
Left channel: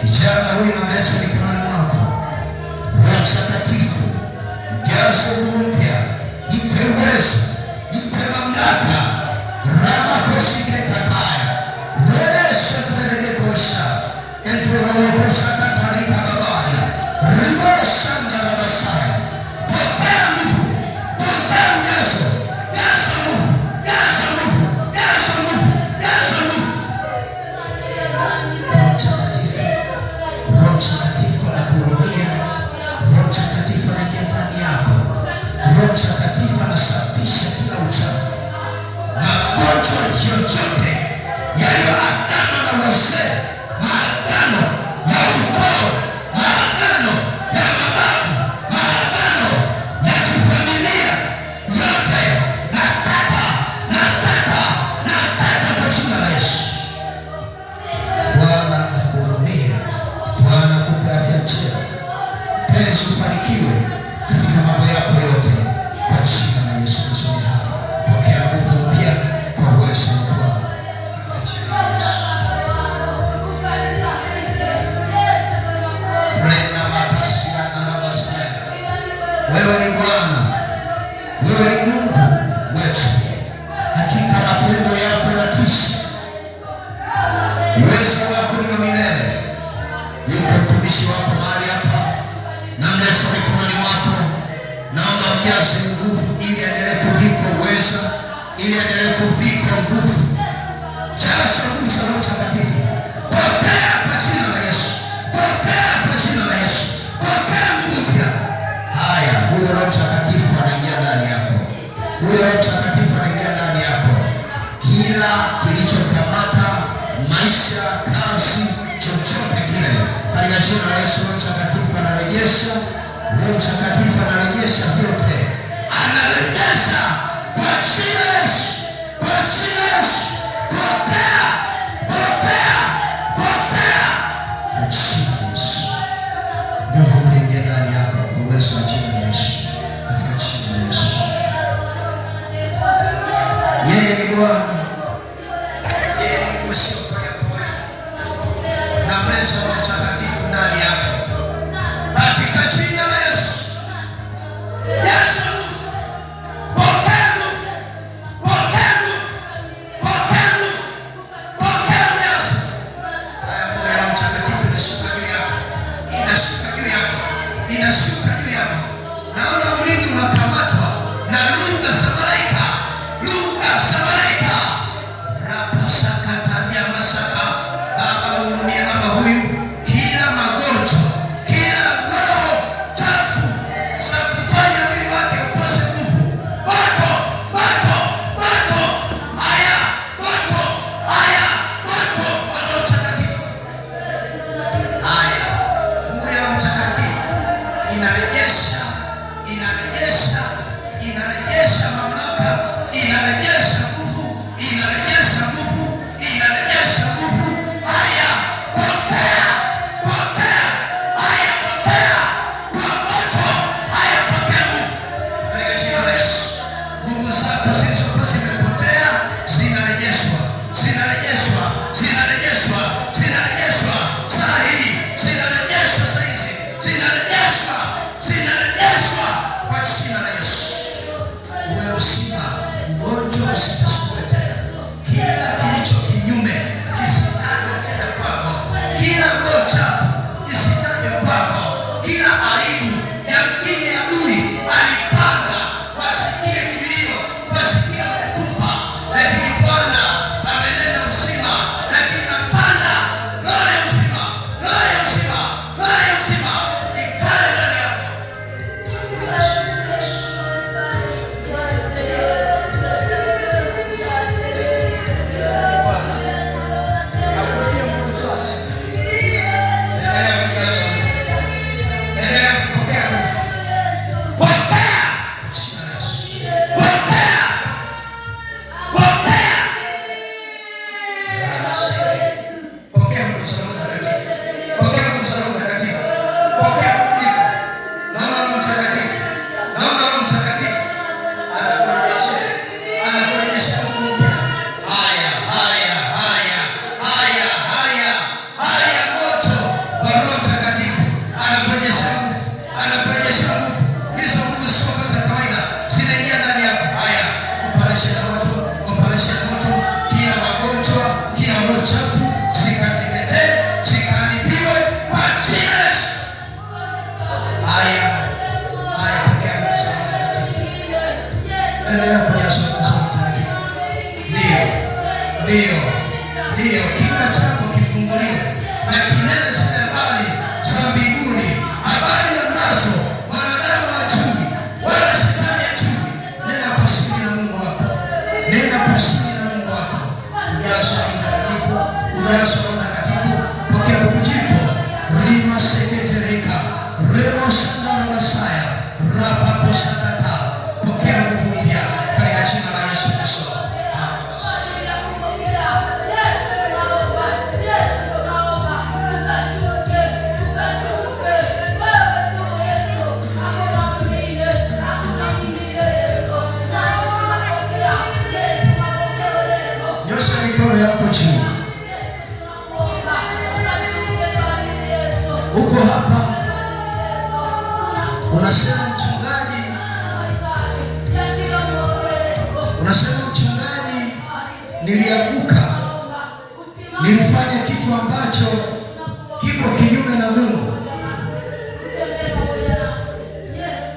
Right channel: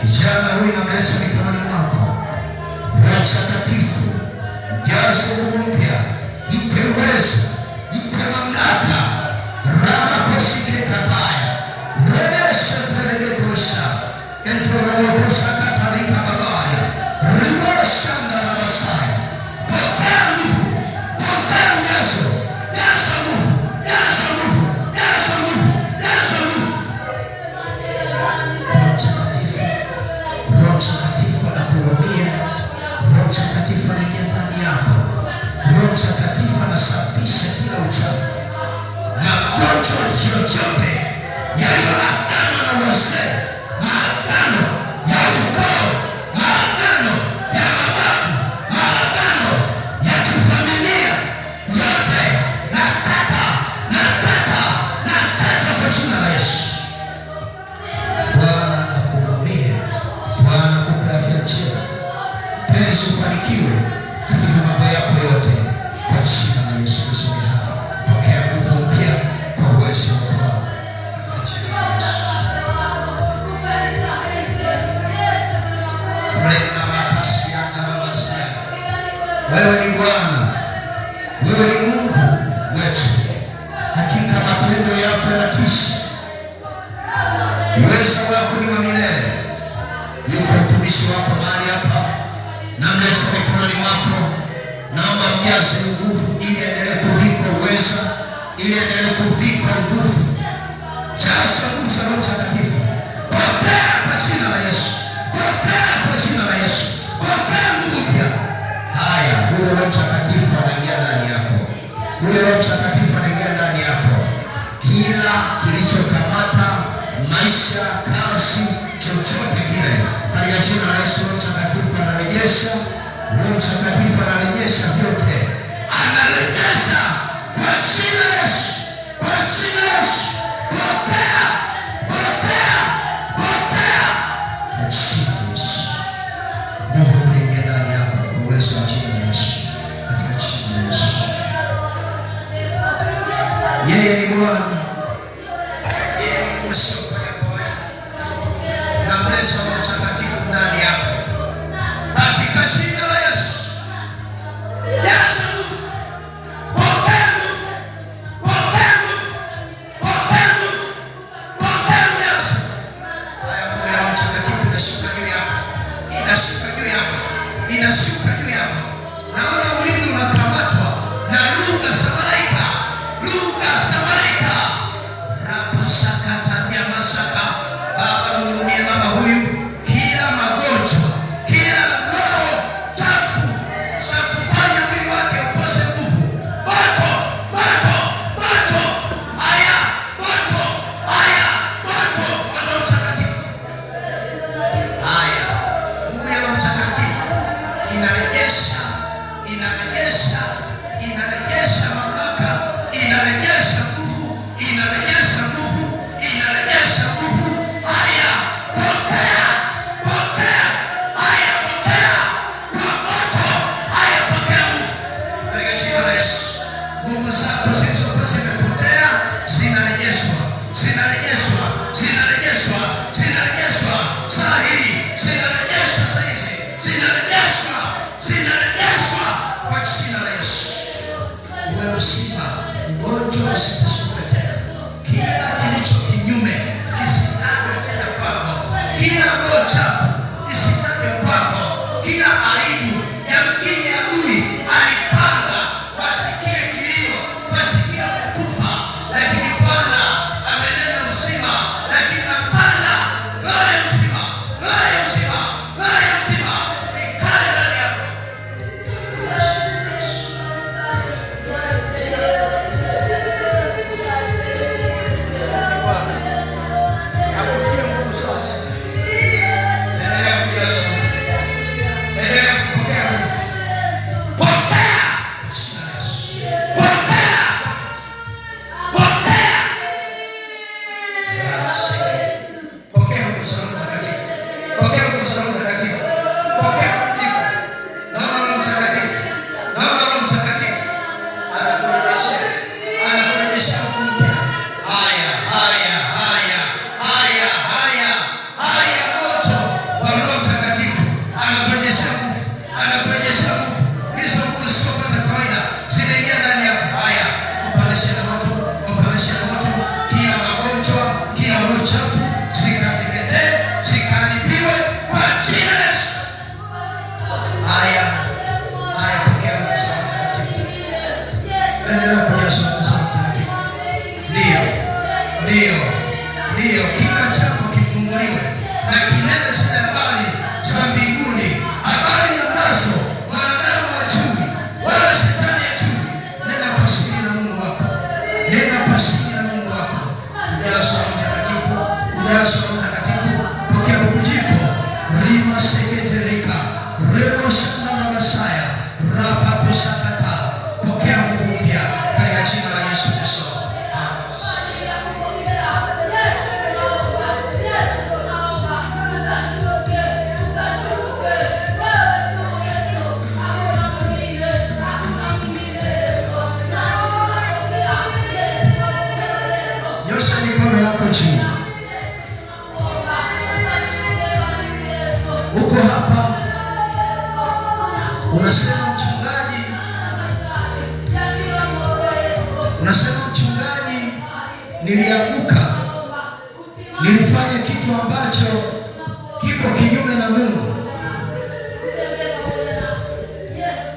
Kijana huyu namleta mikononi mwako. Roho Mtakatifu, mjaze nguvu mpya, mpe uwezo, mpe mamlaka. Rama kosike kataya, redesha kuelegekosha, entorolekosha katarika babaya, ribosha ndarabasaya. Pokea nguvu, pokea uwezo, jaza nguvu, jaza nguvu, jaza nguvu, jaza nguvu. Roho Mtakatifu anakuhurumia. Roho Mtakatifu anaingia ndani yako. Roho Mtakatifu anasafisha kila uchafu. Magonjwa yoyote yaliyoagana na wazee, maagano ya ukoo, maagano ya mababu, maagano ya kifamilia, yote nakata kwa jina la Yesu. Bwana akuhurumie. Bwana akupe afya njema. Penzi ufanikiwe katika mambo yako yote kwa jina la Yesu Kristo. Pokea nguvu mpya kwa uwezo wa Bwana katika jina la Yesu. Wewe ni Bwana, wewe ni Mungu wetu. Hakika matendo yako yanatisha. Uwezo wako ni wa milele. Yuko mtumishi wako mahali hapa, namleta mikononi mwako. Naomba mjaze nguvu ili endelee kuvikwa uweza, ili endelee kuvikwa nguvu. Jaza nguvu za Roho Mtakatifu. Pokea kwa jina la Yesu. Pokea kwa jina la Yesu. Pokea nguvu mpya. Haya, huyo Roho Mtakatifu anaingia ndani yako. Huyo Roho Mtakatifu anaingia ndani yako. Kila kilichokamata maisha, kazi, chochote kile, katika jina la Yesu, Roho Mtakatifu anarejesha. Roho Mtakatifu anarejesha vyote, anarejesha kwa jina la Yesu, kwa jina la Yesu. Pokea, pokea, pokea kwa jina la Yesu. Nguvu mpya ndani yako kwa uwezo wa jina la Yesu, katika jina la Yesu. Yeye ni Bwana. Yeye ni Yesu. Namleta Roho Mtakatifu ndani yako katika jina la Yesu. Jaza nguvu, pokea nguvu, pokea nguvu, pokea nguvu, pokea ujazo. Haya, nguvu ya Roho Mtakatifu inashuka juu yako, inashuka juu yako, inashuka juu yako. Naona ulimi unakamatwa na lugha za malaika, lugha za malaika. Rapa sakata Ndiyo, kinywa chako kifunguliwe na kinene zile habari za mbinguni, habari ambazo mwanadamu hajui wala shetani hajui. Nenda kwa siri na Mungu wako, nenda kwa siri na Mungu wako. Ujazo wa Mtakatifu, ujazo wa Mtakatifu, pokea bubujiko rima seketerika remo sana na Masaya rapa posakata, pokea nguvu mpya katika jina la Yesu Kristo. Nyosha mikono yako juu. Uko hapa unasema mchungaji, nilianguka, nilifanya kitu ambacho kiko kinyume na Mungu.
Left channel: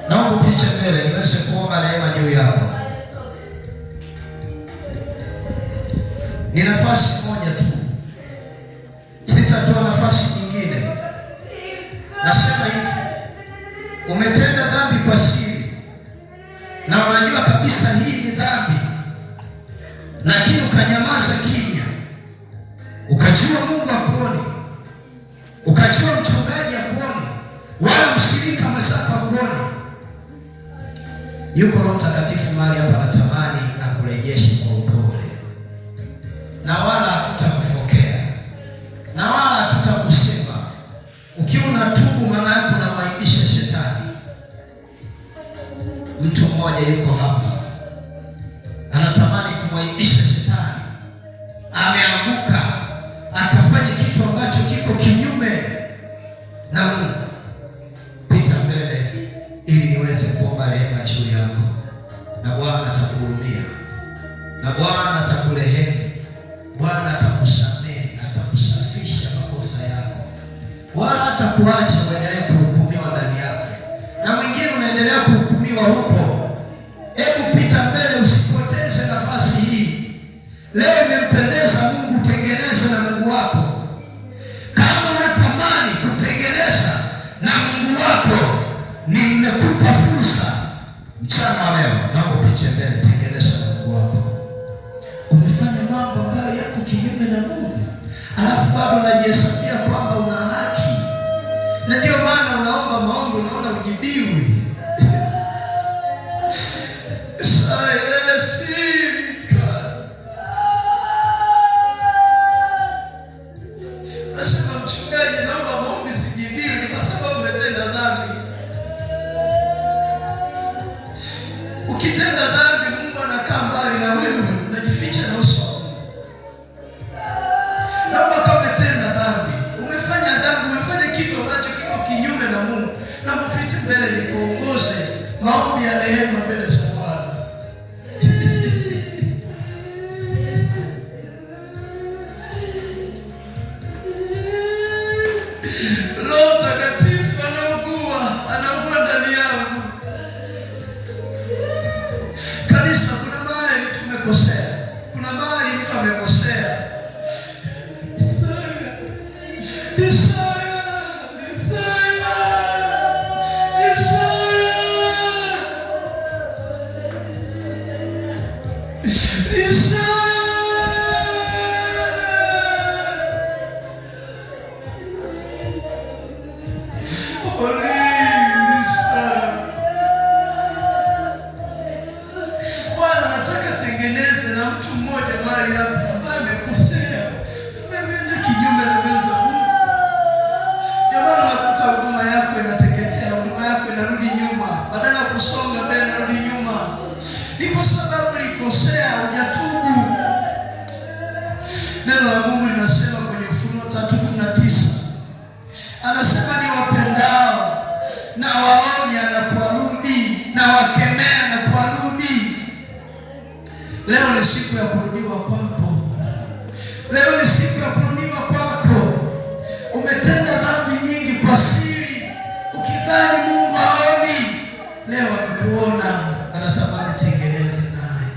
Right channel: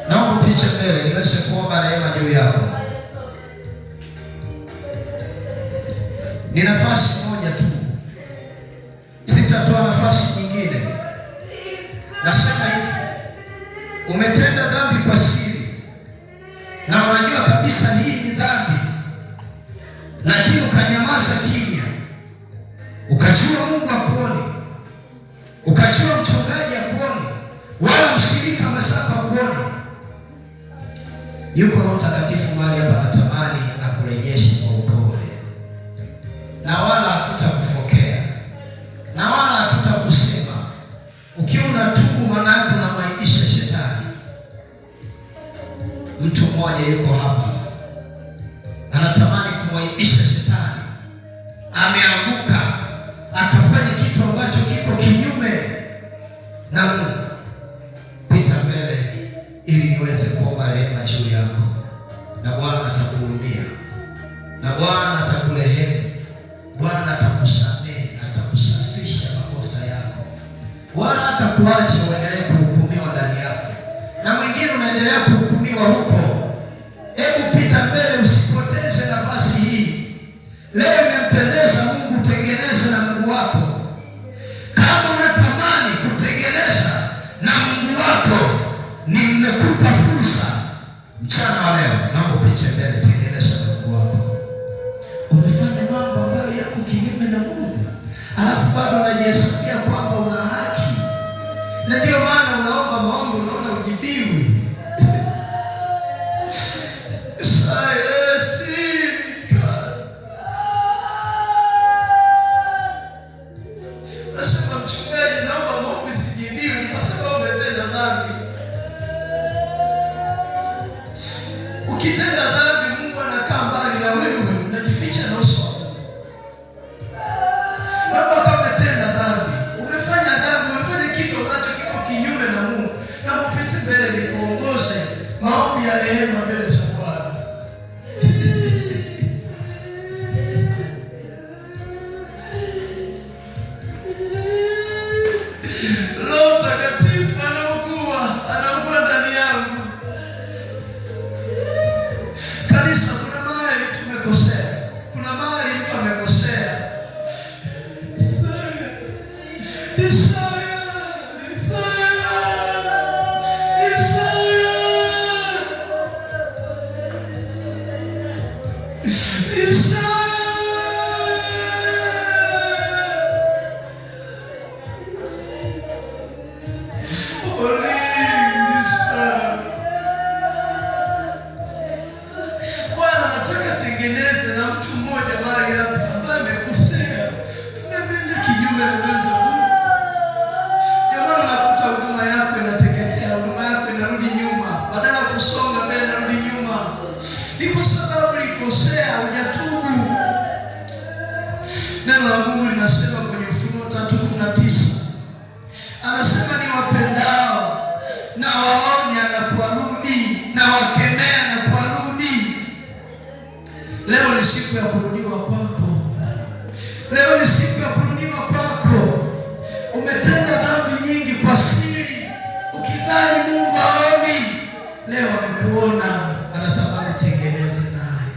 Naomba picha mbele niweze kuomba neema juu yako. Ni nafasi moja tu, sitatoa nafasi nyingine. Nasema hivi, umetenda dhambi kwa siri na unajua kabisa hii ni dhambi, lakini ukanyamaza kimya, ukajua Mungu akuone, ukajua mchungaji akuone, wala mshirika mwenzako akuone. Yuko Roho Mtakatifu mahali hapa, anatamani akurejeshe kwa upole, na wala hatutakufokea na wala hatutakusema. Ukiwa unatubu, maana yako unamwaibisha shetani. Mtu mmoja yuko hapa anatamani kumwaibisha shetani, ameanguka akafanya kitu ambacho kiko kinyume na Mungu. Pita mbele ili niweze kuomba rehema juu yako, na Bwana atakuhurumia, na Bwana atakurehemu, Bwana atakusamehe, atakusafisha makosa yako, wala hatakuacha uendelee kuhukumiwa ndani yako, na mwingine unaendelea kuhukumiwa huko. Hebu pita mbele, usipoteze nafasi hii. Leo imempendeza Mungu, tengeneza na Mungu wako. Kama unatamani kutengeneza na Mungu wako, nimekupa fursa mchana wa leo. Naomba picha mbele, tengeneza na Mungu wako. Umefanya mambo ambayo yako kinyume na Mungu, alafu bado unajihesabia kwamba una haki, na ndio maana unaomba maombi unaona ujibiwi. Nasema mchungaji, naomba maombi sijibiwi kwa sababu umetenda dhambi. Ukitenda dhambi, Mungu anakaa mbali na wewe, unajificha na uso wako. Naomba kama umetenda dhambi, umefanya dhambi, umefanya kitu ambacho kiko kinyume na Mungu, na mpite mbele nikuongoze maombi ya rehema mbele za Bwana. Roho Mtakatifu anaugua ndani yangu. Kanisa, kuna mahali tumekosea, kuna mahali mtu amekosea. Bwana nataka tengeneze na mtu mmoja mahali hapa ambaye amekosea, ameenda kinyume na mbele za Mungu. Jamani, unakuta huduma yako inateketea, huduma yako inarudi nyuma, badala ya kusonga mbele inarudi nyuma. Ni kwa sababu ulikosea, hujatubu. Neno la Mungu linasema kwenye Ufunuo 3:19, anasema ni wapendao na waone anaporudi, na wakemea anaporudi. Leo ni siku ya kurudiwa kwako. Leo ni siku ya kurudiwa kwako. Umetenda dhambi nyingi kwa siri, ukidhani Mungu haoni. Leo amekuona, anatamani tengeneze naye.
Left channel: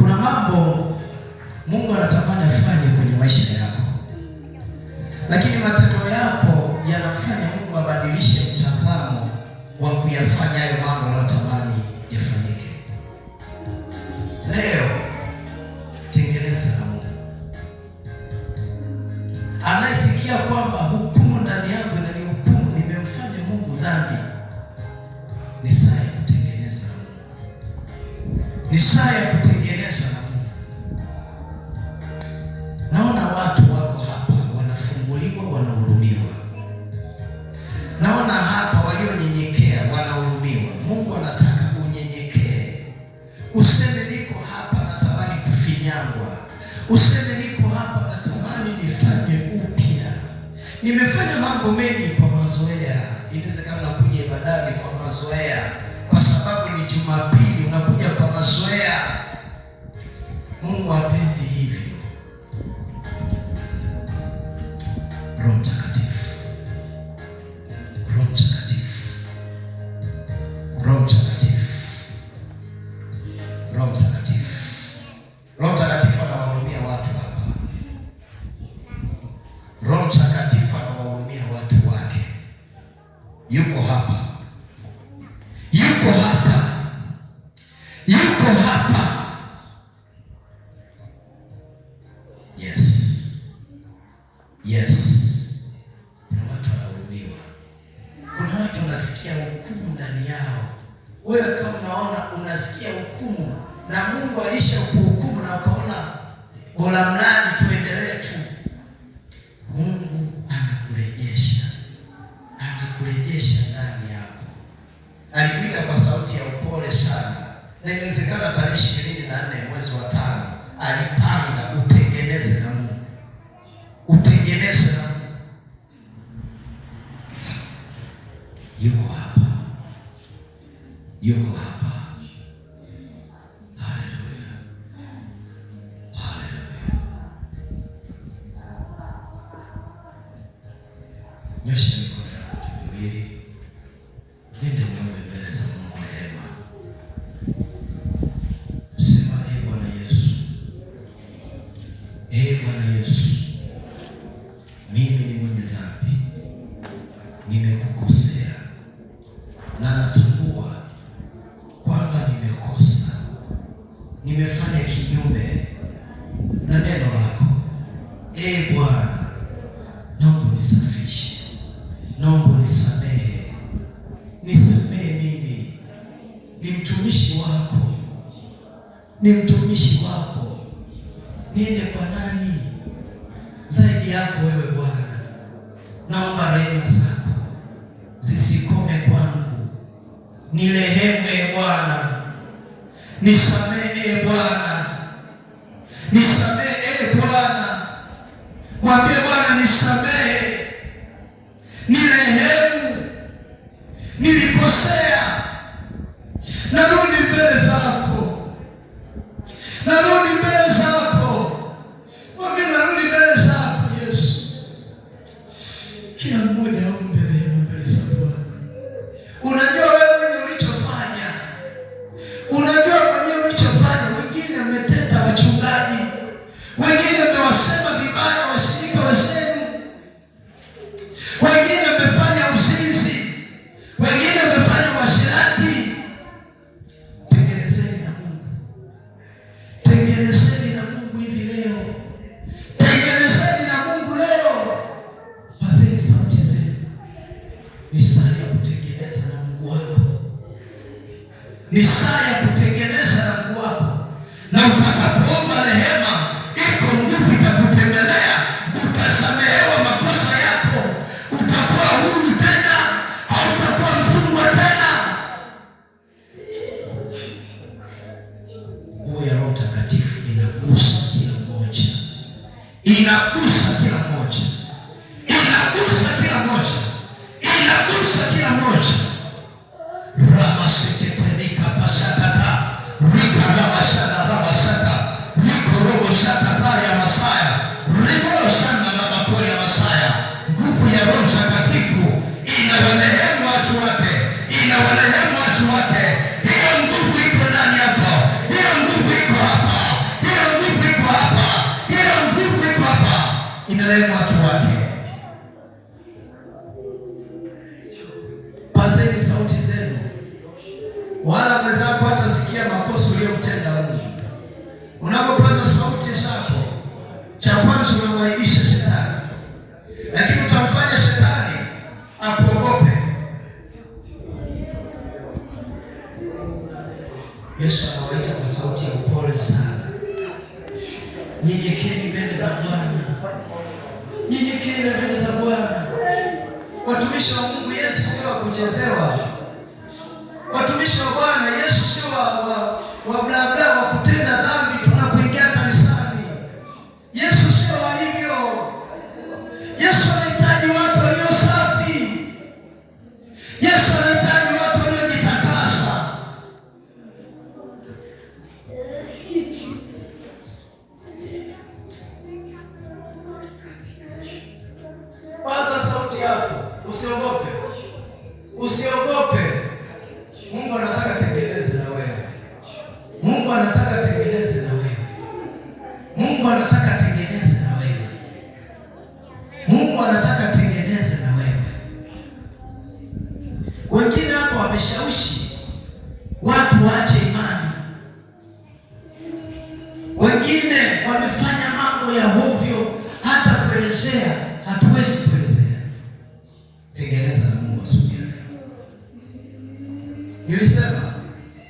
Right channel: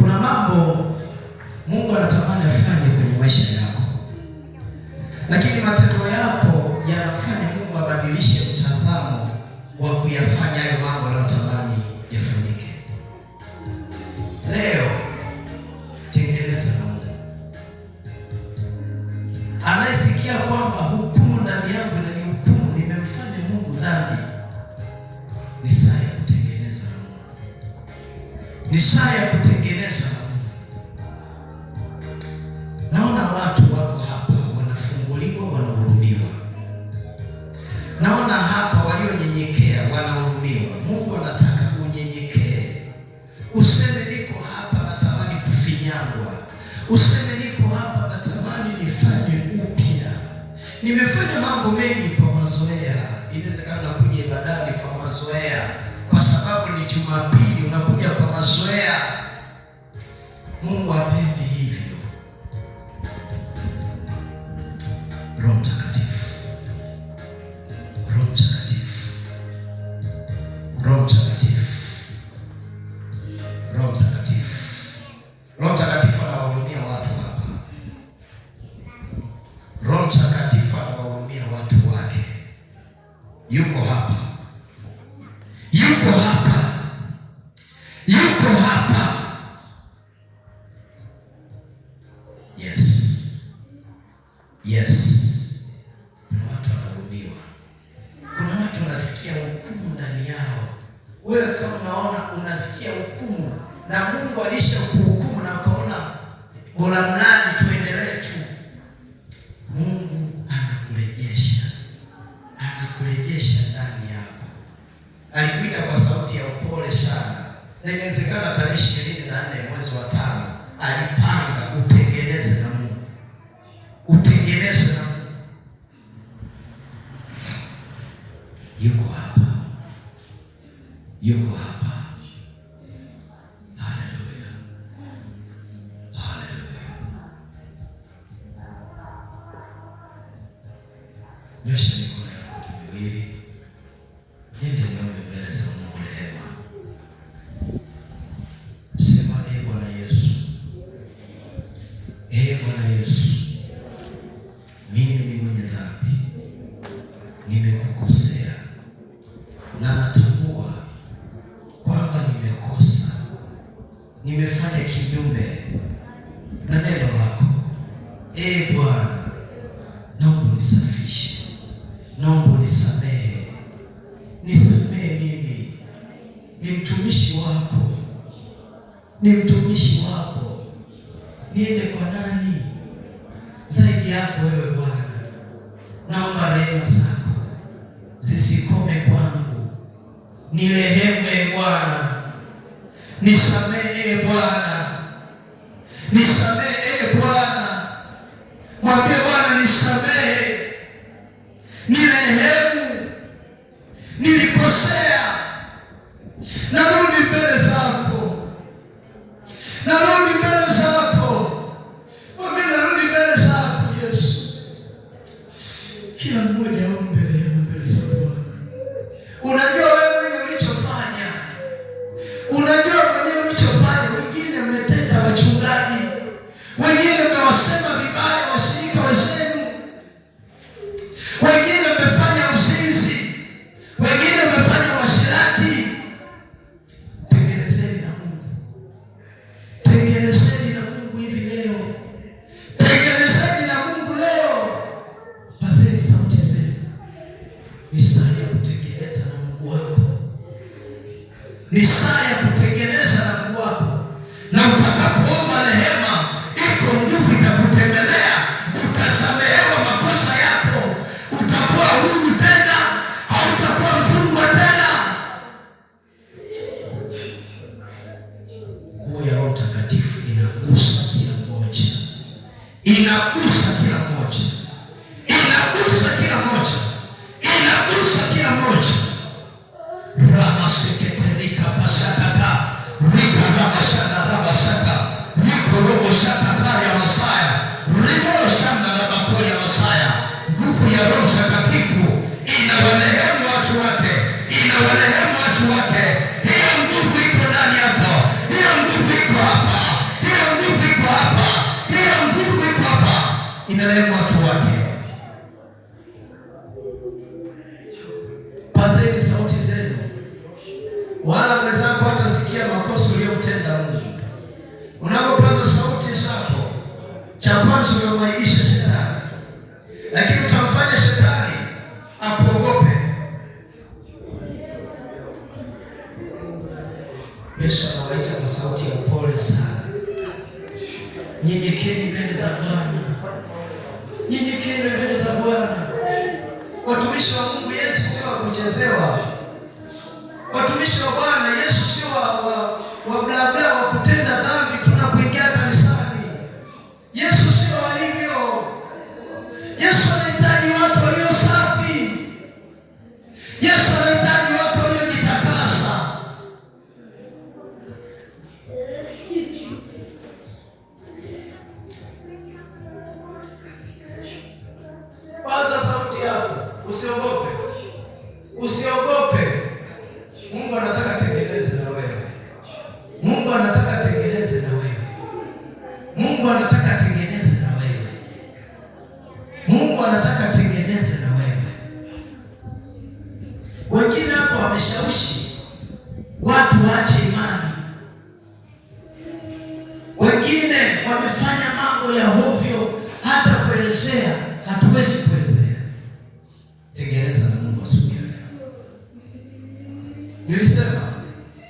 kuna mambo Mungu anatamani afanye kwenye maisha yako, lakini matendo yako yanafanya Mungu abadilishe mtazamo wa kuyafanya hayo mambo anayotamani yafanyike. Leo tengeneza na Mungu. Anayesikia kwamba hukumu ndani yangu na ni hukumu, nimemfanya Mungu dhambi, ni saa ya kutengeneza na Mungu. Ni saa ya kutengeneza na Mungu. Naona watu wako hapa wanafunguliwa, wanahurumiwa. Naona hapa walionyenyekea wanahurumiwa. Mungu anataka unyenyekee. Useme niko hapa natamani kufinyangwa. Useme niko hapa natamani nifanye upya. Nimefanya mambo mengi kwa mazoea. Inawezekana unakuja ibadani kwa mazoea, kwa sababu ni Jumapili unakuja kwa mazoea. Mungu hapendi hivyo. Roho Mtakatifu, Roho Mtakatifu, Roho Mtakatifu, Roho Mtakatifu, Roho Mtakatifu anawahurumia watu hapa. Roho Mtakatifu anawahurumia watu wake. Yuko hapa, yuko hapa, yuko hapa. Yes, yes. Kuna watu wanahurumiwa. Kuna watu wanasikia hukumu ndani yao. Wewe kama unaona unasikia hukumu na Mungu alishakuhukumu na ukaona bora mradi tuendelee tu, Mungu anakurejesha. Anakurejesha ndani yako. Alikuita kwa sauti ya upole sana. Na inawezekana tarehe 24 mwezi wa 5 alipanga utengeneze na Mungu. Utengeneze na Mungu. Yuko hapa. Yuko hapa. Haleluya. Haleluya. Nyosha mikono yako miwili. Nende niombe mbele za Mungu rehema. Sema, ee Bwana Yesu. Ee Bwana Yesu. Mimi ni mwenye dhambi. Nimekukosea. Na natambua kwamba nimekosa. Nimefanya kinyume na neno lako. Ee Bwana, naomba nisafishe. Naomba nisamehe. Nisamehe mimi. Ni mtumishi wako. Ni mtumishi wako. Niende kwa nani zaidi yako wewe Bwana? Naomba rehema zako zisikome kwangu. Nirehemu ee Bwana. Nisamehe ee Bwana. Nisamehe ee Bwana. Mwambie Bwana nisamehe. Nirehemu. Nilikosea. Narudi mbele zako. Narudi mbele zako. Mwambie narudi mbele zako Yesu. Kila mmoja aombe rehema mbele za Bwana. Unajua wewe mwenye ulichofanya. Unajua mwenye ulichofanya. Wengine mmeteta wachungaji. Wengine mmewasema vibaya washirika wenzenu. Wengine mmefanya uzinzi. Wengine mmefanya uasherati. Tengenezeni na Mungu. Tengenezeni na Mungu hivi leo. Tengenezeni na Mungu leo. Pazeni sauti zenu. Ni saa ya kutengeneza na Mungu wako. Ni saa ya kutengeneza na Mungu wako. Na utakapoomba rehema, iko nguvu itakutembelea. Utasamehewa makosa yako. Utakuwa huru tena. Hautakuwa mfungwa tena. Nguvu ya Roho Mtakatifu inagusa kila mmoja. Inagusa kila mmoja. Inagusa kila mmoja. Inagusa kila mmoja. Rama seketerika pasakata. Rika rama shana rama shaka. Riko robo shakata ya Masaya. Riko shana rama kore ya Masaya. Nguvu ya Roho Mtakatifu inawarehemu watu wake. Inawarehemu watu wake. Hiyo nguvu iko ndani yako. Hiyo nguvu iko hapa. Nyenyekeni mbele za Bwana. Nyenyekeni mbele za Bwana. Watumishi wa Mungu, Yesu sio wa kuchezewa. Watumishi wa Bwana, Yesu sio wa bla bla wa kutenda dhambi tunapoingia kanisani. Yesu sio wa hivyo. Yesu anahitaji watu walio safi. Yesu anahitaji watu waliojitakasa. Paza sauti yako, usiogope. Usiogope. Mungu anataka tengeneze na wewe. Mungu anataka tengeneze na wewe. Mungu anataka tengeneze na wewe. Mungu anataka tengeneze na wewe. Wengine hapo wameshawishi watu waache imani. Wengine wamefanya mambo ya hovyo, hata kuelezea hatuwezi kuelezea. Tengeneza na Mungu asubuhi ya leo. Nilisema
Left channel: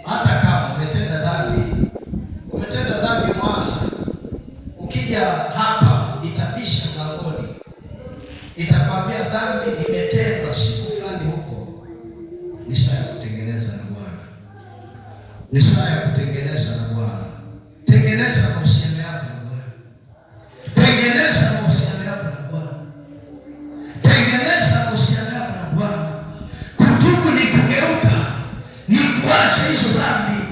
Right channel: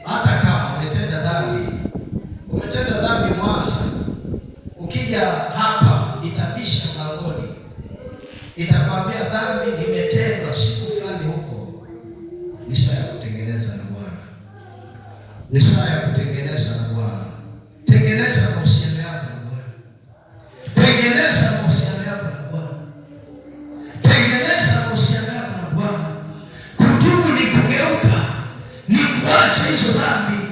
hata kama umetenda dhambi Mwanza, ukija hapa itabisha mlangoni, itakwambia dhambi nimetenda siku fulani huko. Ni saa ya kutengeneza na Bwana. Ni saa ya kutengeneza na Bwana. Tengeneza mahusiano yako na Bwana. Tengeneza mahusiano yako na Bwana. Tengeneza mahusiano yako na Bwana. Kutubu ni kugeuka, ni kuacha hizo dhambi,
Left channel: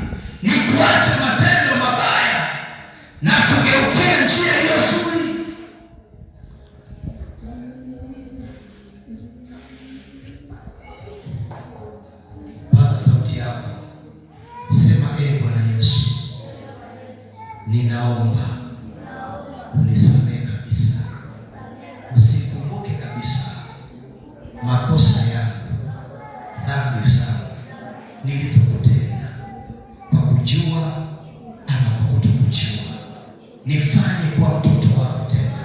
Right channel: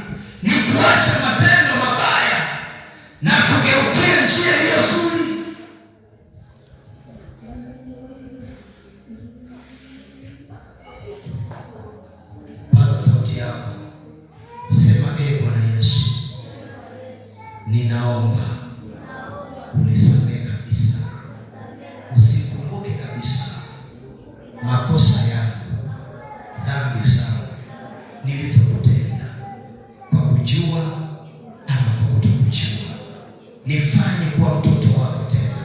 ni kuacha matendo mabaya na kugeukia njia iliyo nzuri. Paza sauti yako. Sema, ee Bwana Yesu, ninaomba unisamehe kabisa. Usikumbuke kabisa makosa yangu, dhambi zangu nilizokutenda kwa kujua ama kwa kutokujua. Nifanye kuwa mtoto wako tena.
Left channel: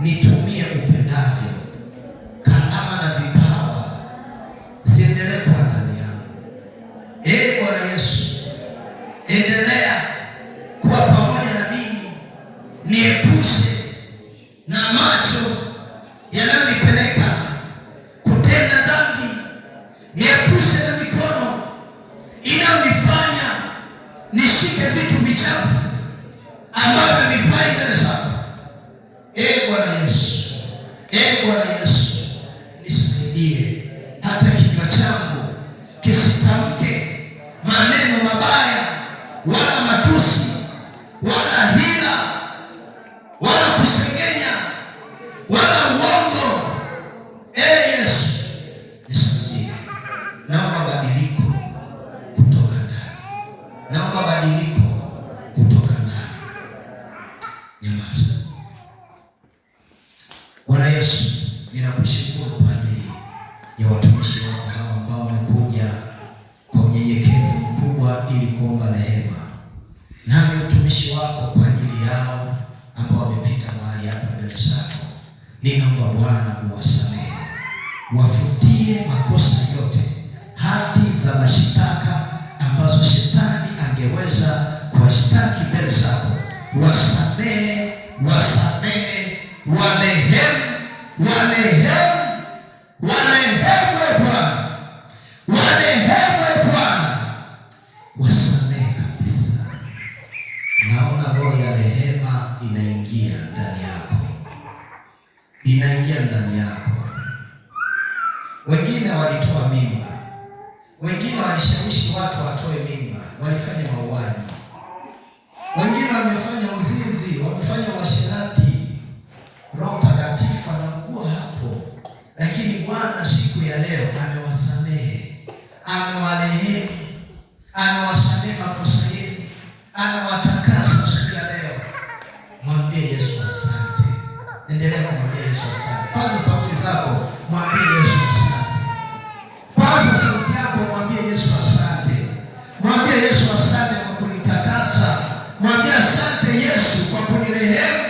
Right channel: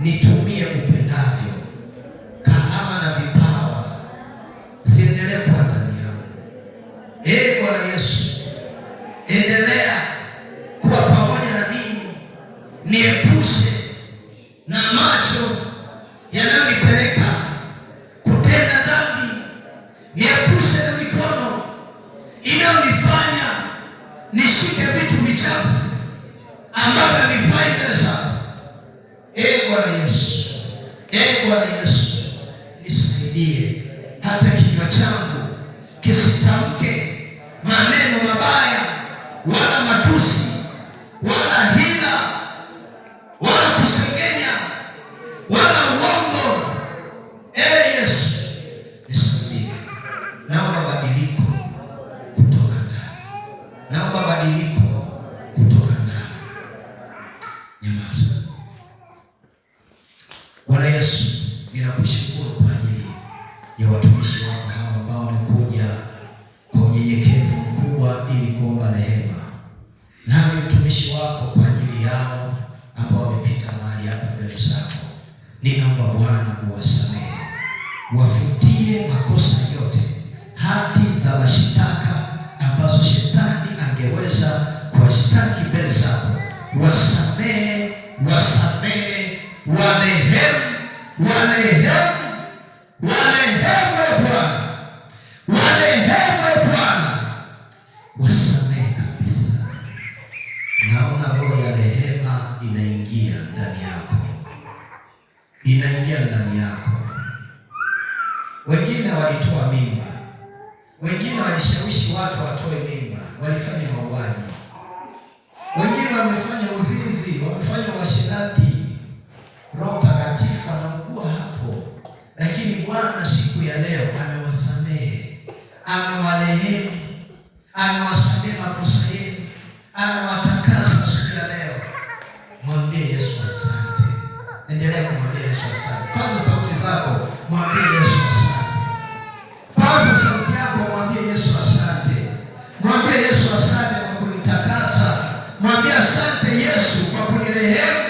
Nitumie upendavyo. Karama na vipawa ziendelee kwa ndani yangu. Ee Bwana Yesu, endelea kuwa pamoja na mimi. Niepushe na macho yanayonipeleka kutenda dhambi. Niepushe na mikono inayonifanya nishike vitu vichafu ambavyo havifai mbele zako. Ee Bwana Yesu, ee Bwana Yesu, nisaidie hata kinywa changu kisitamke maneno mabaya, wala matusi, wala hila, wala kusengenya, wala uongo. Ee Yesu, nisaidie. Naomba badiliko kutoka ndani. Naomba badiliko kutoka ndani. Nyamaza. Bwana Yesu, ninakushukuru kwa ajili ya watumishi wako hawa ambao wamekuja kwa unyenyekevu mkubwa ili kuomba rehema. Nami mtumishi wako kwa ajili yao ambao wamepita mahali hapa mbele zako, ninaomba Bwana uwasamehe, wafutie makosa yote, hati za mashitaka ambazo shetani angeweza kuwashtaki mbele zako. Wasamehe, wasamehe, warehemu, warehemu, warehemu Bwana, warehemu Bwana, wasamehe kabisa. Naona roho ya rehema inaingia ndani yako, inaingia ndani yako. Wengine walitoa mimba, wengine walishawishi watu watoe mimba, walifanya mauaji, wengine wamefanya uzinzi, wamefanya uasherati. Roho Mtakatifu anakuwa hapo, lakini Bwana siku ya leo amewasamehe, amewarehemu, amewasamehe makosa yenu, amewatakasa siku ya leo. Mwambie Yesu asante. Endelea kumwambia Yesu asante. Paza sauti zako, mwambie Yesu asante. Paza sauti yako, mwambie Yesu asante. Mwambie Yesu asante kwa kunitakasa. Mwambie asante Yesu kwa kunirehemu.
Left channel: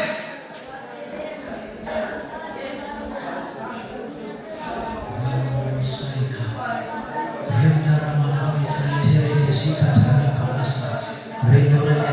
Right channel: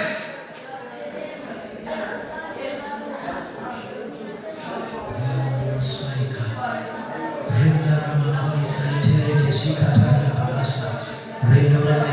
Renda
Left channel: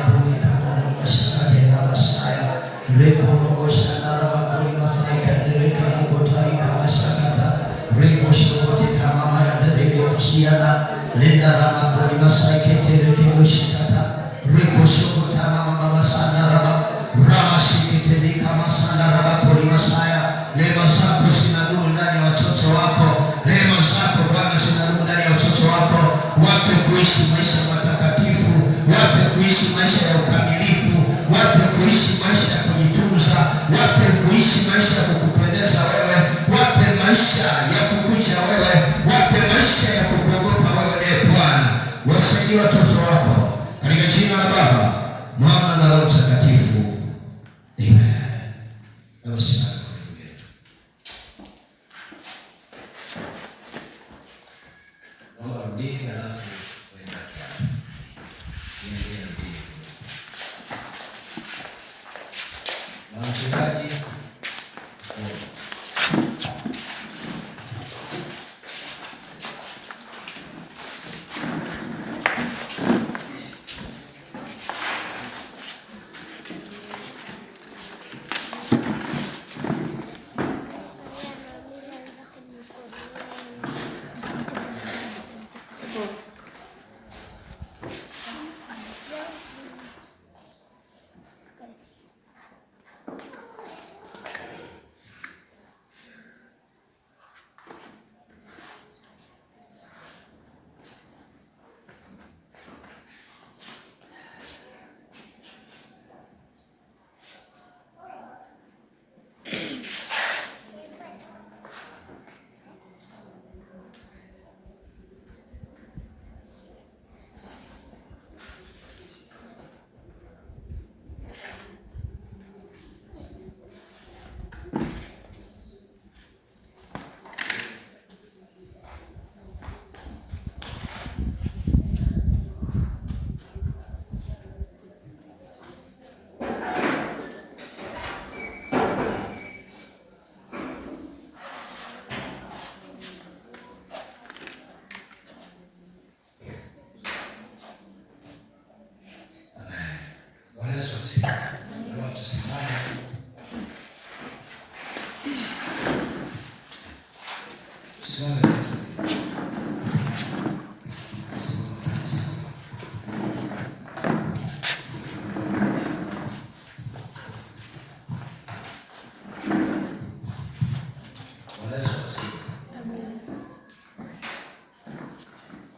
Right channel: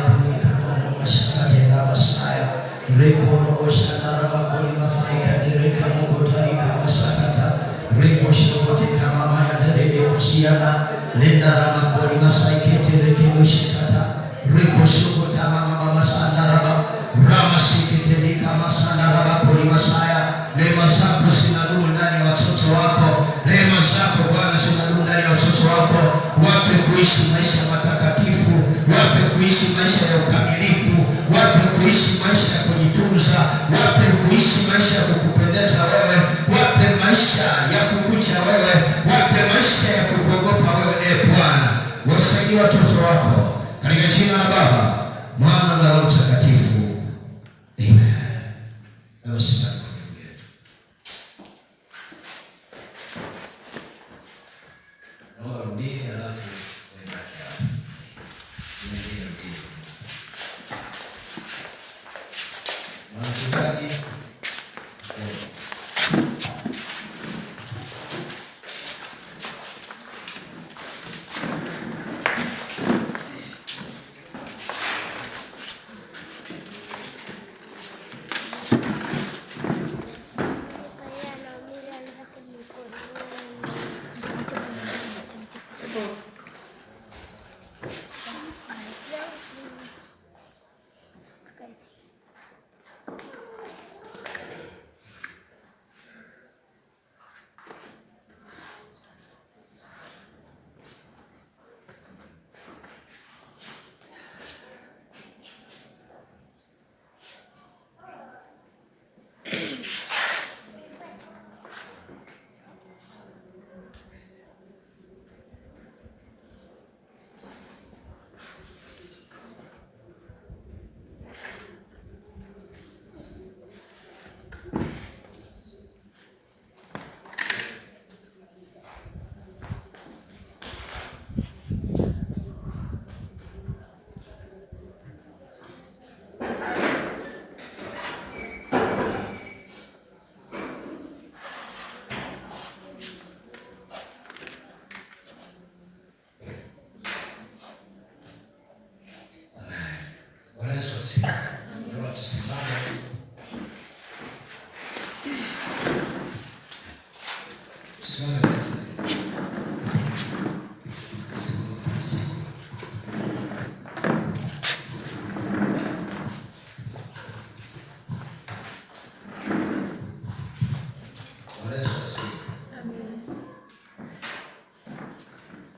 maisha ya ukamilifu, wape kuishi maisha ya kujitunza, wape kuishi maisha ya kukupendeza wewe, wape maisha ya kukucha wewe, wape maisha ya kukuogopa wewe. Bwana, wasaidie watoto wako katika jina la Baba, Mwana na Roho Mtakatifu. Amen.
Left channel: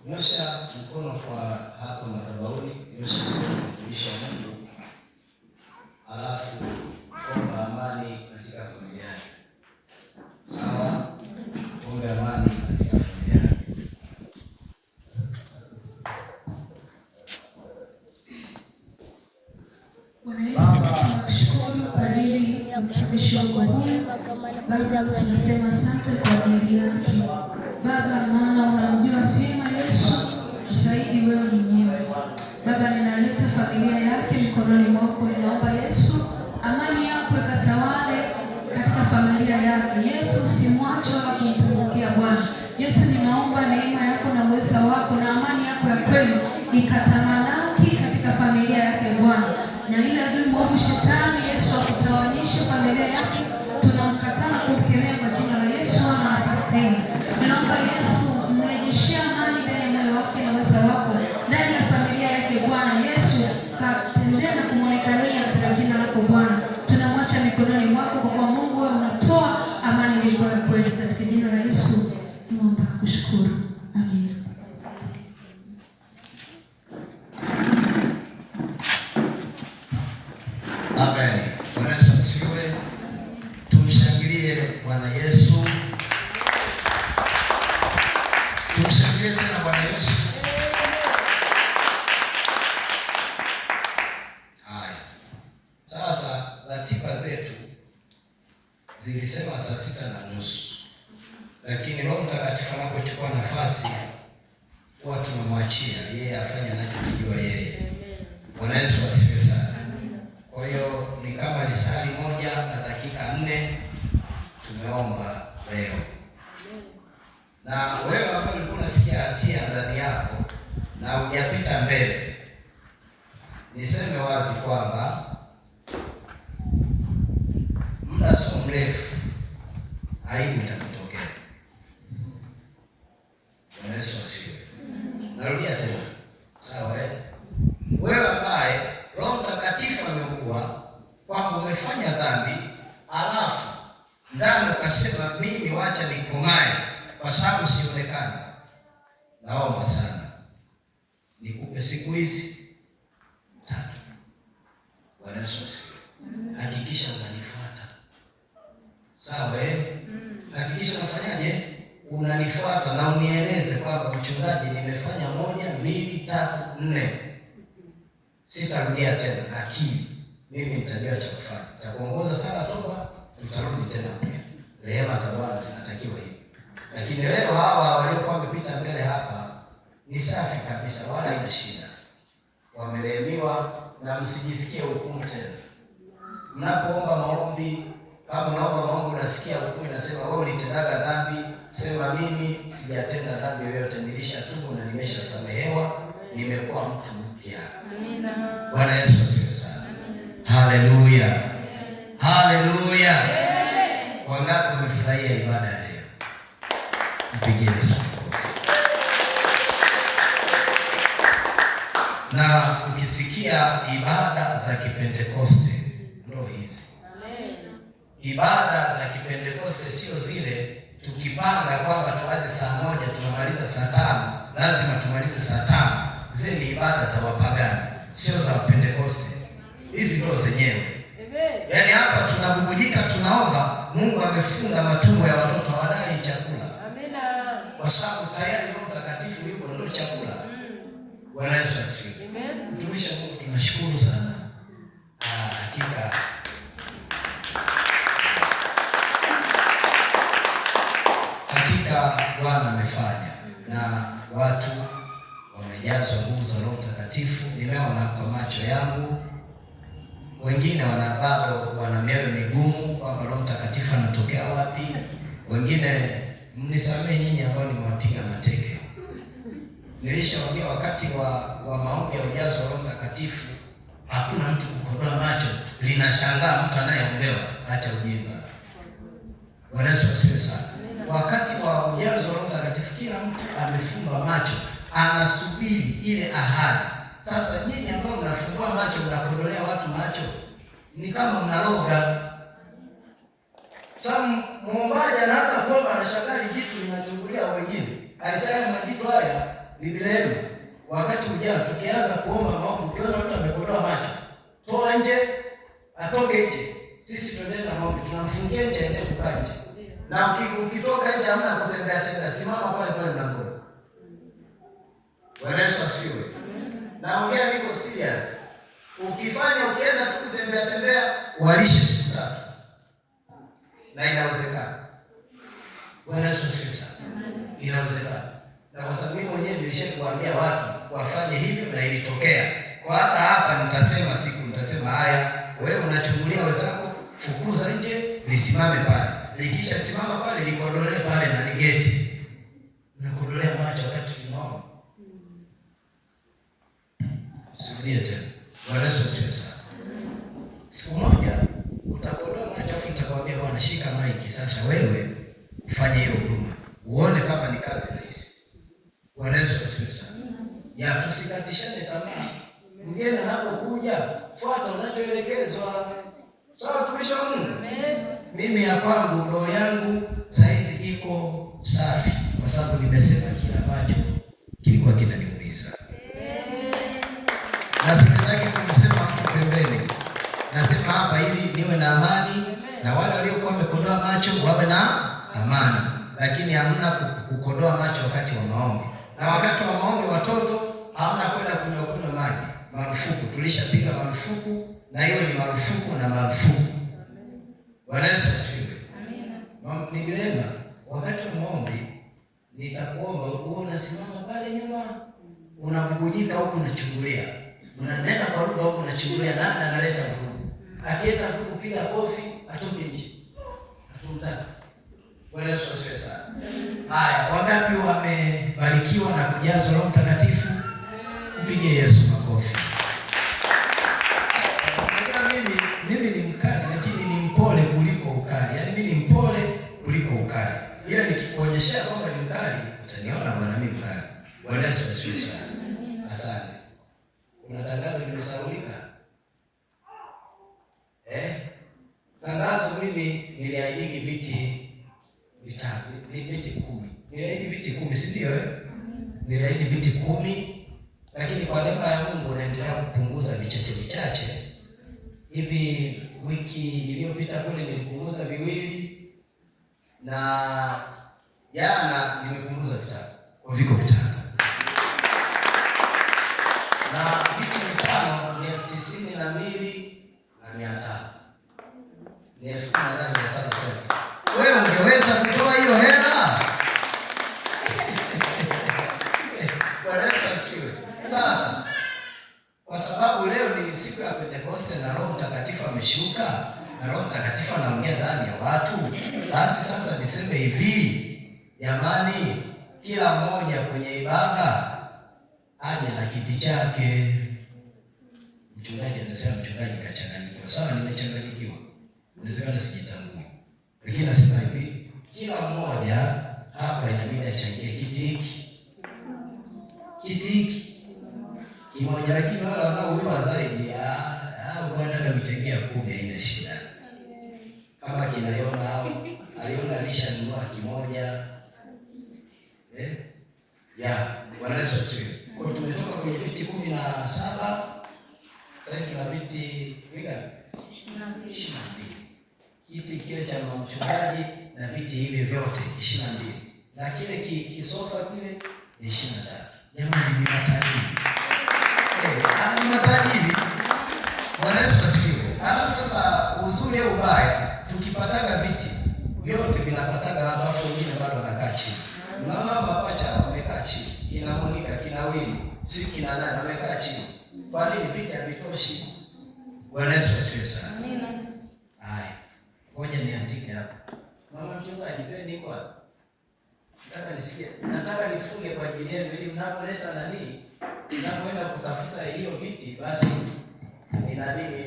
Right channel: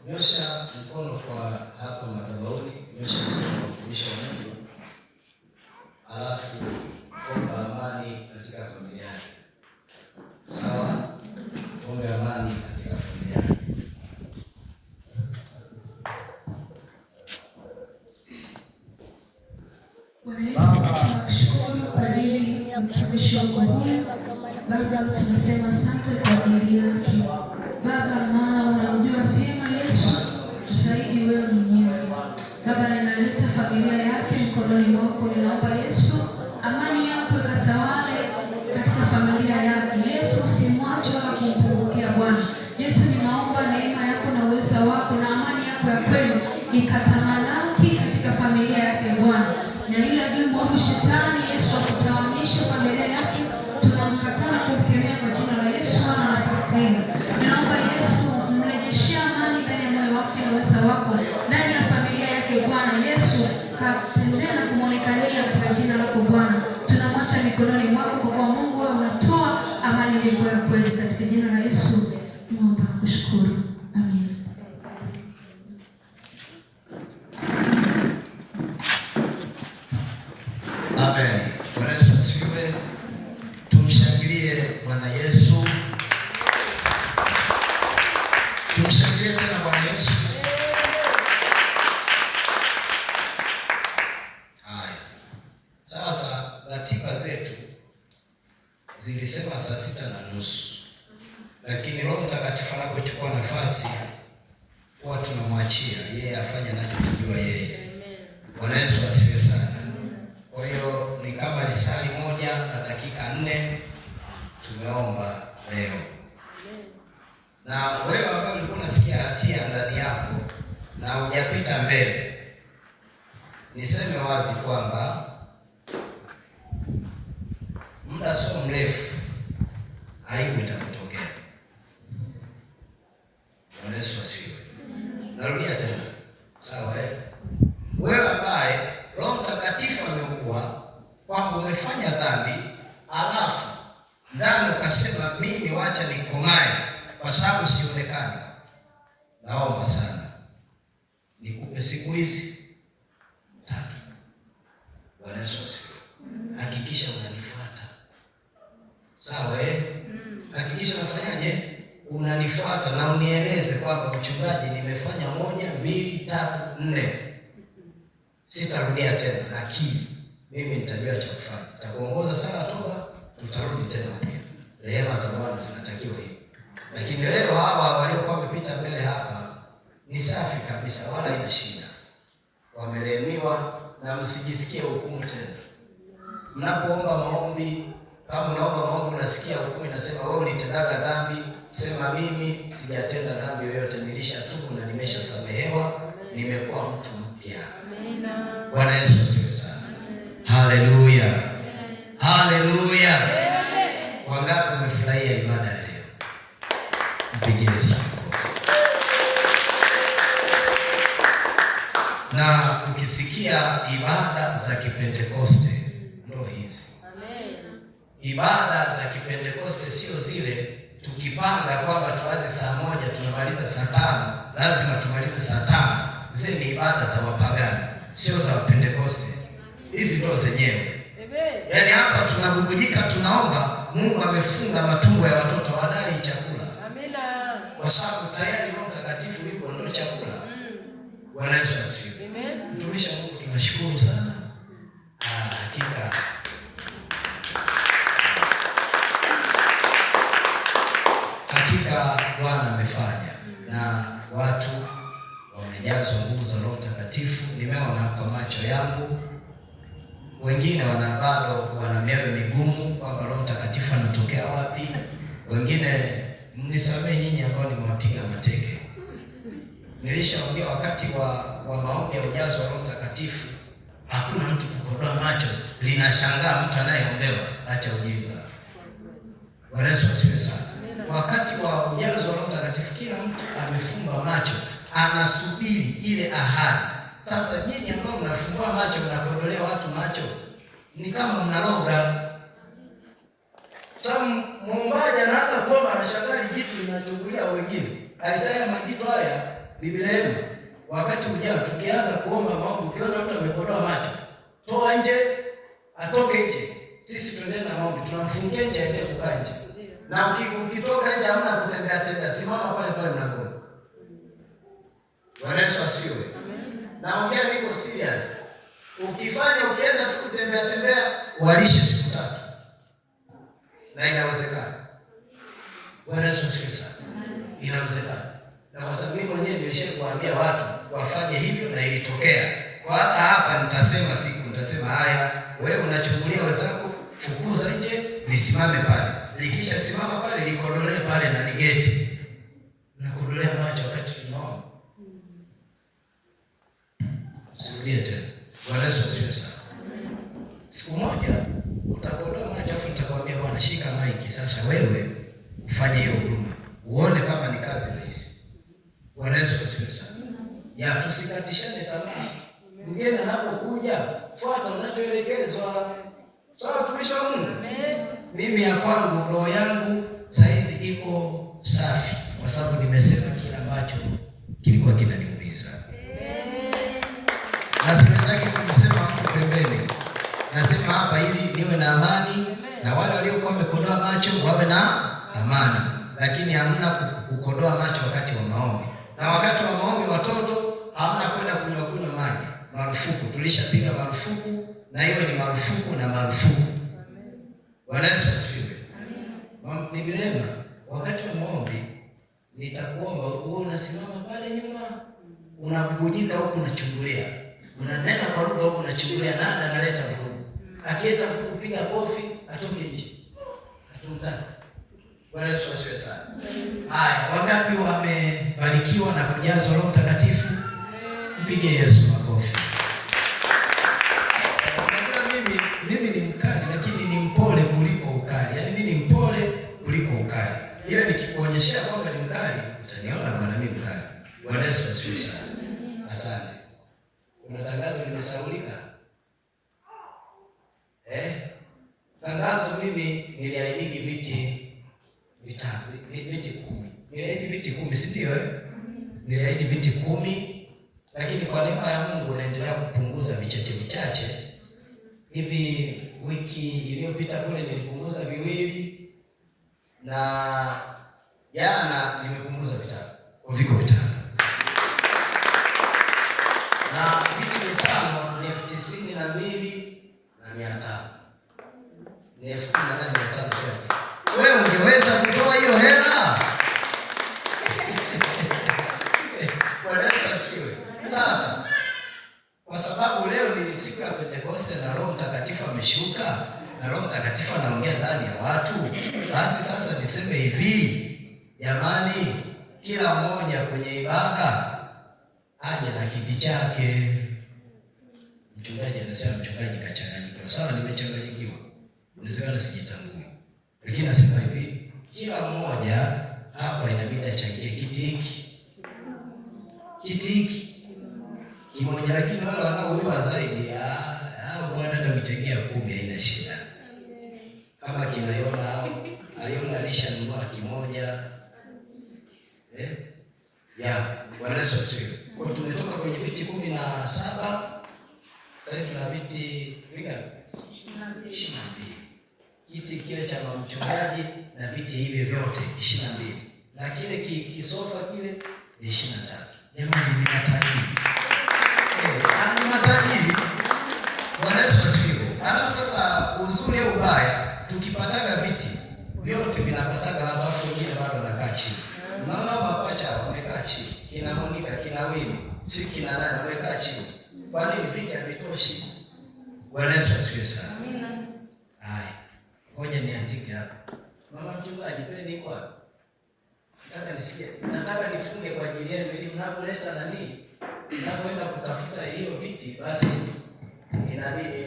Nyosha mkono kwa hapo madhabahuni, nyosha mkono kwa mtumishi wa Mungu, alafu omba amani katika familia yake. Sawa? Omba amani katika familia yake. Bwana Yesu, tunakushukuru kwa ajili ya mtumishi wako huyu. Baba, tunasema asante kwa ajili yake. Baba, maana unamjua vyema Yesu zaidi wewe mwenyewe. Baba, ninaleta familia yake mikononi mwako. Ninaomba Yesu, amani yako ikatawale katika familia yake. Yesu, usimwache wala kumpungukia Bwana. Yesu, ninaomba neema yako na uweza wako na amani yako ya kweli ikatamalaki katika familia yake Bwana. Na ila adui wa shetani Yesu akutawanyisha familia yake, tunamkataa kumkemea kwa jina la Yesu na nafasi tena. Ninaomba Yesu mrejeshie amani ndani ya moyo wake na uweza wako ndani ya familia yake Bwana. Yesu katendea na kumwonekania kwa jina lako Bwana. Tunamwacha mikononi mwako kwa kuwa Mungu wewe unatoa amani iliyo ya kweli katika jina la Yesu. Naomba kushukuru. Amen. Amen. Bwana Yesu asifiwe. Tumshangilie Bwana Yesu. Tumshangilie tena Bwana Yesu. Haya. Sasa ratiba zetu zilisema saa 6:30. Lakini Roho Mtakatifu anapochukua nafasi huwa tunamwachia yeye afanye anachojua yeye. Bwana Yesu asifiwe sana. Kwa hiyo ni kama risali 1:04 tumeomba leo. Na wewe ambaye ulikuwa unasikia hatia ndani yako na hujapita mbele, niseme wazi kwamba muda sio mrefu aibu itakutokea. Bwana Yesu asifiwe. Narudia tena. Sawa eh? Wewe ambaye Roho Mtakatifu amekuwa kwamba umefanya dhambi, alafu ndani ukasema mimi wacha nikomae kwa sababu siwezekani. Naomba sana nikupe siku hizi 3. Bwana Yesu asifiwe. Hakikisha unanifuata. Sawa Hakikisha unafanyaje? Unanifuata na unieleze kwamba mchungaji, nimefanya 1, 2, 3, 4. Sitarudia tena, lakini mimi nitajua cha kufanya. Nitakuongoza sala toba, tutarudi tena. Rehema za Bwana zinatakiwa hivi. Lakini leo hawa waliokuwa wamepita mbele hapa ni safi kabisa, wala haina shida. Wamerehemiwa na msijisikie hukumu tena. Mnapoomba maombi, kama unaomba maombi unasikia hukumu inasema wewe ulitendaga dhambi, sema mimi sijatenda dhambi yoyote, nilishatubu na nimeshasamehewa, nimekuwa mtu mpya. Amina. Bwana Yesu asifiwe sana. Haleluya. Haleluya. Wangapi wamefurahia ibada ya leo? Mpigie Yesu. Na ukisikia ibada za Kipentekoste ndio hizi. Amen. Ibada za Kipentekoste sio zile tukipanga kwamba tuanze saa 1 tunamaliza saa 5, lazima tumalize saa 5. Zile ni ibada za wapagani, sio za Pentekoste. Hizi ndio zenyewe. Amen. Yaani hapa tunabubujika, tunaomba, Mungu amefunga matumbo ya watoto wadai chakula. Amina. Kwa sababu tayari Roho Mtakatifu yuko ndio chakula. Bwana Yesu asifiwe. Amen. Mtumishi wa Mungu, tunashukuru sana. Hakika Bwana amefanya na watu wamejazwa nguvu za Roho Mtakatifu. Nimeona kwa macho yangu, wengine bado wana mioyo migumu kwamba Roho Mtakatifu anatokea wapi. Wengine mnisamee nyinyi ambao nimewapiga mateke. Nilishaongea wakati wa maombi ya ujazo wa Roho Mtakatifu, hakuna mtu kukodoa macho. Linashangaa mtu anayeombewa acha ujinga. Bwana Yesu asifiwe sana. Wakati wa ujazo wa Roho Mtakatifu kila mtu amefunga macho, anasubiri ile ahadi. Sasa nyinyi ambao mnafungua macho mnakodolea watu macho, ni kama mnaroga. Sasa muombaji anaanza kuomba, anashangaa vitu vinachungulia wengine. Alisema majibu haya Biblia, wakati ujao tukianza kuomba maombi, ukiona mtu amekodoa macho, toa nje, atoke nje. Sisi tuendelee na maombi, tunamfungia nje aende kukaa nje. Na ukitoka nje hamna kutembea, simama pale pale mlangoni. Bwana Yesu asifiwe. Naongea niko serious. Ukifanya ukienda tu kutembea, walishe siku 3. Na inawezekana. Bwana Yesu asifiwe sana. Inawezekana. Na kwa sababu mimi mwenyewe nilishakuambia watu wafanye hivyo na ilitokea. Kwa hata hapa nitasema haya, wewe unachungulia wenzako, fukuza nje, nisimame pale. Nikisha simama pale, nikodolee pale na nigeti. Nakodolea macho wakati tunaomba. Sikulie tena. Bwana Yesu asifiwe sana. Siku moja utakodoa macho afu nitakwambia Bwana, shika maiki sasa wewe ufanye hiyo huduma. Uone kama ni kazi rahisi. Bwana Yesu asifiwe sana. Ya tusikatishane tamaa. Mgeni anapokuja, fuata unachoelekezwa. Sawa tumishi wa Mungu? Mimi ya kwangu roho yangu saizi iko safi kwa sababu nimesema kile ambacho kilikuwa kinaniumiza. Na sitaki kumsema mtu pembeni. Nasema hapa ili niwe na amani na wale waliokuwa wamekodoa macho wawe na amani. Lakini hamna kukodoa macho wakati wa maombi. Na wakati wa maombi watoto hamna kwenda kunywa maji. Marufuku, tulishapiga marufuku na hiyo ni marufuku na marufuku. Bwana Yesu asifiwe. Amina. Biblia wakati wa maombi nitakuomba unasimama pale nyuma, unabubujika huko unachungulia. Unanena kwa lugha huko unachungulia, na analeta vurugu. Akileta vurugu piga kofi, atoke nje. Atumtaki. Bwana Yesu asifiwe sana. Haya, wangapi wamebarikiwa na kujazwa Roho Mtakatifu? Mpige Yesu makofi. Mimi ni mkali lakini ni mpole kuliko ukali. Yaani mimi ni mpole kuliko ukali. Ile nikikuonyesha kwamba ni mkali, utaniona bwana mimi mkali. Bwana Yesu asifiwe sana. Asante. Kuna tangazo limesaulika. Tangazo mimi niliahidi viti 10. Niliahidi viti 10, si ndio? Niliahidi viti 10, lakini kwa neema ya Mungu naendelea kupunguza vichache. ni 18,500 kwake. Wewe ungeweza kutoa hiyo hela? Sasa kwa sababu leo ni siku ya Pentekoste na Roho Mtakatifu ameshuka na Roho Mtakatifu anaongea ndani ya watu, basi sasa niseme hivi, jamani, kila mmoja kwenye ibada aje na kiti chake. Mchungaji anasema mchungaji kachanganyikiwa. Sawa, nimechanganyikiwa. Unasema sijitambui. Lakini nasema hivi, kila mmoja hapa inabidi achangie kiti hiki. Kiti hiki. Kimoja, lakini wale wanaoomba zaidi bwana ndio mtengea 10 haina shida. Kama kinaiona au aiona alishanunua kimoja. Bwana Yesu asifiwe. Kwa tumetoka kwenye viti 17, sasa tuna viti vingapi? 22. Kiti kile cha mchungaji na viti hivi vyote 22. Na kile kisofa kile ni 23. Jamani, ni matajiri. Ni matajiri. Bwana Yesu asifiwe. Alafu sasa uzuri au ubaya, tukipataga viti vyote vinapataga watu wengine bado wanakaa chini. Unaona mapacha wamekaa chini. Kina Monica, kina Wini, si kina nani wamekaa chini. Kwa nini vita havitoshi? Bwana Yesu asifiwe sana. Amina. Haya. Ngoja niandike hapa. Mama mchungaji, peni kwa. Nataka nifunge kwa ajili yenu ili mnapoleta nani? Mnapoenda kutafuta hiyo viti, basi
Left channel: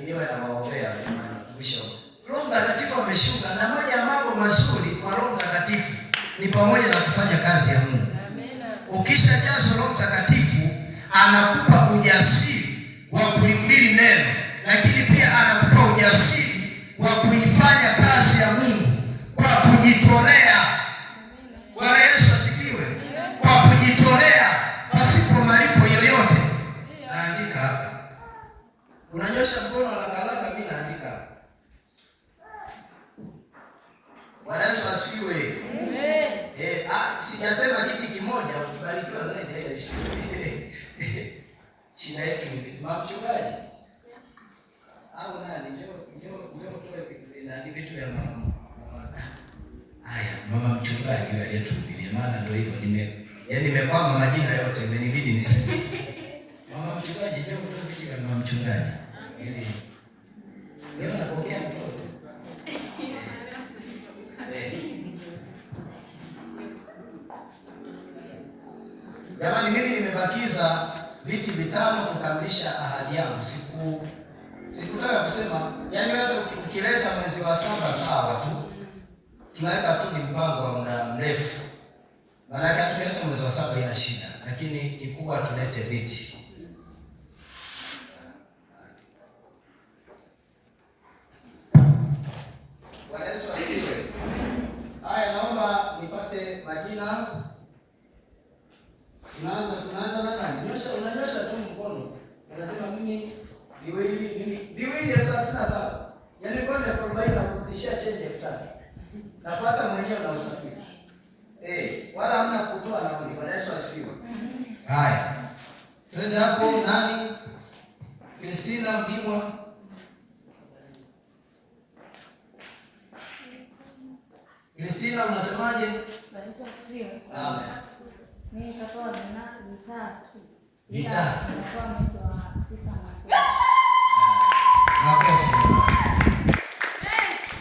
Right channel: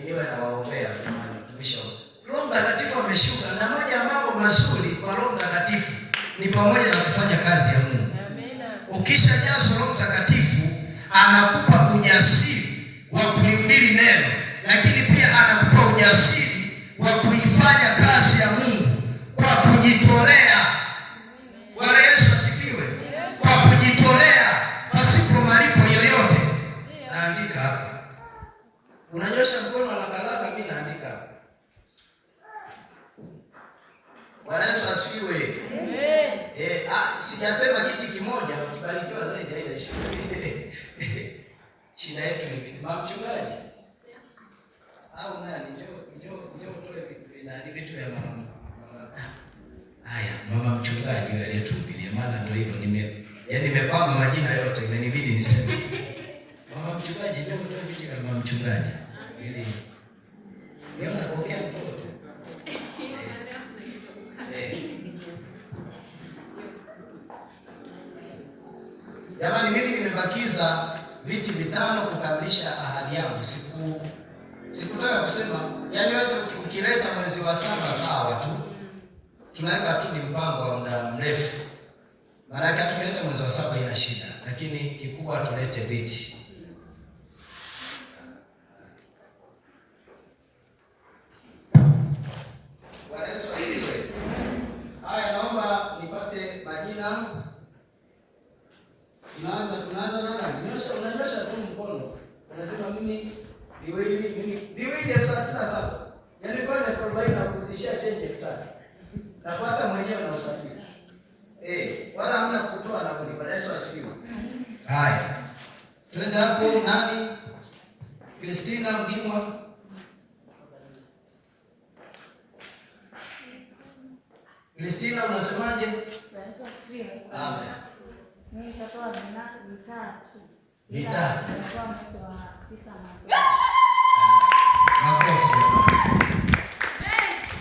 niwe nawaombea jamani mtumishi. Roho Mtakatifu ameshuka na moja ya mambo mazuri kwa Roho Mtakatifu ni pamoja na kufanya kazi ya Mungu. Ukishajazwa Roho Mtakatifu anakupa ujasiri wa kulihubiri neno, lakini pia anakupa ujasiri wa kuifanya kazi ya Mungu kwa kujitolea. Bwana Yesu asifiwe. Kwa kujitolea pasipo malipo yoyote. Naandika hapa. Unanyosha mkono haraka mimi naandika hapa. Bwana Yesu asifiwe. Amen. Sijasema kiti kimoja ukibarikiwa zaidi ile shida yetu ni mchungaji. Au nani ndio toe nani vitu ya mama. Haya, mama mchungaji yule tu ile maana ndio hivyo nimepanga majina yote inanibidi niseme. Mama mchungaji ndio toe vitu ya mama mchungaji. Ili ndio napokea mtoto. Jamani, mimi nimebakiza viti 5 kukamilisha ahadi yangu. Sikutaka kusema, yaani hata ukileta mwezi wa 7 sawa tu. Tunaweka tu ni mpango wa muda mrefu. Maana yake tunaleta mwezi wa 7 ina shida, lakini kikubwa tulete viti. Bwana Yesu asifiwe. Haya, naomba nipate majina. Tunaanza na nani? Unanyosha tu mkono. Unasema mimi viwili 37. Yaani kwa 40 na kurudishia change 5. Nafuata mwenyewe na usafiri. Wala hamna kutoa nauli. Bwana Yesu asifiwe. Haya. Twende hapo nani? Christina Mdimwa. Christina unasemaje? Bwana Yesu asifiwe. Amen. Mimi nitatoa vitatu. Vitatu. Nitatoa mwezi wa 9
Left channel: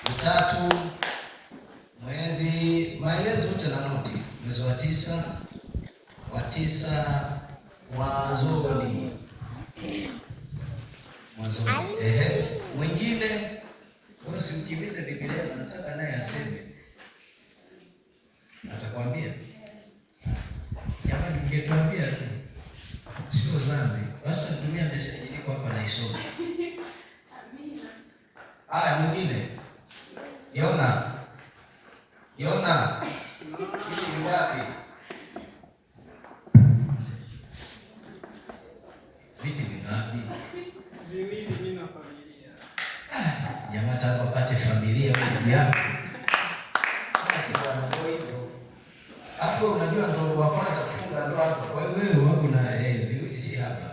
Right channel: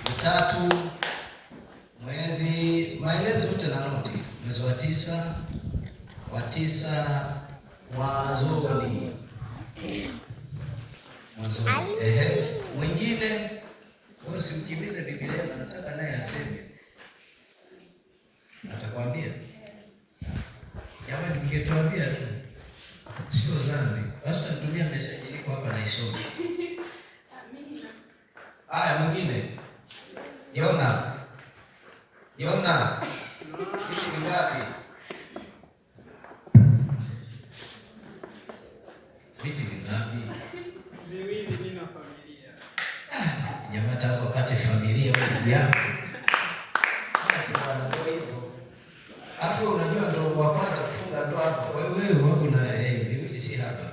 Vitatu mwezi, maelezo yote na noti. Mwezi wa 9 mwanzoni. Mwingine usikimbize Biblia, nataka naye aseme. Atakwambia. Jamani, ningetuambia tu. Sio sana. Basi tunatumia message iko hapa na isome. Amina. Mwingine. Yona. Hiki ni ngapi? Hiki ni ngapi? Viwili mimi na familia. Jamaa tangu wakati familia ndugu yako. Basi bwana ndio hivyo. Afu unajua ndio wa kwanza kufunga ndoa hapo. Kwa hiyo wewe wapi na viwili si hapa.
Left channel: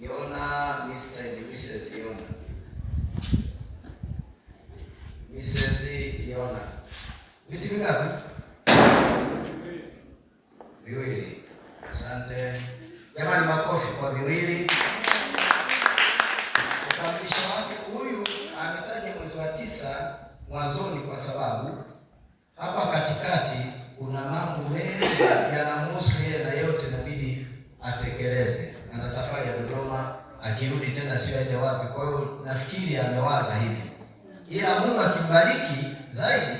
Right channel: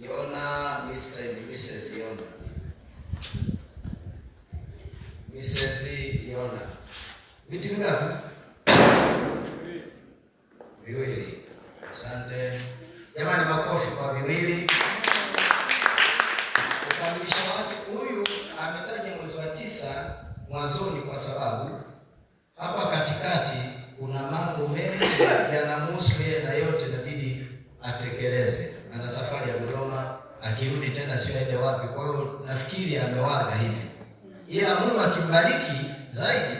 Yona Mr. and Mrs. Yona. Niliona. Viti vingapi? Viwili. Asante. Jamani, makofi kwa viwili. Ukamilisha wake huyu ametaja mwezi wa 9 mwanzoni kwa sababu hapa katikati kuna mambo mengi yanamhusu yeye na yote inabidi atekeleze. Ana safari ya Dodoma, akirudi tena sio aende wapi. Kwa hiyo nafikiri amewaza hivi. Ila Mungu akimbariki zaidi,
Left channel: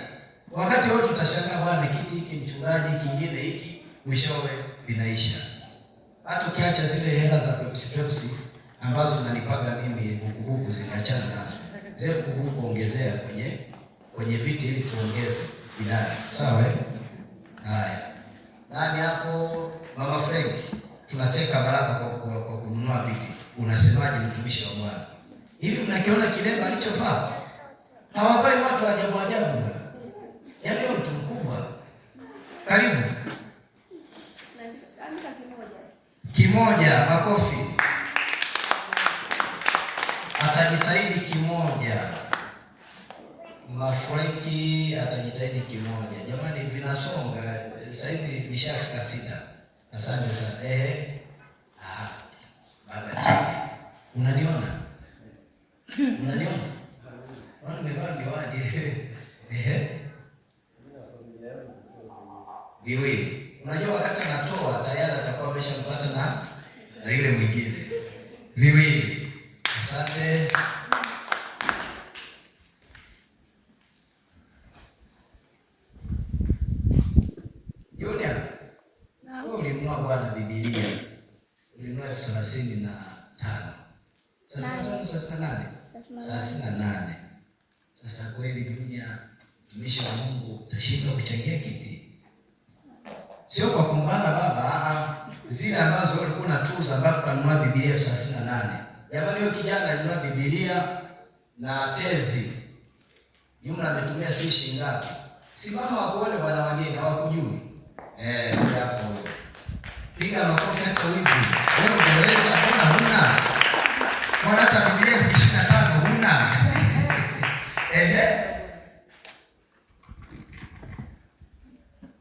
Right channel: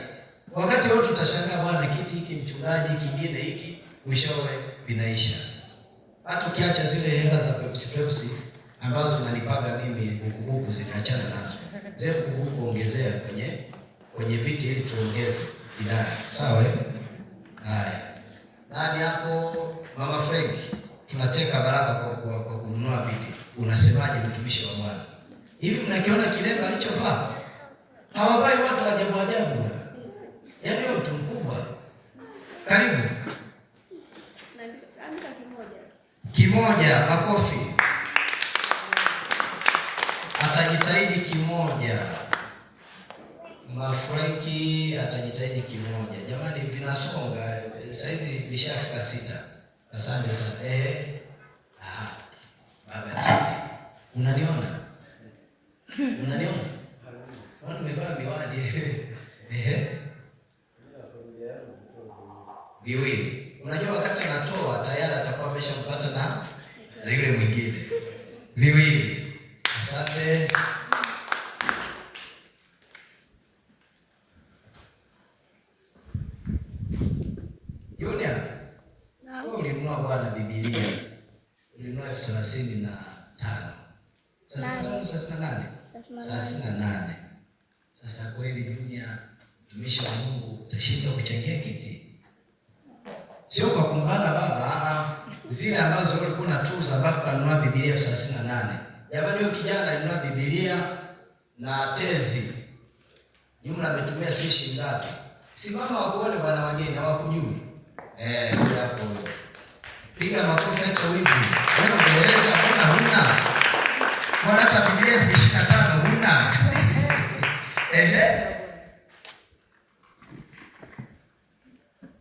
wakati wote tutashangaa, bwana, kiti hiki mchungaji, kingine hiki, mwishowe vinaisha. Hata ukiacha zile hela za Pepsi ambazo nalipaga mimi huku zikaachana nazo. Zile huku ongezea kwenye viti ili tuongeze idadi. Sawa eh? Haya. Nani hapo? Mama Frank. Tunateka baraka kwa kununua viti. Unasemaje mtumishi wa Bwana? Hivi mnakiona kilemba alichovaa? Hawavai watu ajabu ajabu. Yaani mtu mkubwa. Karibu. Kimoja, makofi. Atajitahidi kimoja. Mafranki atajitahidi kimoja. Jamani, vinasonga. Sasa hizi vishafika 6. Asante sana. Baba chini. Unaniona? Unaniona? Wana nimevaa miwani. Viwili. Unajua wakati anatoa tayari atakuwa ameshampata na yule mwingine. Viwili. Asante. Yule ulimnua Bwana Biblia. Ulimnua 35. Sasa 38. Sasa kweli dunia, mtumishi wa Mungu, utashinda kuchangia kiti. Sio kwa kumbana baba, zile ambazo ulikuwa unatuza mpaka kununua Biblia 38. Jamani, huyo kijana alinunua Biblia na tezi. Jumla ametumia sio shilingi ngapi? Simama wakuone bwana wageni hawakujui. Hapo. Piga makofi hata hivi. Wewe ungeweza, mbona huna? Mbona hata Biblia 25 huna?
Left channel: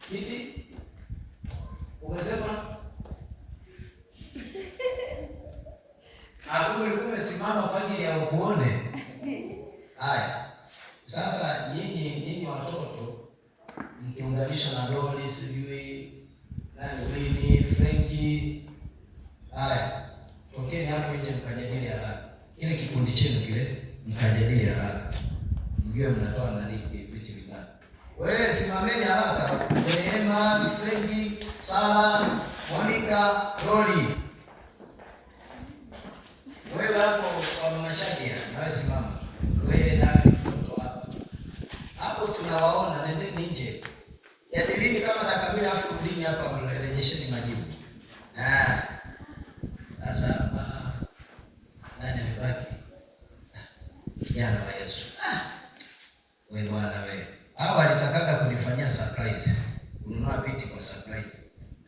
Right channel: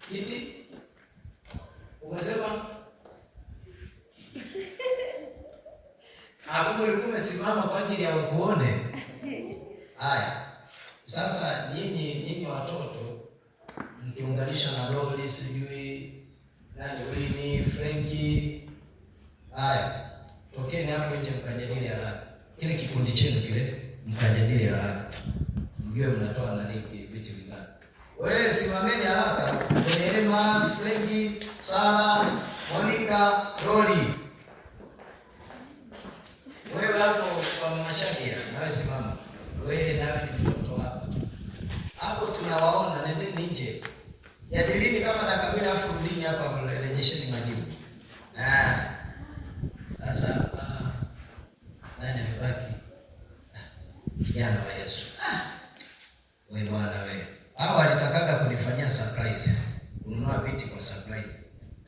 Kiti? Umesema? Ulikuwa simama kwa ajili ya kuone. Haya. Sasa nyinyi watoto mkiunganisha na Lori sijui nani Winnie, Frankie. Haya. Tokeni hapo nje mkajadili haraka. Kile kikundi chenu kile mkajadili haraka. Mjue mnatoa nani vitu vingapi. Wewe simameni haraka. Neema, Frankie, Sara, Monica, Lori. Wewe hapo kwa Mashahia, nawe simama. Wewe na mtoto wako. Hapo tunawaona, nendeni nje. Jadilini kama dakika 2 afu rudini hapa mrejesheni majibu. Sasa nani amebaki? Kijana wa Yesu. Wewe bwana wewe. Hawa walitakaga kunifanyia surprise. Kununua viti kwa surprise.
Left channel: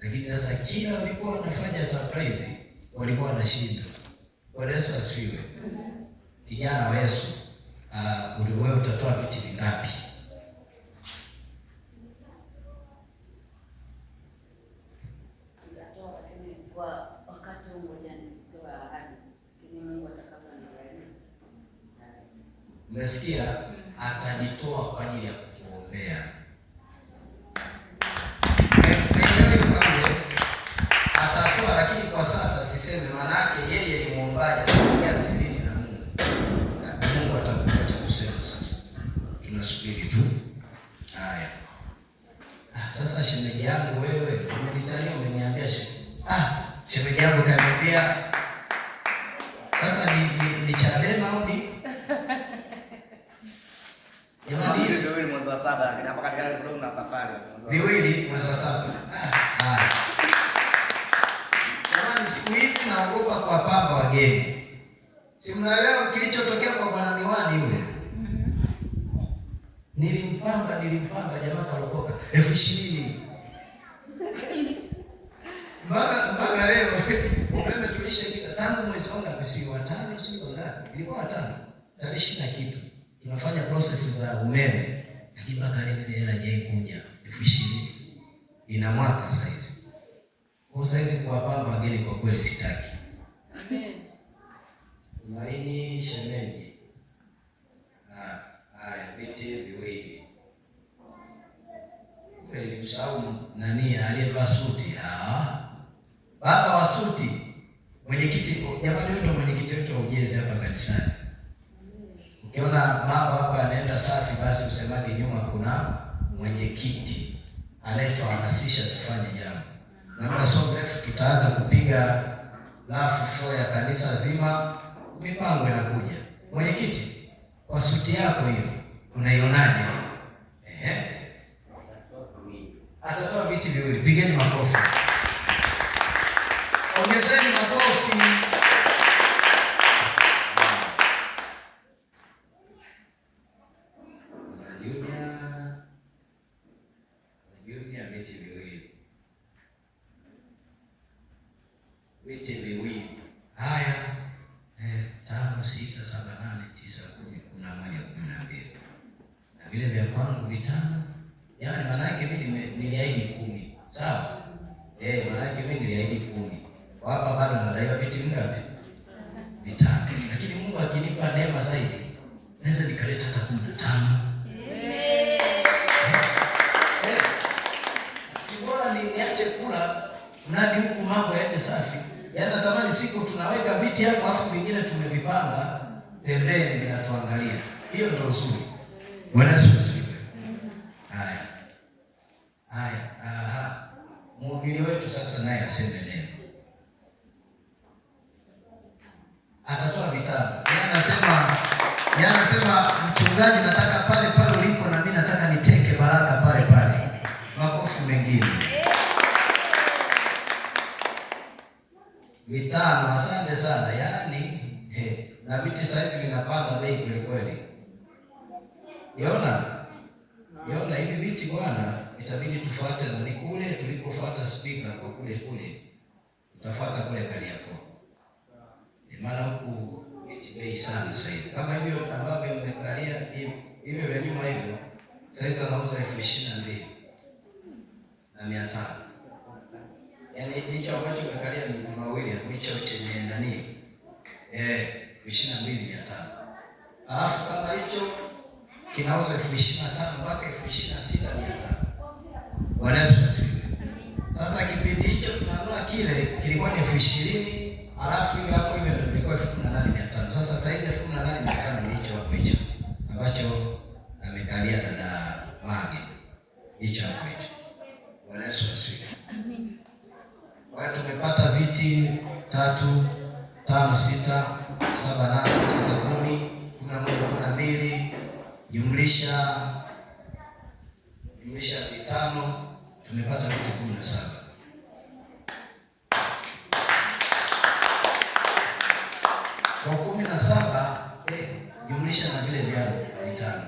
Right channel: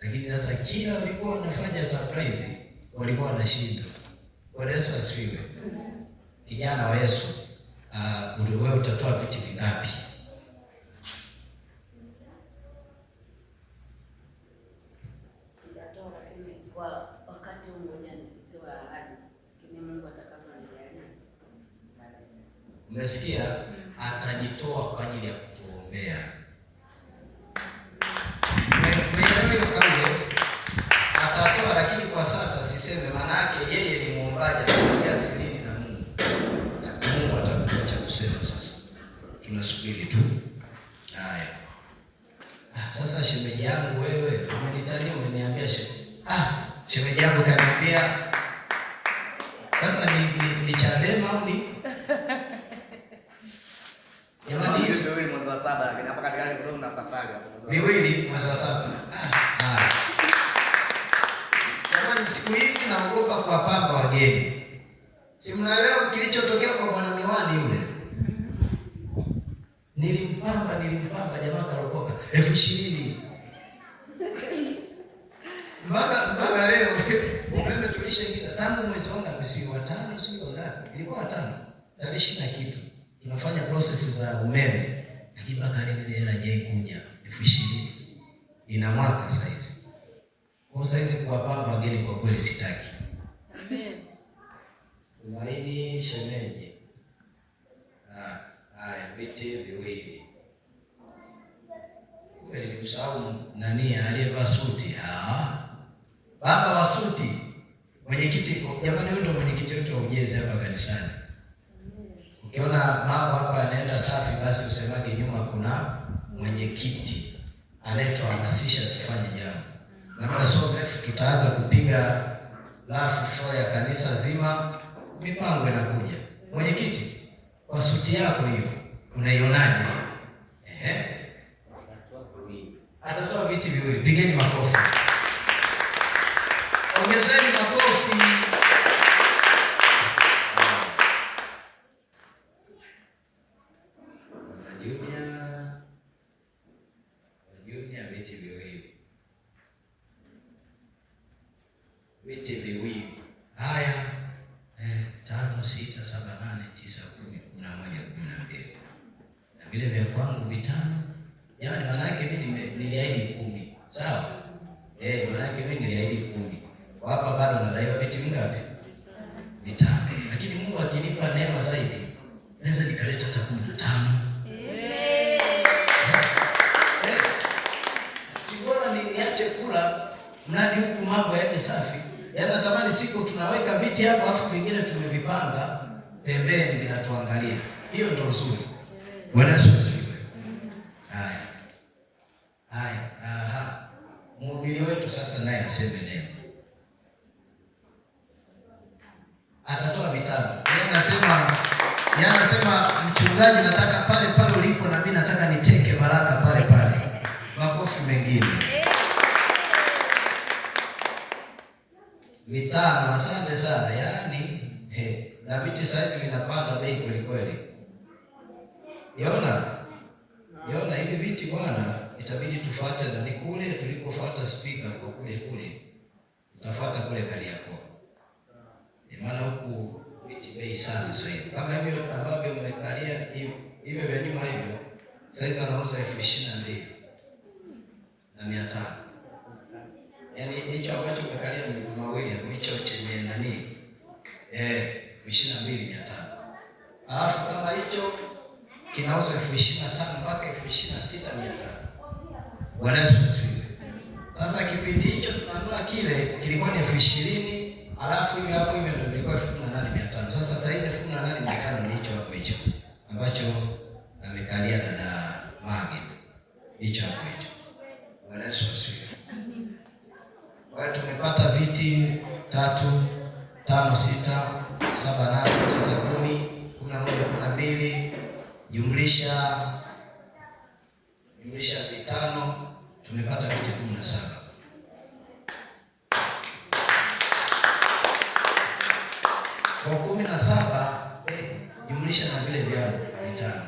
Lakini sasa kila walikuwa wanafanya surprise, walikuwa wanashinda. Bwana Yesu asifiwe. Kijana wa Yesu, wewe utatoa viti vingapi? Umesikia? Atajitoa kwa ajili ya kutuombea. Atatoa, lakini kwa sasa siseme, maana yake yeye ni muombaji, anaomba sidini na Mungu. Na Mungu atakupa cha kusema sasa. Tunasubiri tu. Haya. Sasa shemeji yangu wewe, unanitania umeniambia shemeji yangu kaniambia sasa ni Chadema au ni jamani, viwili mwezi wa 7 na hapa katikati kidogo na safari hapo. Viwili mwezi wa 7. Jamani, siku hizi naogopa kuwapamba wageni. Si mnaelewa kilichotokea kwa bwana Miwani yule? Nilimpamba jamaa kaokoka 20,000. Mpaka leo umeme tulishaingia tangu mwezi wa 5 sio ngapi? Ilikuwa 5. Tarehe 20 kitu. Tunafanya process za umeme. lakini mpaka leo ile hela hajaikuja 20,000 ina mwaka saizi. Kwa saizi kuwapamba wageni kwa kweli sitaki. Amen. Tumaini shemeji. Haya, viti viwili. Kweli msahau nani aliyevaa suti? Baba wa suti. Mwenyekiti, jamani, ndio mwenyekiti wetu wa ujenzi hapa kanisani. Ukiona mambo hapa yanaenda safi, basi usemaje nyuma kuna mwenyekiti anayetuhamasisha tufanye jambo. Na muda sio mrefu tutaanza kupiga lafu floor ya kanisa zima, mipango inakuja. Mwenyekiti, kwa suti yako hiyo unaionaje? Atatoa viti viwili. Pigeni makofi. Ongezeni makofi. Unajua viti viwili. Viti viwili. Haya. 5, 6, 7, 8, 9, 10, 11, 12. Na vile vya kwangu vitano. Yaani manake mimi niliahidi 10. Sawa? Manake mimi niliahidi 10. Kwa hapa bado nadaiwa viti vingapi? 5. Lakini Mungu akinipa neema zaidi, naweza nikaleta hata 15. Si bora niache kula mradi huku mambo yaende safi. Yaani natamani siku tunaweka viti hapo afu vingine tumevipanga pembeni vinatuangalia. Hiyo ndio uzuri. Bwana Yesu asifiwe. Haya. Mhubiri wetu sasa naye aseme neno. Atatoa vitano. Yeye anasema mchungaji, nataka pale pale ulipo na mimi nataka niteke baraka pale pale. Makofi mengine. Vitano, asante sana. Yaani na viti saizi vinapanda bei kweli kweli. Unaona hivi viti bwana, itabidi tufuate na kule tulikofuata speaker kwa kule. Tutafuata kule Kariakoo. Maana huku viti bei sana sasa hivi. Kama hivyo ambavyo mmekalia hivyo vya nyuma hivyo, sasa wanauza 22,500. Yaani hicho ambacho mmekalia ni mawili, hicho chenye nani? 22,500. Alafu kama hicho kinauza 25,000 mpaka 26,500. Bwana Yesu asifiwe. Sasa kipindi hicho tunanunua kile kilikuwa ni 20,000, alafu hiyo hapo hiyo ndio ilikuwa 18,500. Sasa hivi 18,500 ni hicho hapo hicho ambacho amekalia dada Magi. Hicho hapo hicho. Bwana Yesu asifiwe. Kwa hiyo tumepata viti 3, 5, 6, 7, 8, 9, 10, 11, 12 jumlisha vitano, tumepata viti 17. Kwa 17 jumlisha na vile vyao vitano.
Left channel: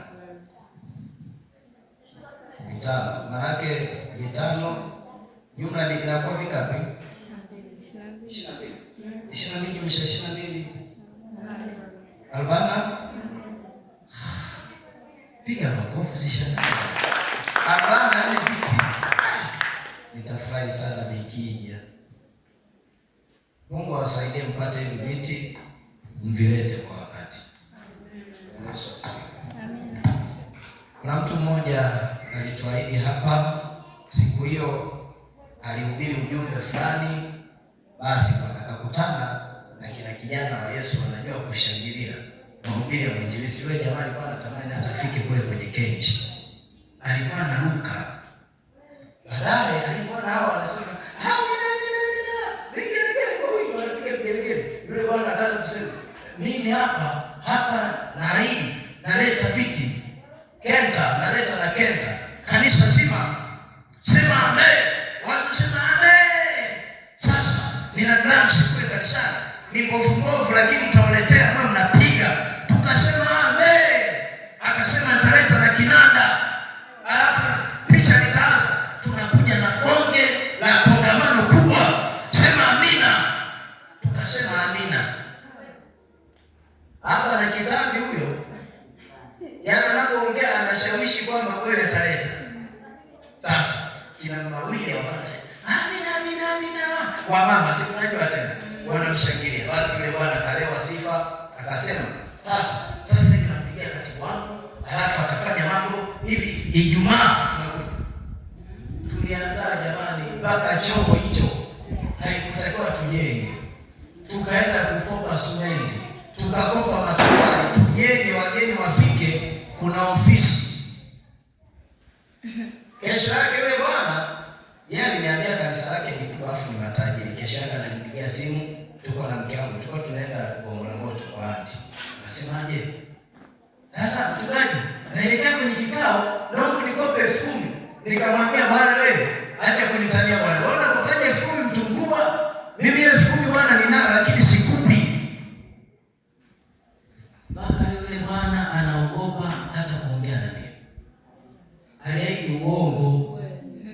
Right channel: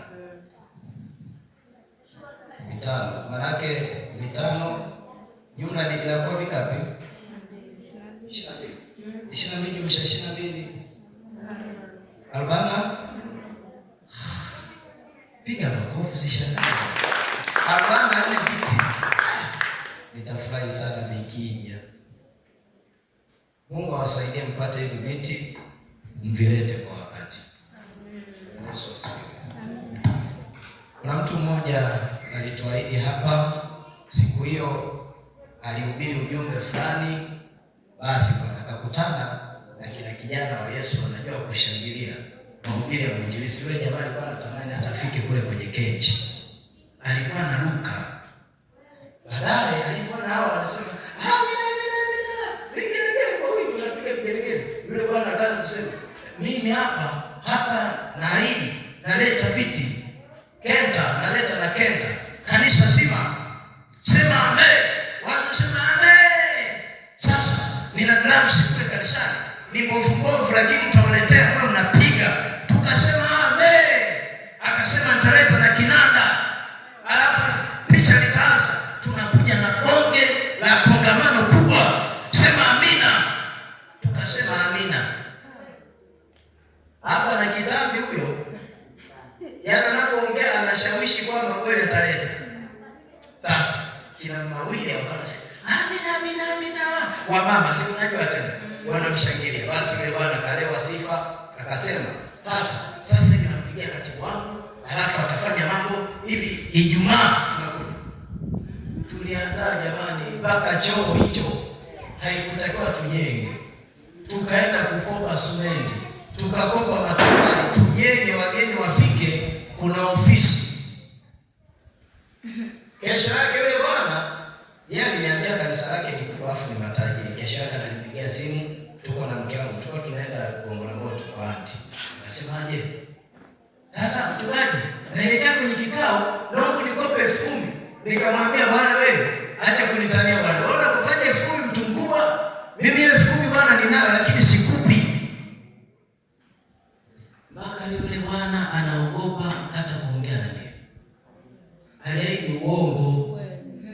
Maanake vitano jumla inakuwa vingapi? 22. 22 jumlisha 22. 40. Piga makofi sishana. 40 ni viti. Nitafurahi sana nikija. Mungu awasaidie mpate hivi viti, mvilete kwa wakati. Kuna mtu mmoja alituahidi hapa, siku hiyo alihubiri ujumbe fulani, basi akakutana na kila kijana wa Yesu wanajua kushangilia mahubiri ya mwinjilisti. Yule jamaa alikuwa anatamani hata afike kule kwenye kenchi. Alikuwa anaruka. Baadaye alikuwa na hao wanasema, yule bwana akaanza kusema, mimi hapa naahidi naleta viti Kenta, naleta na Kenta kanisa zima, sema amen. Watu sema amen. Sasa nina drums kule kanisani, ni mbovu lakini tutawaletea kwa mnapiga. Tukasema amen. Akasema nitaleta na kinanda. Alafu picha nikaanza, tunakuja na bonge la kongamano kubwa. Sema amina. Tukasema amina. Alafu na kitambi huyo, yaani anapoongea anashawishi aliishi kwamba kweli ataleta. Sasa kina mawili wakaanza amina wamama si unajua tena wanamshangilia. Basi yule bwana kalewa sifa akasema sasa ninampigia katibu wangu halafu atafanya mambo hivi. Ijumaa tunakuja. Tuliandaa jamani mpaka choo hicho haikutakiwa tujenge. Tukaenda kukopa simenti, tukakopa matofali, tujenge wageni wafike, kuna ofisi. Kesho yake yule bwana yeye aliniambia kanisa lake ni kubwa afu ni matajiri. Kesho yake ananipigia simu, tuko na mke wangu, tuko tunaenda Gongo la Mboto kwa aunti. Akasemaje? Sasa mchungaji, naelekea kwenye kikao, naomba nikope 10,000. Nikamwambia bwana wewe, acha kunitania bwana. Unaona kupaja 10,000 mtu mkubwa? Mimi 10,000 bwana ninayo lakini sikupi. Baka yule bwana anaogopa hata kuongea na mimi. Aliahidi uongo.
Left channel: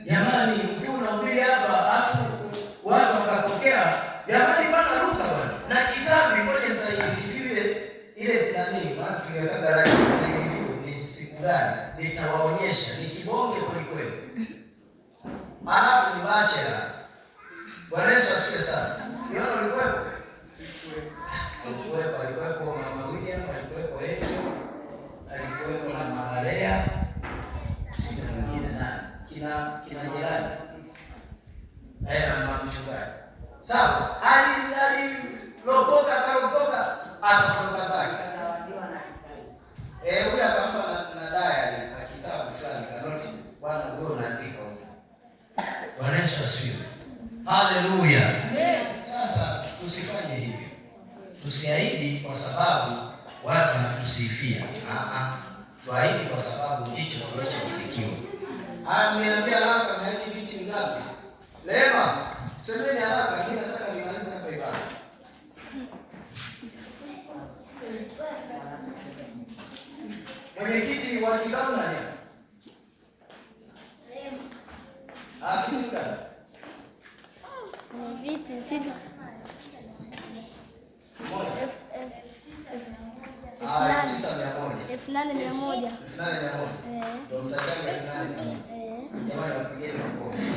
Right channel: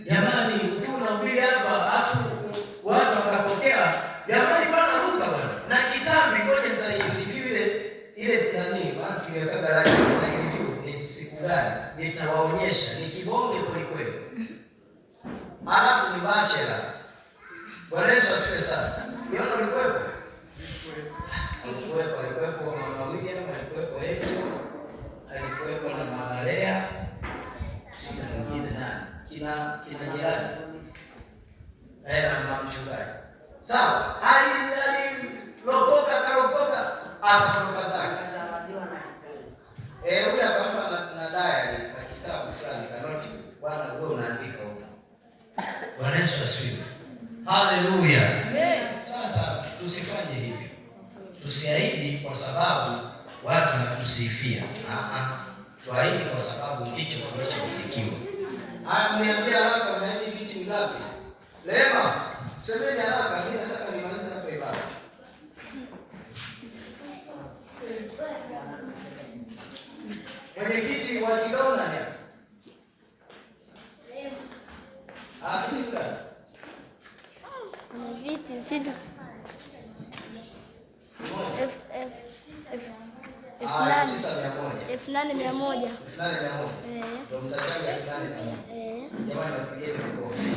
Jamani, tunahubiri hapa afu watu wakapokea. Jamani bwana ruka bwana. Na kitambi ngoja nitaivile ile nani bwana tuliweka garani nitaivile ni siku gani nitawaonyesha ni kibonge kweli kweli. Alafu ni bachelor. Bwana Yesu asifiwe sana. Yona ulikuwepo? Alikuwepo mama William, alikuwepo Ejo, alikuwepo na mama Lea. Sina mwingine nani? Kina jirani. Mama mchungaji. Sawa, alilokoka akarokoka akatoka zake. Huyu akampa na diary na kitabu fulani kanoti. Bwana wewe unaandika huko. Bwana Yesu asifiwe. Haleluya. Sasa tusifanye hivi. Tusiahidi kwa sababu watu wanatusifia. Tuahidi kwa sababu ndicho tunachomilikiwa. Niambia haraka na hivi vitu ngapi? Lema, semeni haraka mimi nataka nimalize hapa ibada. Mwenyekiti wa kikao nani? Kitu gani? Viti sina. 8,100. Ndio mtajaji 8,100. Jamani wapigeni makofi.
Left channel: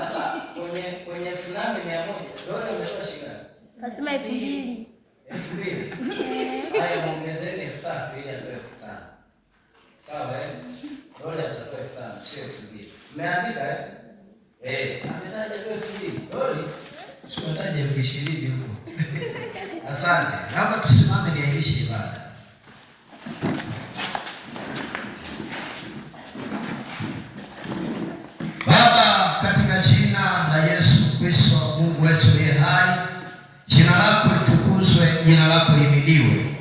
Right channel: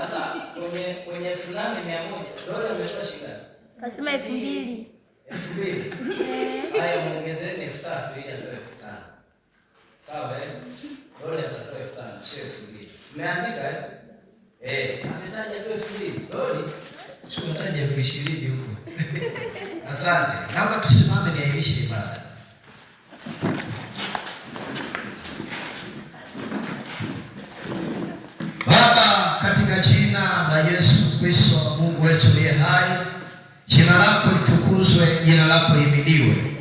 Sasa kwenye 8,100 dola imetoa shilingi. Kasema 2,000. 2,000. Haya muongezeni 3,000 ili atoe 5,000. Sawa dola atatoa 5,000 sio 2,000. Umeandika ametaja 2,000. Dola tunataja 20,000 huko. Asante. Naomba tusimame niailishe ibada. Baba, katika jina la Yesu Kristo Mungu wetu aliye hai, jina lako litukuzwe, jina lako lihimidiwe.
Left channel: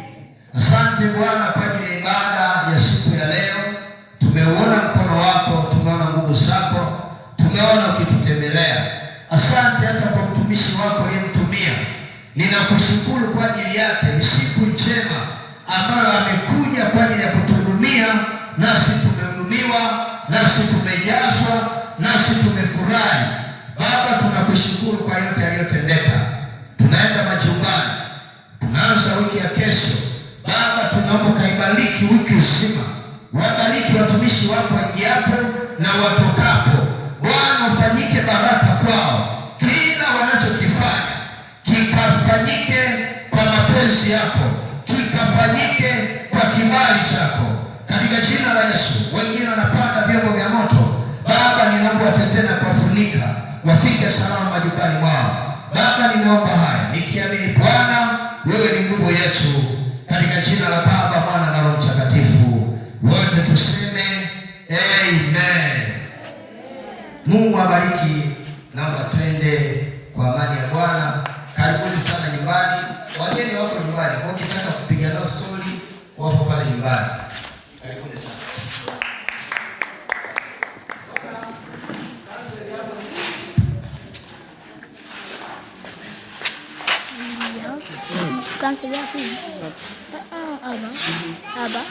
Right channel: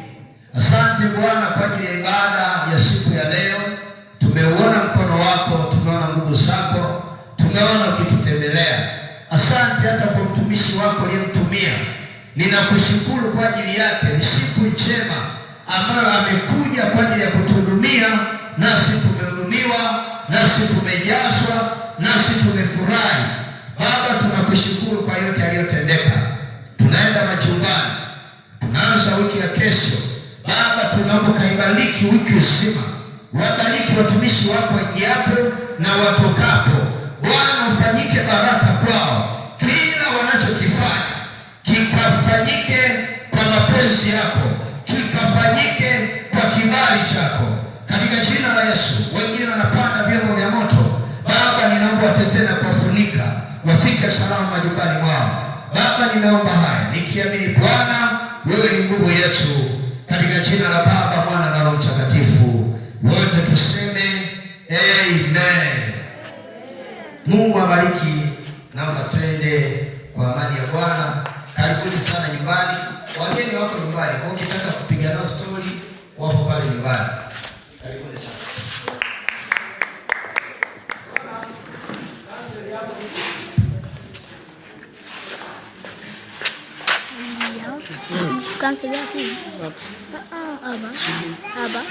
Asante Bwana kwa ajili ya ibada ya siku ya leo. Tumeuona mkono wako, tumeona nguvu zako, tumeona ukitutembelea. Asante hata kwa mtumishi wako aliyemtumia. Ninakushukuru kwa ajili yake. Ni siku njema ambayo amekuja kwa ajili ya kutuhudumia, nasi tumehudumiwa, nasi tumejazwa, nasi tumefurahi. Baba, tunakushukuru kwa yote aliyotendeka. Tunaenda majumbani, tunaanza wiki ya kesho. Baba, tunaomba kaibariki wiki nzima. Wabariki watumishi wako waingiapo na watokapo. Bwana, ufanyike baraka kwao. Kila wanachokifanya kikafanyike kwa mapenzi yako, kikafanyike kwa kibali chako, katika jina la Yesu. Wengine wanapanda vyombo vya moto, Baba ninaomba watetee na kuwafunika, wafike salama majumbani mwao. Baba, nimeomba haya nikiamini Bwana wewe ni nguvu yetu, katika jina la Baba, Mwana na Roho Mtakatifu. Wote tuseme amen. Mungu abariki. Naomba twende kwa amani ya Bwana. Karibuni sana nyumbani. Wageni wako nyumbani. Kwa ukitaka kupiga nao story, wapo pale nyumbani. Karibuni sana. Cancel ya. Aba.